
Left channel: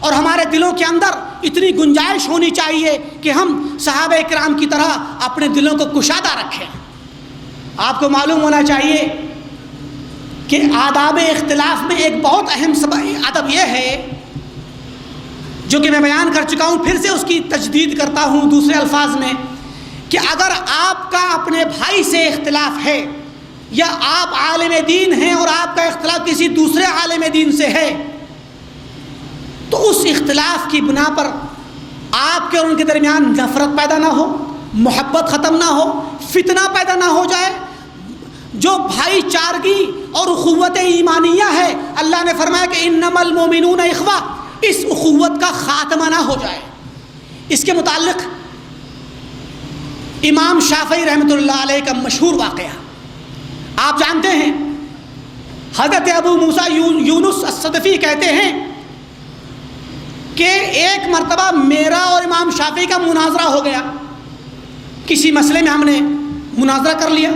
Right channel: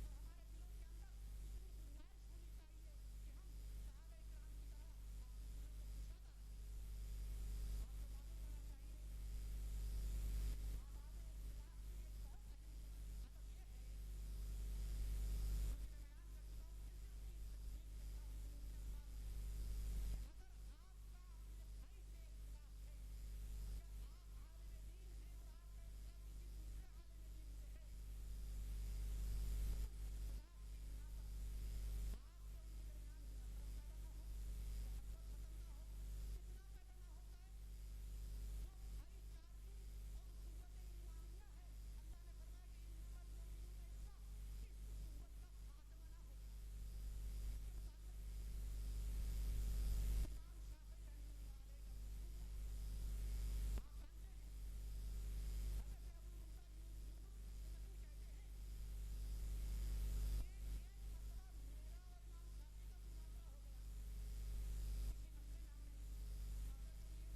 اور ہمارے دلوں کے اندر اتنی گنجائش ہونی چاہیے کہ ہم صحابہ کرام کی طرح اپنے دلوں کو کشادہ رکھیں۔ آپ کو معلوم ہونا چاہیے کہ آداب اختلاف میں ایک بہت اہم ادب یہ ہے جو کہ میں بیان کر چکا ہوں، پھر سے اس کی تجدید کرتا ہوں دوسرے الفاظ میں، کہ اگر آپ کا اپنے بھائی سے اختلاف ہے یا آپ عالم دین ہیں اور آپ کا اختلاف کسی دوسرے عالم دین سے ہے، تو اس اختلاف کی بنا پر آپ کے اور ان کے درمیان نفرت پیدا نہ ہو، محبت ختم نہ ہو، فتنہ پیدا نہ ہو جائے۔ جو بھائی چارگی اور اخوت ایمانیہ ہے، اللہ نے فرمایا کہ انما المؤمنون اخوہ، اس اخوت کا خاتمہ نہ ہو جائے۔ اس کے متعلق امام شافعی رحمۃ اللہ علیہ کا مشہور واقعہ آپ جانتے ہیں۔ حضرت ابو موسیٰ یونس الصدفی کہتے ہیں کہ ایک مرتبہ میرا اور امام شافعی کا مناظرہ ہو گیا، کسی مسئلے میں ہم نے مناظرہ کر لیا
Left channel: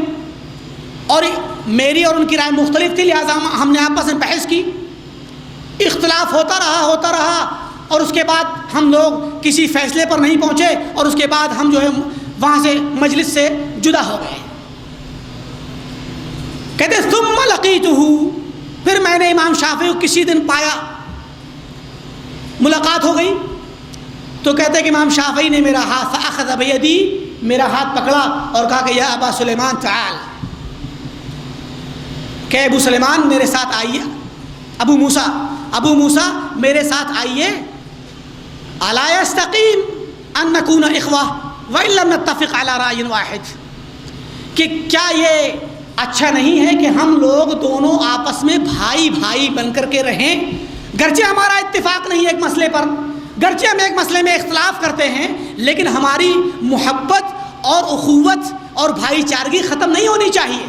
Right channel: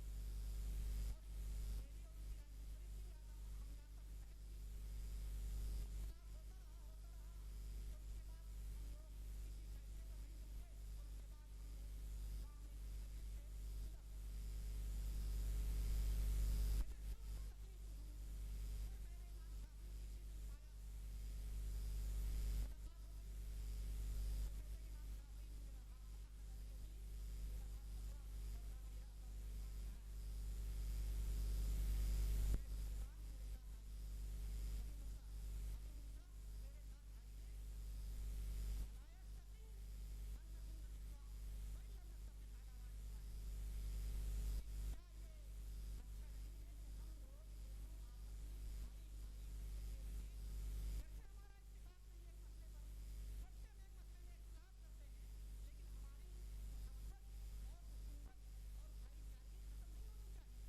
اور میری اور ان کی رائے مختلف تھی، لہٰذا ہم نے آپس میں بحث کی، اختلاف ہوتا رہا اور اس کے بعد ہم لوگ کسی فیصلے پر نہیں پہنچے اور اس کے بعد ہم جو ہے وہاں سے مجلس سے جدا ہو گئے۔ کہتے ثم لقیتہ، پھر میں نے امام شافعی کو کسی دن پایا، ملاقات ہو گئی، تو کہتے کہ امام شافعی نے میرا ہاتھ فاخذ بیدی، میرا ہاتھ پکڑا اور کہا کہ یا ابا سلیمان تعال، کہ ابو سلیمان میرے ساتھ آئیے، ابو موسیٰ میرے ساتھ آئیے، الا یستقیم ان نکون اخوہ وان لم نتفق علی رأی واحد، کہ کیا یہ اچھا نہیں ہے کہ ہم لوگ دونوں آپس میں بھائی بھائی بن کر کے رہیں، گرچہ ہمارا اتفاق نہیں ہے ایک مسئلے پر، گرچہ ہم ایک مسئلے میں اختلاف کرتے ہیں، لیکن ہماری محبت اور اخوت اور بھائی چارگی ختم نہیں ہونی چاہیے۔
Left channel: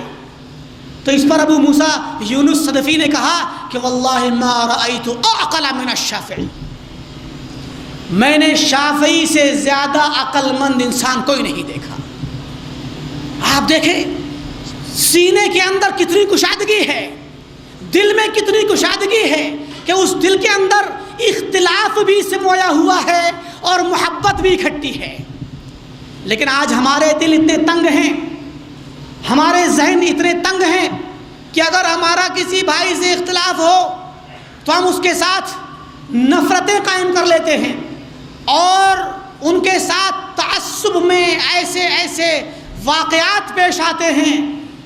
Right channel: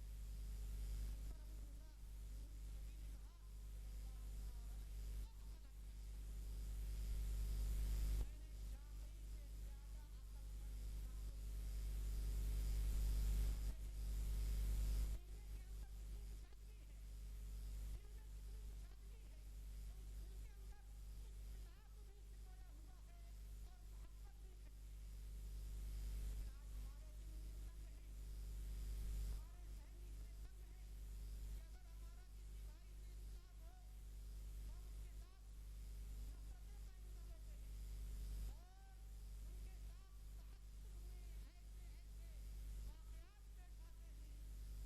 تو اس پر ابو موسیٰ یونس صدفی نے کہا کہ واللہ ما رأیت اعقل من الشافعی، میں نے شافعی سے زیادہ عقل مند انسان کوئی نہیں دیکھا۔ آپ دیکھیں سینے کے اندر کتنی کشادگی ہے، دل میں کتنی کشادگی ہے کہ اس دل کے اندر اختلاف بھی سمویا ہوا ہے اور محبت بھی اکٹھی ہے. لیکن آج ہمارے دل اتنے تنگ ہیں, ہمارے ذہن اتنے تنگ ہیں کہ اگر ہمارا کسی بھائی سے اختلاف ہو تو ہم اس کے ساتھ نفرتیں قائم کر لیتے ہیں اور ان کے ساتھ تعصب میں ایسے واقعات پیش آتے ہیں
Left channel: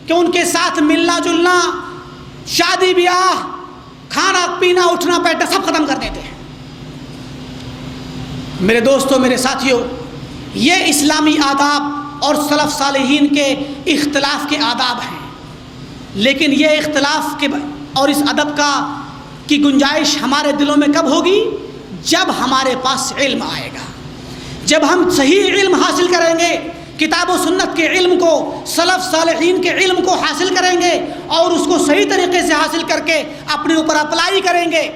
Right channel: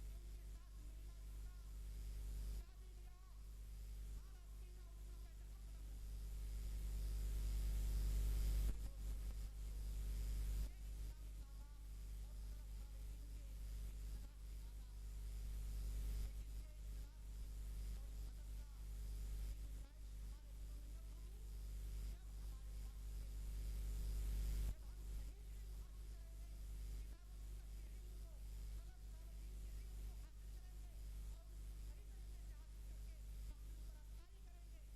کہ ان کے ساتھ ملنا جلنا, شادی بیاہ, کھانا پینا, اٹھنا بیٹھنا سب ختم کر دیتے ہیں. میرے دوستوں, میرے ساتھیوں, یہ اسلامی آداب اور سلف صالحین کے اختلاف کے آداب ہیں. لیکن یہ اختلاف کے اور اس ادب کی گنجائش ہمارے دلوں میں کب ہوگی؟ جب ہمارے پاس علم آئے گا, جب ہم صحیح علم حاصل کریں گے, کتاب و سنت کے علم کو, سلف صالحین کے علم کو حاصل کریں گے اور اس کو صحیح طریقے سے حاصل کر کے اپنے اوپر اپلائی کریں گے.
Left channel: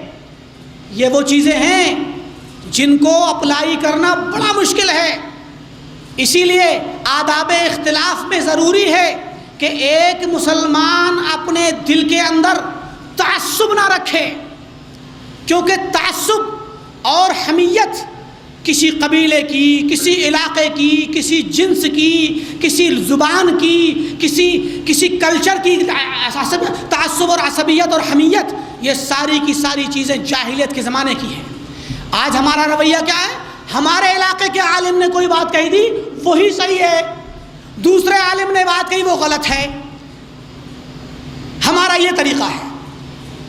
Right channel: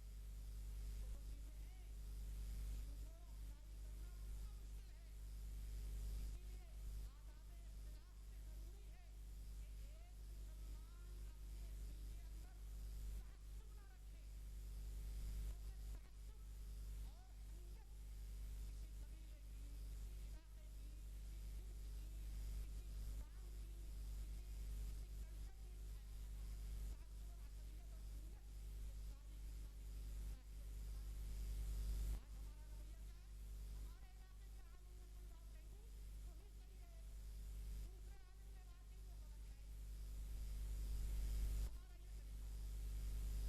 یہ وہ چیزیں ہیں جن کو اپلائی کرنا بڑا مشکل ہے. اسی لیے آداب اختلاف میں ضروری ہے کہ ایک مسلمان اپنے دل کے اندر تعصب نہ رکھے, کیونکہ تعصب اور حمیت کسی قبیلے کی, کسی علاقے کی, کسی جنس کی, کسی زبان کی, کسی کلچر کی تعصب اور عصبیت اور حمیت, یہ ساری کی ساری چیزیں جاہلیت کے زمانے کی ہیں. آج ہمارا رویہ کیا ہے؟ ہمارے علاقے کے عالم نے کوئی بات کہی تھی وہی صحیح ہے, دوسرے عالم نے بات کہی وہ غلط ہے. ہمارا یہ طریقہ ہے.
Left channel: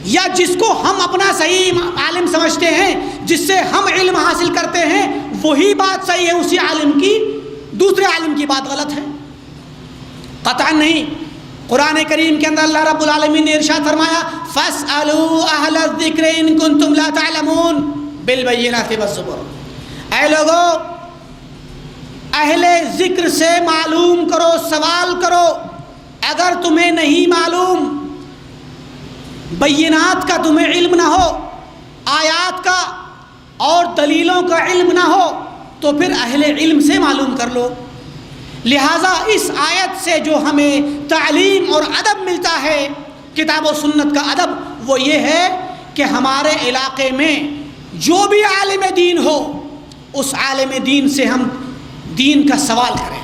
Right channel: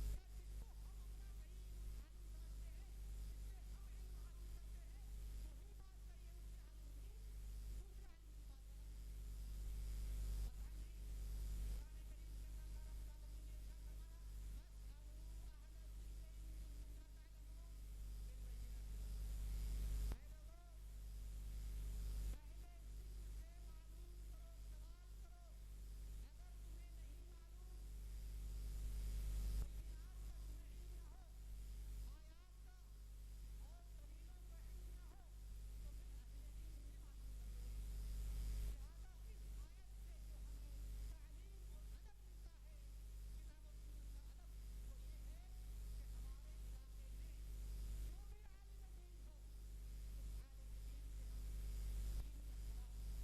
یا جس کو ہم اپنا صحیح عالم سمجھتے ہیں, جس سے ہم علم حاصل کرتے ہیں, وہی بات صحیح ہے اسی عالم کی, دوسرے عالم کی بات غلط ہے. قطعا نہیں. قرآن کریم کے اندر اللہ رب العالمین نے ارشاد فرمایا فَاسْأَلُوا أَهْلَ الذِّكْرِ إِن كُنتُمْ لَا تَعْلَمُونَ بِالْبَيِّنَاتِ وَالزُّبُرِ. اے لوگو, اہل ذکر سے معلوم کرو, سوال کرو اگر تمہیں نہیں معلوم, بینات کا تمہیں علم نہ ہو, آیات کا اور دلیلوں کا علم نہ ہو, تو پھر اہل علم سے معلوم کر لو. لہٰذا اس آیت سے جو ہمیں تعلیم اور ادب ملتا ہے, کتاب و سنت کا ادب, وہ یہ ہے کہ ہمارے علاقے میں جو بھی عالم دین ہو, اس عالم دین سے ہم دین کا سوال کریں,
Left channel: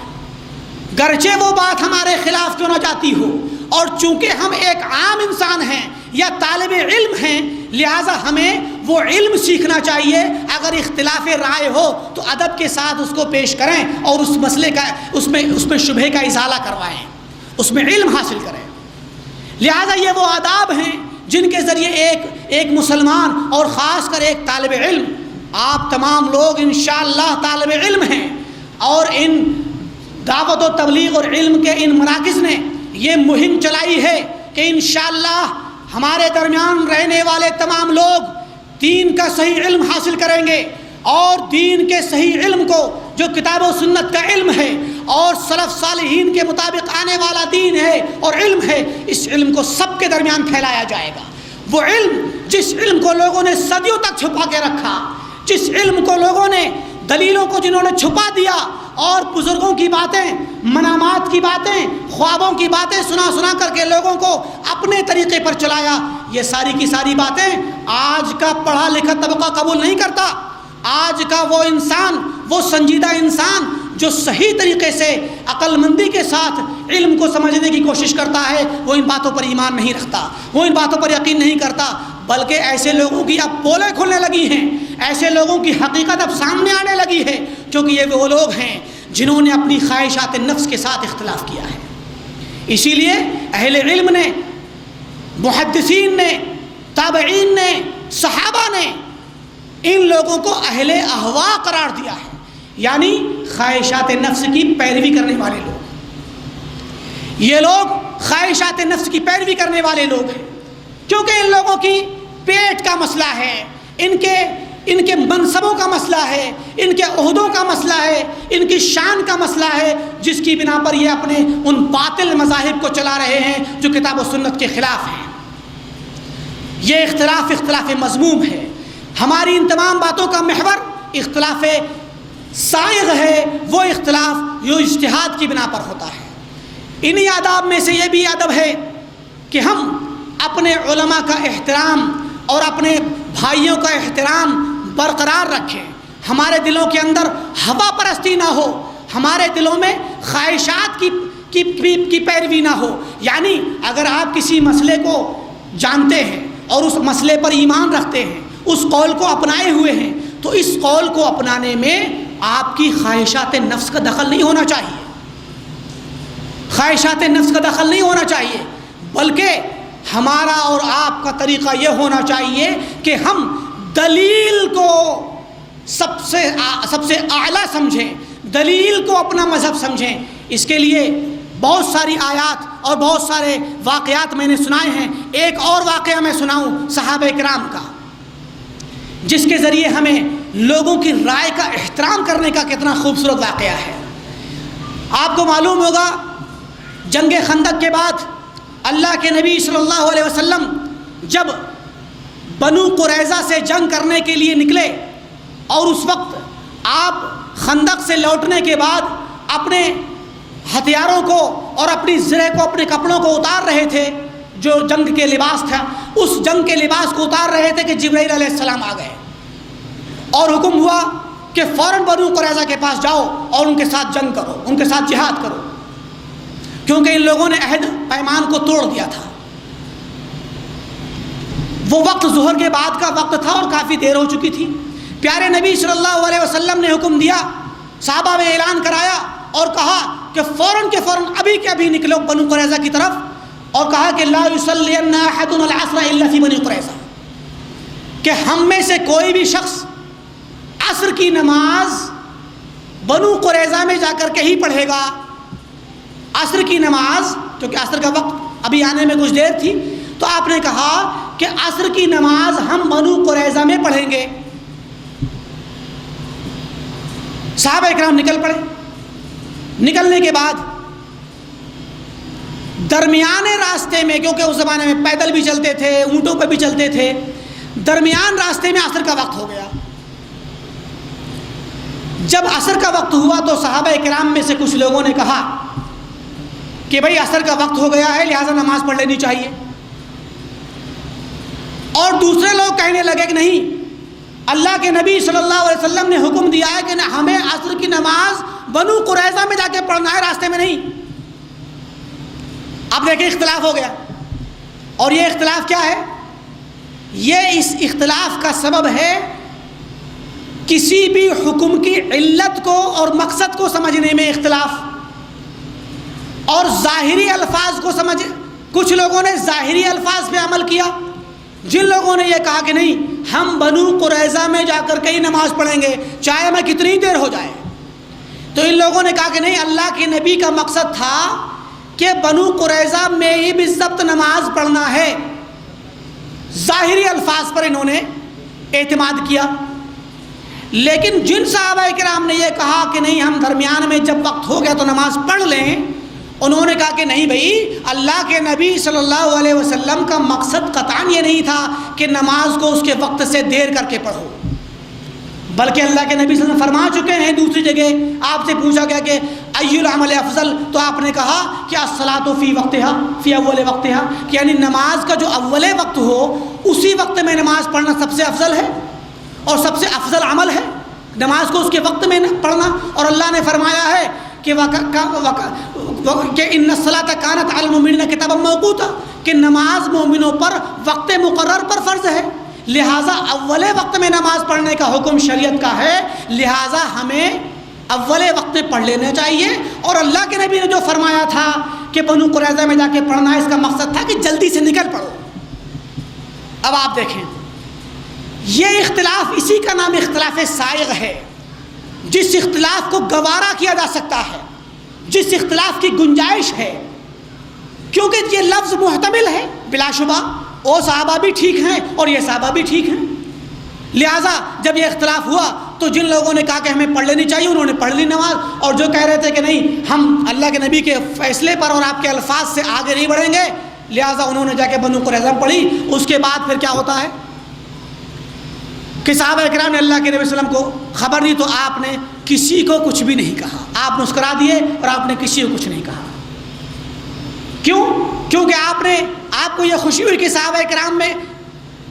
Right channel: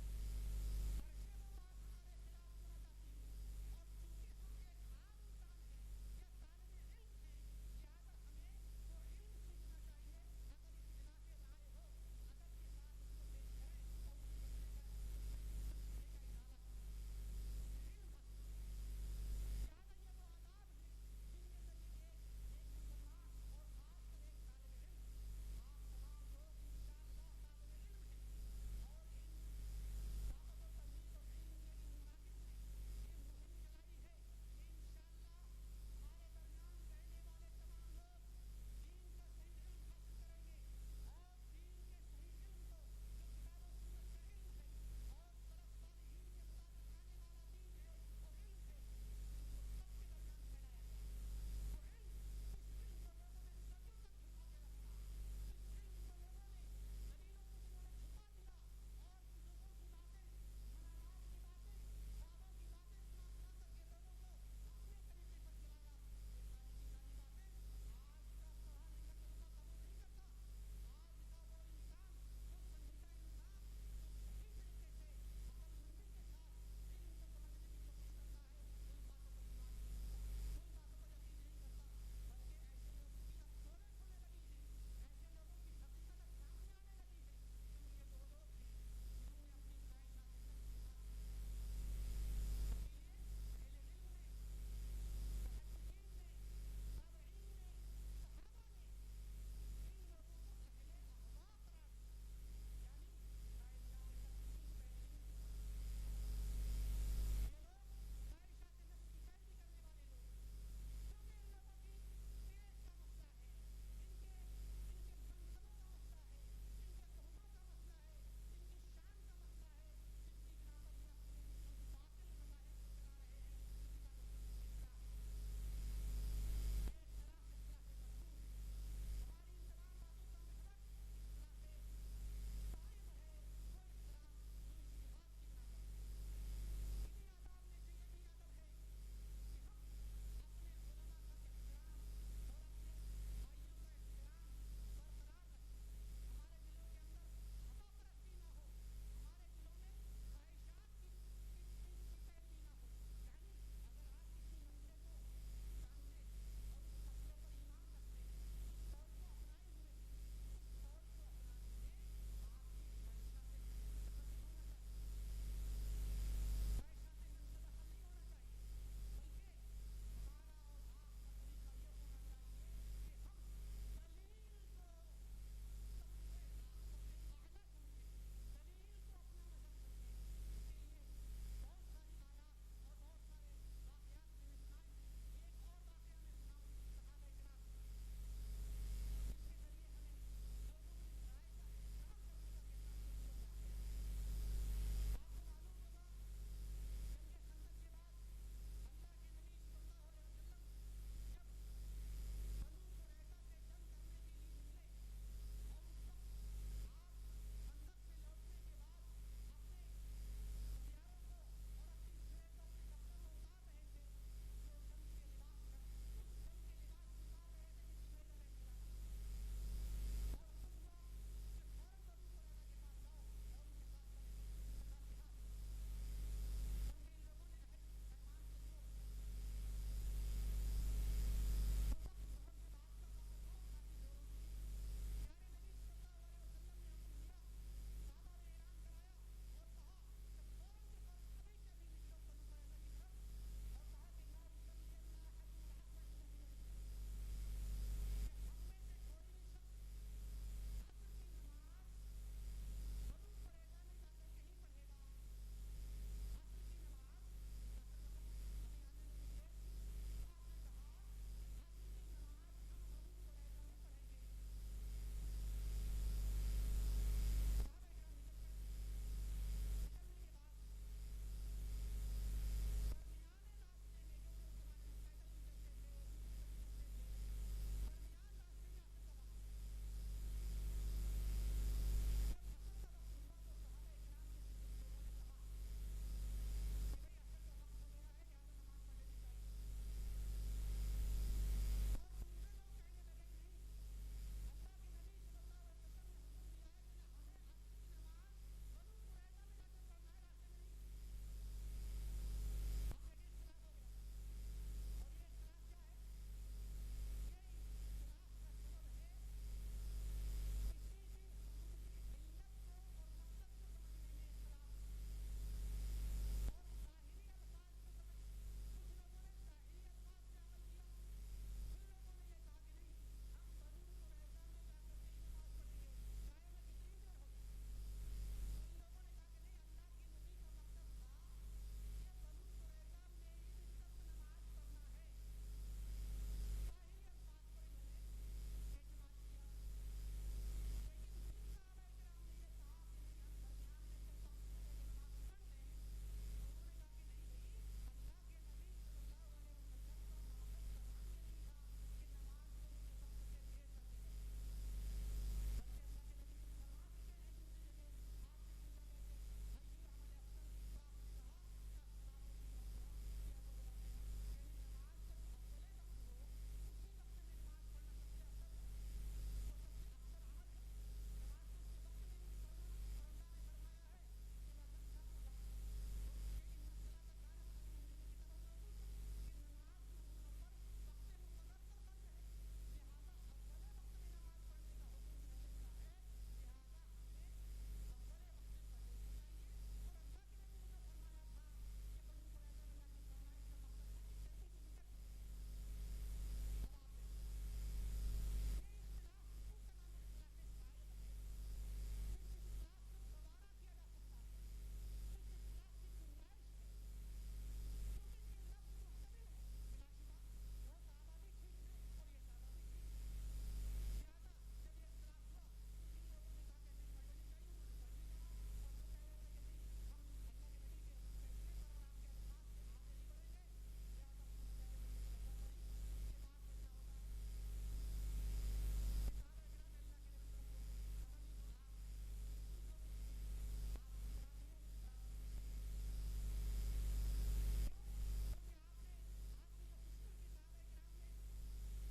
گرچہ وہ بات ہمارے خلاف کیوں نہ جاتی ہو. اور چونکہ ہم ایک عام انسان ہیں یا طالب علم ہیں, لہٰذا ہمیں وہ علم سیکھنا چاہیے. اگر اختلاف رائے ہو تو ادب کے ساتھ اس کو پیش کریں اور اس مسئلے کا اس میں شبہے کا ازالہ کروائیں, اس میں علم حاصل کریں. لہٰذا یہ وہ آداب ہیں جن کے ذریعے ایک مسلمان اور خاص کر ایک طالب علم, آپ تمام لوگ انشاءاللہ طالب علم ہیں, اور ان دعوت و تبلیغ اور علم کے ان مراکز نے یہ مہم چلائی ہے کہ انشاءاللہ ہمارے درمیان رہنے والے تمام لوگ دین کا صحیح علم حاصل کریں گے, اور دین کے صحیح علم کو جو کتاب و سنت کا علم ہے اور سلف صالحین کے مطابق آنے والا دین ہے اور علم ہے, اس علم کو سب کے درمیان پھیلایا جائے گا. وہ علم جس علم کو لوگوں نے صدیوں تک چھپا کے رکھا, جس علم کو لوگوں نے, دلیلوں کو جنہوں نے چھپا دیا اور بزرگوں کی باتیں, منامات کی باتیں, خوابوں کی باتیں سنا کر کے لوگوں کو اپنے طریقے پر چلایا, یہ ساری کی ساری باتیں آج کا پڑھا لکھا طبقہ قبول نہیں کرتا. آج کا وہ انسان, وہ سنجیدہ انسان جو صحیح طریقے سے عقل مندی کے ساتھ علم کو سمجھنے کی کوشش کرتا ہے, وہ ان باتوں پر ایمان نہیں رکھتا, وہ ان باتوں پر یقین نہیں کرتا. بلکہ ایسے لوگوں کی اب پولیں کھلنے لگی ہیں, ایسے لوگوں کی حقیقت اب سامنے آنے لگی ہے, کیونکہ یہ وہ لوگ ہیں جنہوں نے اپنی خواہشات نفس کے ساتھ اختلاف کیا ہے. اسی لیے اہل علم نے, محدثین نے, تابعین نے, صحابہ نے ان لوگوں کو اہل اہوا قرار دیا ہے, یعنی خواہشات نفس کی پیروی کرنے والے لوگ. یہ لوگ خواہشات نفس کی پیروی کرنے والے لوگ ہیں, کیونکہ ان لوگوں کی پیٹ کا مسئلہ ہے, ان کے منصبوں کا مسئلہ ہے, ان کے عہدوں کا مسئلہ ہے, ان کی شان کا مسئلہ ہے, جس کی بنا پر یہ اپنے ان باطل مذاہب کو چلا رہے ہیں جو کتاب و سنت کے خلاف ہیں. یہ اختلاف مذموم ہے. ہماری ان تمام باتوں کا محور اختلاف سائغ ہے, وہ اختلاف جو اجتہاد کی بنا پر ہوتا ہے. انہی آداب میں سے یہ بھی ادب ہے کہ ہم اپنے علماء کا احترام اور اپنے بھائیوں کا احترام برقرار رکھیں، ہمارے دلوں کے اندر ہوا پرستی نہ ہو، ہمارے دلوں میں خواہشات کی پیروی نہ ہو۔ یعنی اگر آپ کسی مسئلے کو جانتے ہیں اور اس مسئلے پر ایمان رکھتے ہیں، اس قول کو اپنائے ہوئے ہیں، تو اس قول کو اپنانے میں آپ کی خواہشات نفس کا دخل نہیں ہونا چاہیے، خواہشات نفس کا دخل نہیں ہونا چاہیے، بلکہ ہمارا اور آپ کا طریقہ یہ ہونا چاہیے کہ ہم دلیل کو سب سے اعلیٰ سمجھیں، دلیل کو اپنا مذہب سمجھیں۔ اس کے لیے بہت ساری آیات اور بہت سارے واقعات میں نے سنائے ہیں۔ ایک اور واقعہ میں سناؤں صحابہ کرام کا، جس کے ذریعے ہمیں لوگوں کی رائے کا احترام کرنے کا کتنا خوبصورت واقعہ ہے۔ آپ کو معلوم ہوگا جنگ خندق کے بعد اللہ کے نبی صلی اللہ علیہ وسلم جب بنو قریظہ سے جنگ کرنے کے لیے نکلے، اور اس وقت آپ خندق سے لوٹنے کے بعد اپنے ہتھیاروں کو اور اپنی زرہ کو، اپنے کپڑوں کو اتار رہے تھے، جو جنگ کے لباس تھا، اس جنگ کے لباس کو اتار رہے تھے کہ جبرائیل علیہ السلام آ گئے اور حکم ہوا کہ فوراً بنو قریظہ کے پاس جاؤ اور ان کے ساتھ جنگ کرو، ان کے ساتھ جہاد کرو، کیونکہ ان لوگوں نے عہد پیمان کو توڑ دیا تھا۔ وہ وقت ظہر کے بعد کا وقت تھا اور کافی دیر ہو چکی تھی۔ پیارے نبی صلی اللہ علیہ وسلم نے حکم دیا، صحابہ میں اعلان کرایا اور کہا کہ فوراً کے فوراً ابھی کے ابھی نکلو بنو قریظہ کی طرف، اور کہا کہ لا یصلین احد العصر الا فی بنی قریظہ، کہ ہم میں سے کوئی بھی شخص عصر کی نماز بنو قریظہ میں جا کر کے ہی پڑھے گا۔ عصر کی نماز، کیونکہ عصر کا وقت ابھی آنے میں کچھ دیر تھی، تو آپ نے کہا کہ عصر کی نماز ہم بنو قریظہ میں پڑھیں گے۔ صحابہ اکرام نکل پڑے۔ نکلنے کے بعد درمیانے راستے میں، کیونکہ اس زمانے میں پیدل بھی چلتے تھے، اونٹوں پہ بھی چلتے تھے، درمیان راستے میں عصر کا وقت ہو گیا۔ جب عصر کا وقت ہوا تو صحابہ کرام میں سے کچھ لوگوں نے کہا کہ بھئی عصر کا وقت ہو گیا ہے، لہٰذا نماز پڑھ لینی چاہیے، اور دوسرے لوگ کہنے لگے کہ نہیں، اللہ کے نبی صلی اللہ علیہ وسلم نے حکم دیا ہے کہ ہمیں عصر کی نماز بنو قریظہ میں جا کے پڑھنا ہے، راستے میں نہیں۔ اب دیکھیں اختلاف ہو گیا، اور یہ اختلاف کیا ہے؟ یہ اس اختلاف کا سبب ہے کسی بھی حکم کی علت کو اور مقصد کو سمجھنے میں اختلاف، اور ظاہری الفاظ کو سمجھ، کچھ لوگوں نے ظاہری الفاظ پہ عمل کیا، جن لوگوں نے یہ کہا کہ نہیں ہم بنو قریظہ میں جا کر کے ہی نماز پڑھیں گے چاہے میں کتنی دیر ہو جائے، تو ان لوگوں نے کہا کہ نہیں، اللہ کے نبی کا مقصد تھا کہ بنو قریظہ میں ہی بالضبط نماز پڑھنا ہے۔ ظاہری الفاظ پر انہوں نے اعتماد کیا، لیکن جن صحابہ کرام نے یہ کہا کہ نہیں ہم درمیان میں جب وقت ہو گیا تو نماز پڑھ لیں، انہوں نے کہا کہ نہیں بھائی، اللہ کے نبی صلی اللہ علیہ وسلم کا مقصد قطعاً یہ نہیں تھا کہ نماز کو اس کے وقت سے دیر کر کے پڑھو، بلکہ اللہ کے نبی صلی اللہ علیہ وسلم فرما چکے ہیں دوسری جگہ، آپ سے پوچھا گیا کہ ای العمل افضل، تو آپ نے کہا کہ الصلاۃ فی وقتہا فی اول وقتہا، کہ یعنی نماز کا جو اول وقت ہو اسی وقت میں نماز پڑھنا سب سے افضل ہے اور سب سے افضل عمل ہے، نماز کو اس کے وقت میں پڑھنا۔ اور اللہ نے فرمایا ہے کہ ان الصلاۃ کانت علی المؤمنین کتابا موقوتا، کہ نماز مومنوں پر وقت مقرر پر فرض ہے، لہٰذا اول وقت میں نماز پڑھنے کا حکم شریعت کا ہے، لہٰذا ہمیں اول وقت میں پڑھ لینا چاہیے۔ اور اللہ کے نبی نے جو فرمایا تھا کہ بنو قریظہ میں جا کے پڑھنا ہے، اس کا مقصد تھا کہ جلدی سے نکل پڑو۔ اب آپ دیکھیں، یہ اختلاف، اسی کا نام اختلاف سائغ ہے، جس اختلاف کو گوارا کیا جا سکتا ہے، جس اختلاف کی گنجائش ہے، کیونکہ یہ لفظ محتمل ہے بلا شبہ، وہ صحابہ بھی ٹھیک ہیں اور یہ صحابہ بھی ٹھیک ہیں، لہٰذا جب یہ اختلاف ہوا تو جن لوگوں نے کہا کہ ہمیں پڑھ لینی چاہیے انہوں نے پڑھ لی نماز، اور جو کہہ رہے تھے کہ نہیں ہم اللہ کے نبی کے فیصلے پر اور آپ کے الفاظ سے آگے نہیں بڑھیں گے، لہٰذا انہوں نے جا کے بنو قریظہ پڑھی۔ اس کے بعد پھر کیا ہوتا ہے کہ صحابہ کرام نے اللہ کے نبی صلی اللہ علیہ وسلم کو خبر دی، تو آپ نے کسی کو کچھ بھی نہیں کہا، آپ مسکرا دیے اور آپ نے کسی کو کچھ نہیں کہا۔ کیوں؟ کیونکہ آپ کو یہ خوشی ہوئی کہ صحابہ کرام میں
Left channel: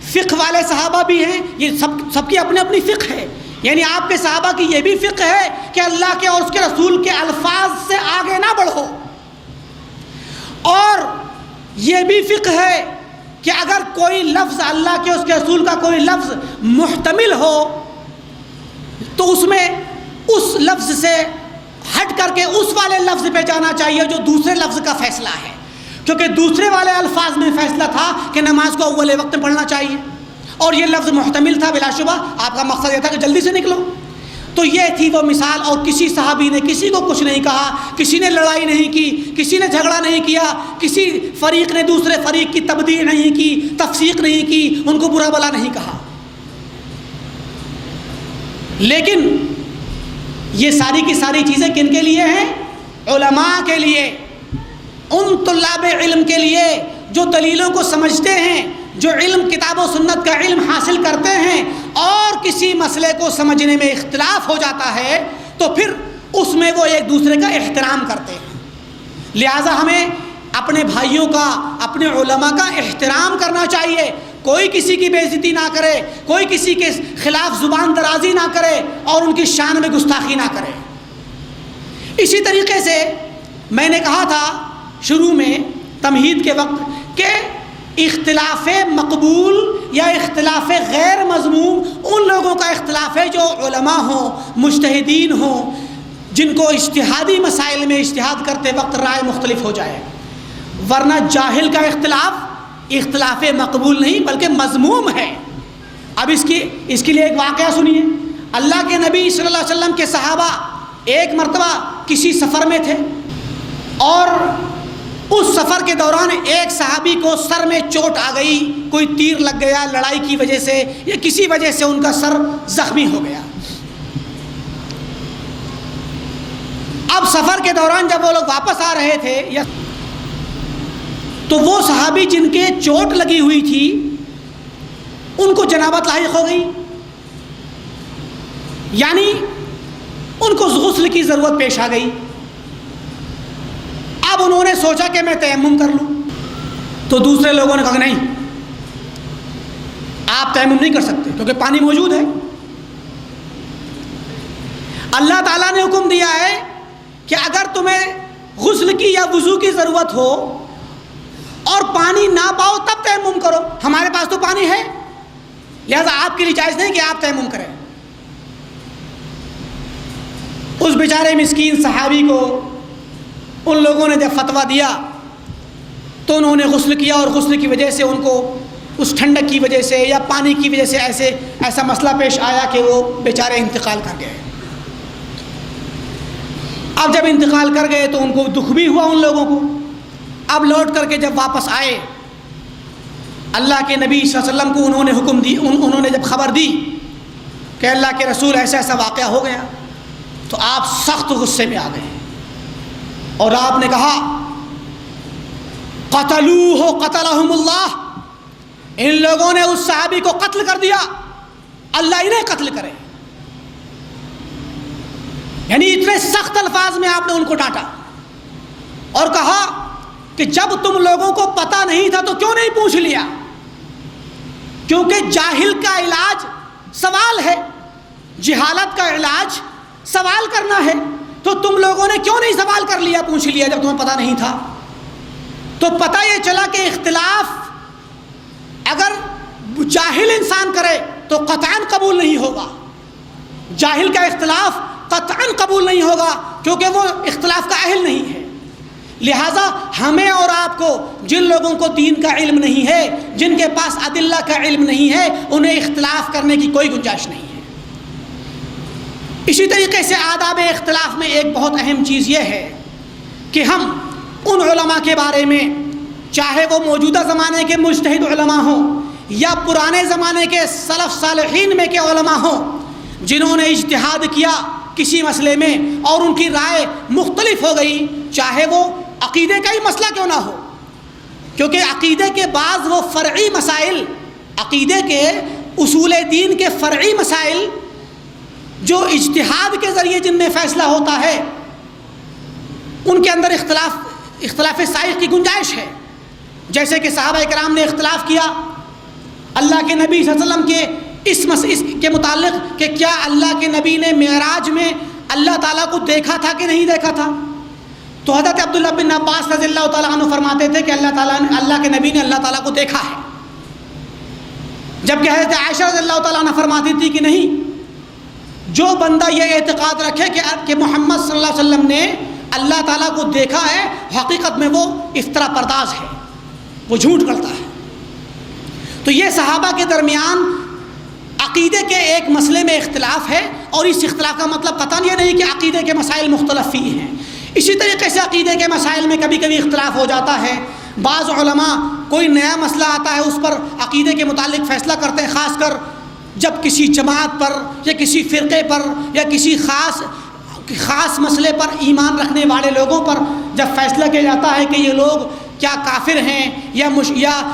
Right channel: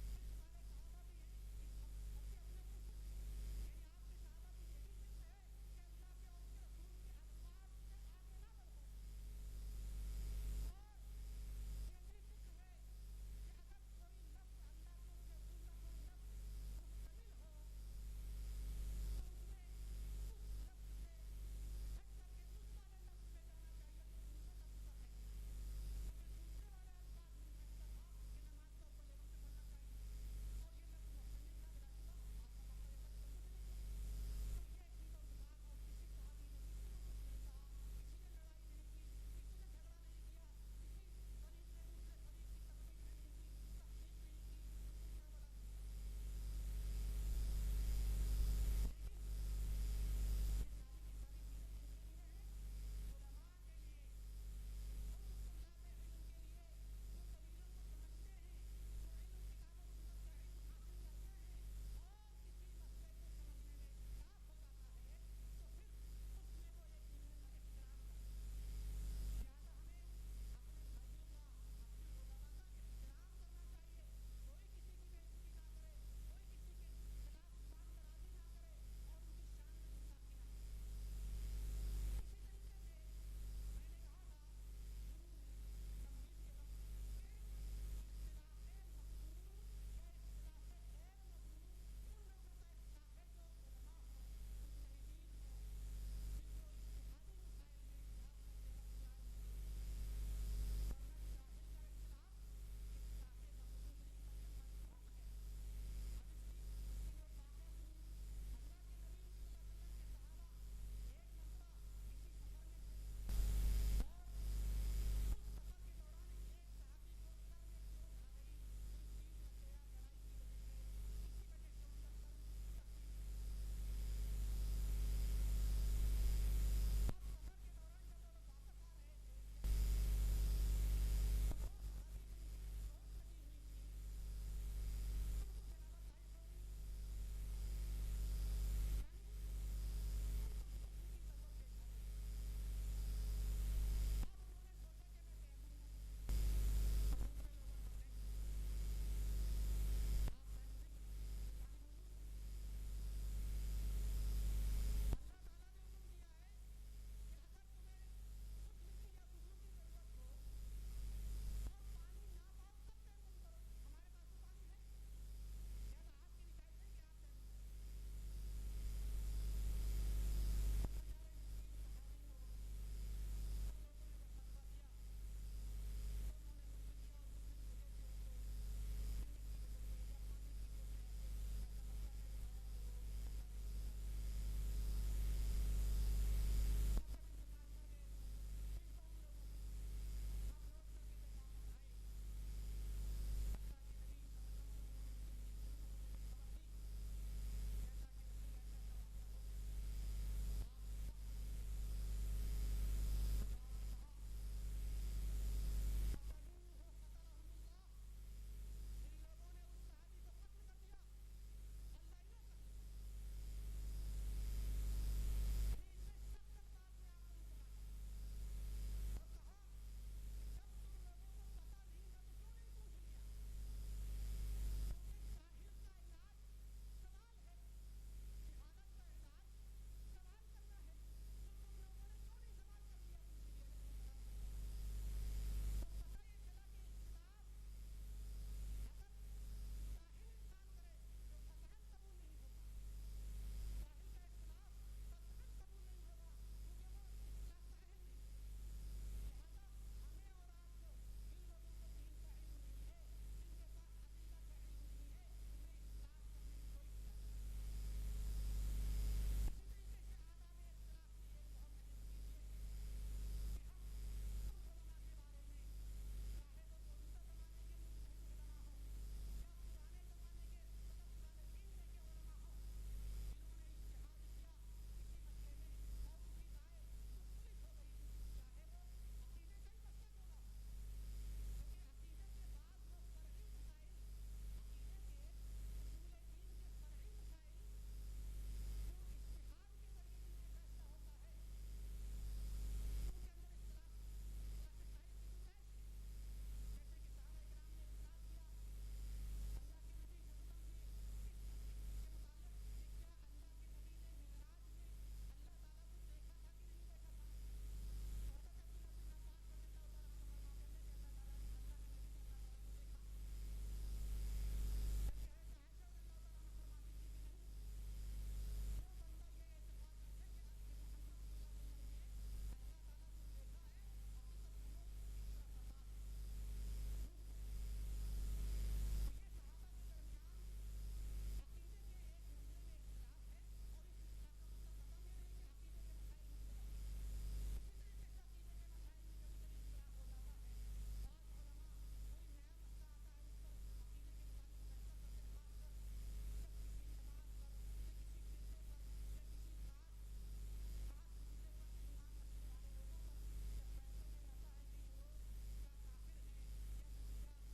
فقہ والے صحابہ بھی ہیں، یہ سب کی اپنی اپنی فقہ ہے، یعنی آپ کے صحابہ کی یہ بھی فقہ ہے کہ اللہ کے اور اس کے رسول کے الفاظ سے آگے نہ بڑھو، اور یہ بھی فقہ ہے کہ اگر کوئی لفظ اللہ کے اس کے رسول کا کوئی لفظ محتمل ہو تو اس میں اس لفظ سے ہٹ کر کے اس والے لفظ پہ جانا چاہیے جو دوسرے لفظ کا فیصلہ ہے، کیونکہ دوسرے والے الفاظ میں فیصلہ تھا کہ نماز کو اول وقت میں پڑھنا چاہیے، اور یہ لفظ محتمل تھا، بلا شبہ آپ کا مقصد یہ تھا کہ جلدی سے نکلو۔ تو یہ تھی وہ مثال، اور کسی صحابی نے کسی کو کچھ نہیں کہا، کسی نے لڑائی نہیں کی، کسی نے جھگڑا نہیں کیا، کسی فریق نے دوسرے فریق کی تبدیع نہیں کی، تفسیق نہیں کی، ان کو برا بلا نہیں کہا۔ لیکن یہ ساری کی ساری چیزیں کن کے لیے ہیں؟ علماء کے لیے، ان طلاب علم کے لیے جو دلیلوں کو سمجھتے ہیں، جو علم کتاب و سنت کا علم حاصل کرتے ہیں، اور کسی مسئلے کو سمجھنے میں اختلاف ہو جاتا ہے تو پھر اس میں وہ ایک دوسرے کا احترام کرتے ہیں۔ لہٰذا ہمیں اپنے بھائیوں کا، اپنے علماء کا احترام کرنا چاہیے، کوئی کسی کی بے عزتی نہ کرے، کوئی کسی کے خلاف زبان درازی نہ کرے اور ان کی شان میں گستاخی نہ کرے۔ اسی طریقے سے میں نے کہا تھا شروع میں تمہید کے وقت کہ اختلاف مقبول یا اختلاف غیر مذموم ان لوگوں کا اختلاف ہے جو علماء ہوں، مجتہدین ہوں، جن کو اجتہادی مسائل میں اجتہاد کرتے وقت رائے مختلف ہو جائے، ورنہ جاہل کا اختلاف مقبول نہیں بلکہ مذموم ہے۔ اب اس کے لیے ایک واقعہ سنیے۔ اللہ کے نبی صلی اللہ علیہ وسلم کے صحابہ ایک مرتبہ کسی سفر میں تھے، اور اس سفر کے دوران ایک صحابی کو سر میں چوٹ آ گئی، کوئی تیر لگ گیا لڑائی کی وجہ سے یا کسی وجہ سے ان کا سر زخمی ہو گیا۔ اب سفر کے دوران جب وہ لوگ واپس آ رہے تھے تو وہ صحابی جن کے چوٹ لگی ہوئی تھی ان کو جنابت لاحق ہو گئی، یعنی ان کو غسل کی ضرورت پیش آ گئی۔ اب انہوں نے سوچا کہ میں تیمم کر لوں، تو دوسرے لوگوں نے کہا کہ نہیں، آپ تیمم نہیں کر سکتے کیونکہ پانی موجود ہے۔ اللہ تعالیٰ نے حکم دیا ہے کہ اگر تمہیں غسل کی یا وضو کی ضرورت ہو اور پانی نہ پاؤ تب تیمم کرو، ہمارے پاس تو پانی ہے، لہذا آپ کے لیے جائز نہیں کہ آپ تیمم کریں۔ اس بیچارے مسکین صحابی کو ان لوگوں نے جب فتویٰ دیا تو انہوں نے غسل کیا، اور غسل کی وجہ سے ان کو اس ٹھنڈک کی وجہ سے یا پانی کی وجہ سے ایسا مسئلہ پیش آیا کہ وہ بیچارے انتقال کر گئے۔ اب جب انتقال کر گئے تو ان کو دکھ بھی ہوا ان لوگوں کو۔ اب لوٹ کر کے جب واپس آئے، اللہ کے نبی صلی اللہ علیہ وسلم کو انہوں نے حکم دی، انہوں نے جب خبر دی کہ اللہ کے رسول ایسا ایسا واقعہ ہو گیا، تو آپ سخت غصے میں آ گئے اور آپ نے کہا قتلوہ قتلہم اللہ، ان لوگوں نے اس صحابی کو قتل کر دیا، اللہ انہیں قتل کرے۔ یعنی اتنے سخت الفاظ میں آپ نے ان کو ڈانٹا اور کہا کہ جب تم لوگوں کو پتہ نہیں تھا تو کیوں نہیں پوچھ لیا؟ کیونکہ جاہل کا علاج سوال ہے، جہالت کا علاج سوال کرنا ہے، تو تم لوگوں نے کیوں نہیں سوال کر لیا، پوچھ لیا جب تمہیں پتہ نہیں تھا؟ تو پتہ یہ چلا کہ اختلاف اگر جاہل انسان کرے تو قطعاً قبول نہیں ہوگا، جاہل کا اختلاف قطعاً قبول نہیں ہوگا کیونکہ وہ اختلاف کا اہل نہیں ہے۔ لہٰذا ہمیں اور آپ کو، جن لوگوں کو دین کا علم نہیں ہے، جن کے پاس ادلہ کا علم نہیں ہے، انہیں اختلاف کرنے کی کوئی گنجائش نہیں ہے۔ اسی طریقے سے آداب اختلاف میں ایک بہت اہم چیز یہ ہے کہ ہم ان علماء کے بارے میں، چاہے وہ موجودہ زمانے کے مجتہد علماء ہوں یا پرانے زمانے کے سلف صالحین میں کے علماء ہوں، جنہوں نے اجتہاد کیا کسی مسئلے میں اور ان کی رائے مختلف ہو گئی، چاہے وہ عقیدے کا ہی مسئلہ کیوں نہ ہو، کیونکہ عقیدے کے بعض وہ فرعی مسائل، عقیدے کے اصول دین کے فرعی مسائل جو اجتہاد کے ذریعے جن میں فیصلہ ہوتا ہے، ان کے اندر اختلاف سائغ کی گنجائش ہے۔ جیسے کہ صحابہ کرام نے اختلاف کیا اللہ کے نبی صلی اللہ علیہ وسلم کے اس کے متعلق کہ کیا اللہ کے نبی نے معراج میں اللہ تعالیٰ کو دیکھا تھا کہ نہیں دیکھا تھا؟ تو حضرت عبداللہ بن عباس رضی اللہ تعالیٰ عنہ فرماتے تھے کہ اللہ کے نبی نے اللہ تعالیٰ کو دیکھا ہے، جبکہ حضرت عائشہ رضی اللہ تعالیٰ عنہ فرماتی تھی کہ نہیں، جو بندہ یہ اعتقاد رکھے کہ محمد صلی اللہ علیہ وسلم نے اللہ تعالیٰ کو دیکھا ہے، حقیقت میں وہ افطرا پرداز ہے، وہ جھوٹ کرتا ہے۔ تو یہ صحابہ کے درمیان عقیدے کے ایک مسئلے میں اختلاف ہے، اور اس اختلاف کا مطلب قطعاً یہ نہیں کہ عقیدے کے مسائل مختلف ہی ہیں۔ اسی طریقے سے عقیدے کے مسائل میں کبھی کبھی اختلاف ہو جاتا ہے۔ بعض علماء کوئی نیا مسئلہ آتا ہے اس پر عقیدے کے متعلق فیصلہ کرتے ہیں، خاص کر جب کسی جماعت پر یا کسی فرقے پر یا کسی خاص مسئلے پر ایمان رکھنے والے لوگوں پر جب فیصلہ کیا جاتا ہے کہ یہ لوگ کیا کافر ہیں یا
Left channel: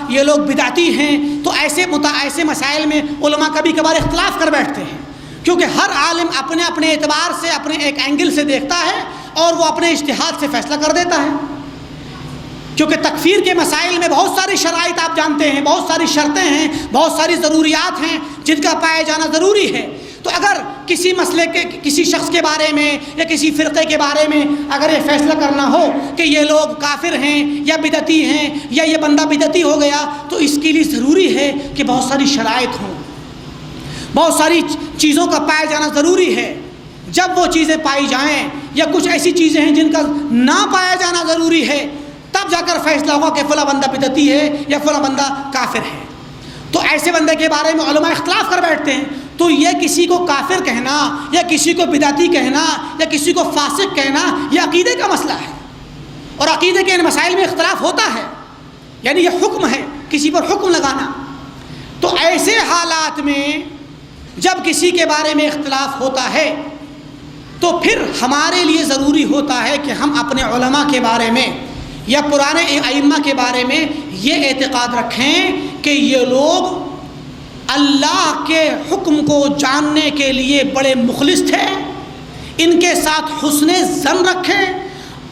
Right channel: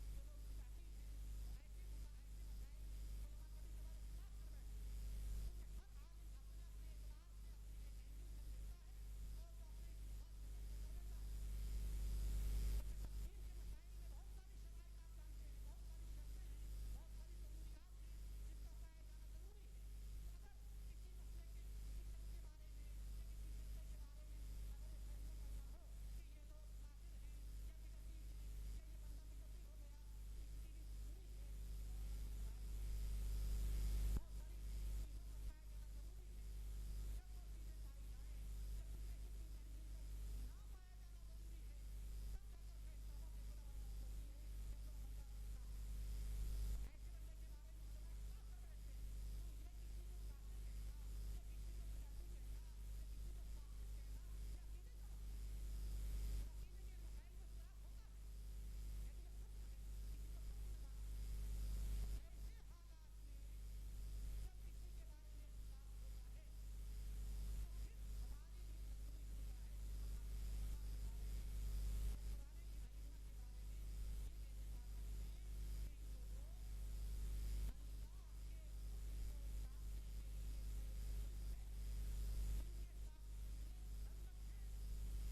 یہ لوگ بدعتی ہیں، تو ایسے مسائل میں علماء کبھی کبھار اختلاف کر بیٹھتے ہیں، کیونکہ ہر عالم اپنے اعتبار سے اپنے ایک اینگل سے دیکھتا ہے اور وہ اپنے اجتہاد سے فیصلہ کر دیتا ہے۔ کیونکہ تکفیر کے مسائل میں بہت ساری شرائط آپ جانتے ہیں، بہت ساری شرطیں ہیں، بہت ساری ضروریات ہیں جن کا پایا جانا ضروری ہے۔ تو اگر کسی مسئلے کے کسی شخص کے بارے میں یا کسی فرقے کے بارے میں اگر یہ فیصلہ کرنا ہو کہ یہ لوگ کافر ہیں یا بدعتی ہیں یا یہ بندہ بدعتی ہو گیا، تو اس کے لیے ضروری ہے کہ بہت ساری شرائط ہوں، بہت ساری چیزوں کا پایا جانا ضروری ہے۔ جب وہ چیزیں پائی جائیں یا کچھ ایسی چیزیں ہیں جن کا نہ پایا جانا ضروری ہے، تب جا کر فیصلہ ہوگا کہ فلاں بندہ بدعتی ہے یا فلاں بندہ کافر ہے۔ تو ایسے بندے کے بارے میں علماء اختلاف کر بیٹھتے ہیں۔ تو یہ کسی کو کافر کہنا یا کسی کو بدعتی کہنا یا کسی کو فاسق کہنا یہ عقیدے کا مسئلہ ہے، اور عقیدے کے ان مسائل میں اختلاف ہوتا ہے، یعنی یہ حکم ہے، کسی پر حکم لگانا۔ تو ایسے حالات میں جب کسی کے بارے میں اختلاف ہوتا ہے تو پھر ہمارے لیے ضروری ہوتا ہے کہ ہم اپنے علماء کے بارے میں یا پرانے ائمہ کے بارے میں یہ اعتقاد رکھیں کہ یہ لوگ اللہ کے حکم کو جاننے کے لیے بڑے مخلص تھے، ان کے ساتھ حسن ظن رکھیں،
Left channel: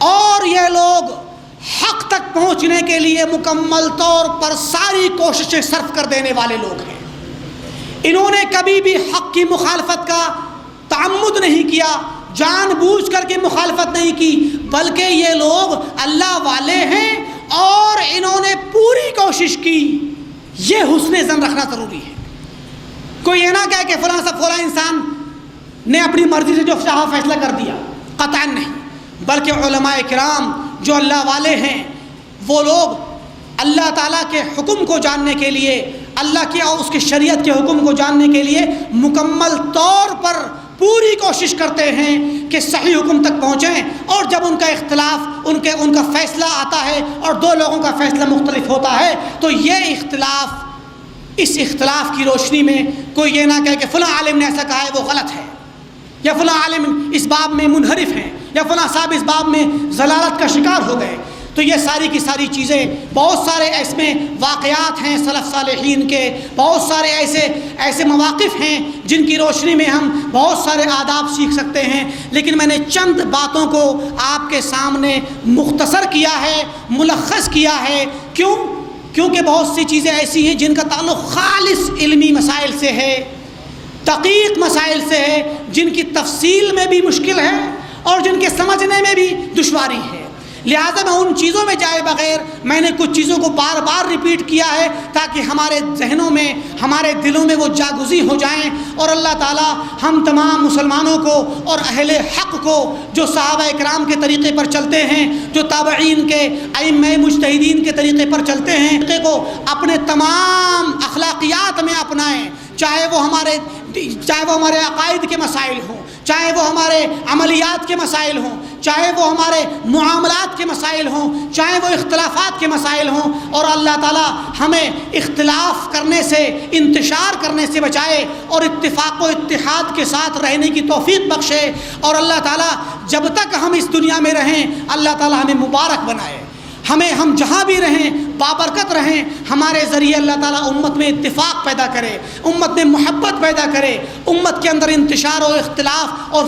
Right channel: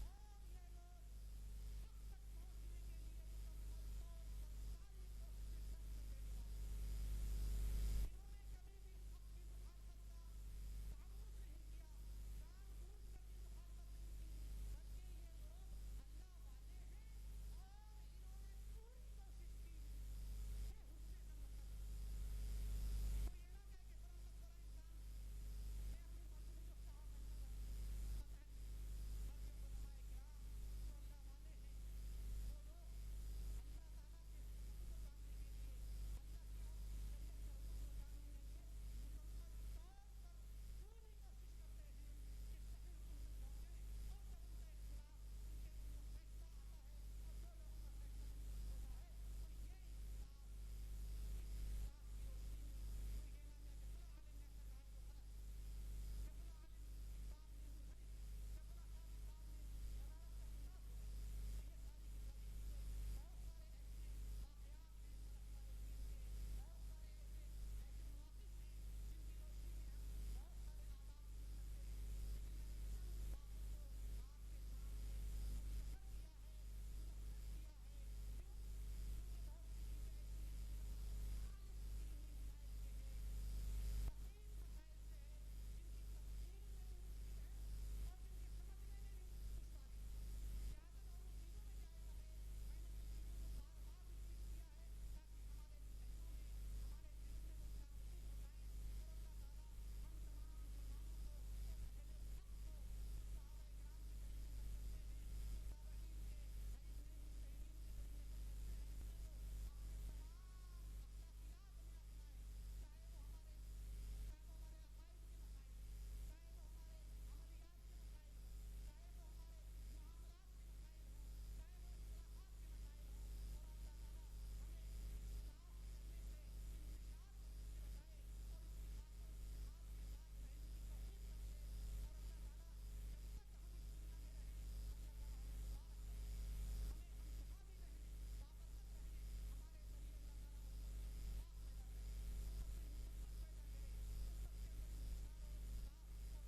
اور یہ لوگ حق تک پہنچنے کے لیے مکمل طور پر ساری کوششیں صرف کر دینے والے لوگ ہیں۔ انہوں نے کبھی بھی حق کی مخالفت کا تعمد نہیں کیا، جان بوجھ کر کے مخالفت نہیں کی، بلکہ یہ لوگ اللہ والے ہیں اور انہوں نے پوری کوشش کی۔ یہ حسن ظن رکھنا ضروری ہے۔ کوئی یہ نہ کہے کہ فلاں انسان نے اپنی مرضی سے جو چاہا فیصلہ کر دیا، قطعاً نہیں، بلکہ علماء کرام جو اللہ والے ہیں وہ لوگ اللہ تعالیٰ کے حکم کو جاننے کے لیے، اللہ کی اور اس کی شریعت کے حکم کو جاننے کے لیے مکمل طور پر پوری کوشش کرتے ہیں کہ صحیح حکم تک پہنچیں، اور جب ان کا اختلاف ان کا فیصلہ آتا ہے اور دو لوگوں کا فیصلہ مختلف ہوتا ہے تو اس اختلاف کی روشنی میں کوئی یہ نہ کہے کہ فلاں عالم نے ایسا کہا ہے وہ غلط ہے، یا فلاں عالم اس باب میں منحرف ہیں، یا فلاں صاحب اس باب میں ضلالت کا شکار ہو گئے۔ تو یہ ساری کی ساری چیزیں، بہت سارے اس میں واقعات ہیں سلف صالحین کے، بہت سارے ایسے مواقف ہیں جن کی روشنی میں ہم بہت سارے آداب سیکھ سکتے ہیں، لیکن میں نے چند باتوں کو آپ کے سامنے مختصر کیا ہے، ملخص کیا ہے۔ کیونکہ بہت سی چیزیں ایسی ہیں جن کا تعلق خالص علمی مسائل سے ہے، دقیق مسائل سے ہے، جن کی تفصیل میں بھی مشکل ہے اور جن کے سمجھنے میں بھی دشواری ہے۔ لہٰذا میں ان چیزوں میں جائے بغیر میں نے کچھ چیزوں کو بار بار ریپیٹ کیا ہے تاکہ ہمارے ذہنوں میں، ہمارے دلوں میں وہ جاگزی ہو جائیں، اور اللہ تعالیٰ ہم تمام مسلمانوں کو اور اہل حق کو جو صحابہ کرام کے طریقے پر چلتے ہیں، جو تابعین کے ائمہ مجتہدین کے طریقے پر چلتے ہیں، طریقے کو اپنے تمام اخلاقیات میں اپنائیں، چاہے وہ ہمارے عقائد کے مسائل ہوں، چاہے وہ ہمارے عملیات کے مسائل ہوں، چاہے وہ ہمارے معاملات کے مسائل ہوں، چاہے وہ اختلافات کے مسائل ہوں، اور اللہ تعالیٰ ہمیں اختلاف کرنے سے، انتشار کرنے سے بچائے اور اتفاق و اتحاد کے ساتھ رہنے کی توفیق بخشے، اور اللہ تعالیٰ جب تک ہم اس دنیا میں رہیں اللہ تعالیٰ ہمیں مبارک بنائے، ہم جہاں بھی رہیں بابرکت رہیں، ہمارے ذریعے اللہ تعالیٰ امت میں اتفاق پیدا کرے، امت میں محبت پیدا کرے، امت کے اندر انتشار و اختلاف اور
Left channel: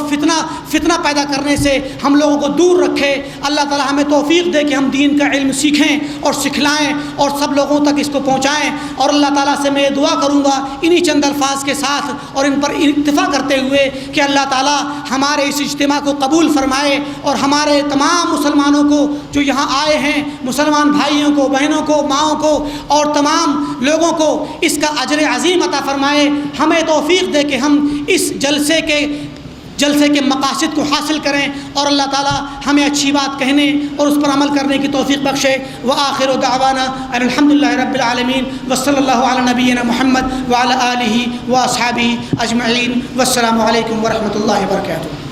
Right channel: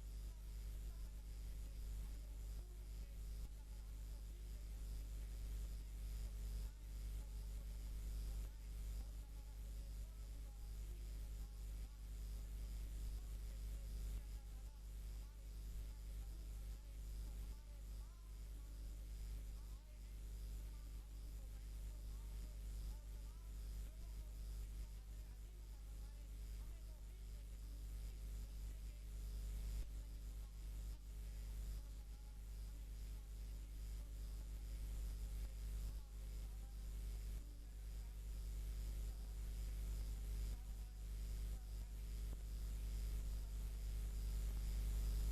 فتنہ پیدا کرنے سے ہم لوگوں کو دور رکھے۔ اللہ تعالیٰ ہمیں توفیق دے کہ ہم دین کا علم سیکھیں اور سکھلائیں اور سب لوگوں تک اس کو پہنچائیں۔ اور اللہ تعالیٰ سے میں دعا کروں گا انہی چند الفاظ کے ساتھ اور ان پر اتفاق کرتے ہوئے کہ اللہ تعالیٰ ہمارے اس اجتماع کو قبول فرمائے اور ہمارے تمام مسلمانوں کو جو یہاں آئے ہیں، مسلمان بھائیوں کو، بہنوں کو، ماؤں کو اور تمام لوگوں کو اس کا اجر عظیم عطا فرمائے۔ ہمیں توفیق دے کہ ہم اس جلسے کے مقاصد کو حاصل کریں اور اللہ تعالیٰ ہمیں اچھی بات کہنے اور اس پر عمل کرنے کی توفیق بخشے۔ وآخر دعوانا ان الحمدللہ رب العالمین وصلی اللہ علی نبینا محمد وعلی آلہ واصحابہ اجمعین، والسلام علیکم ورحمۃ اللہ وبرکاتہ۔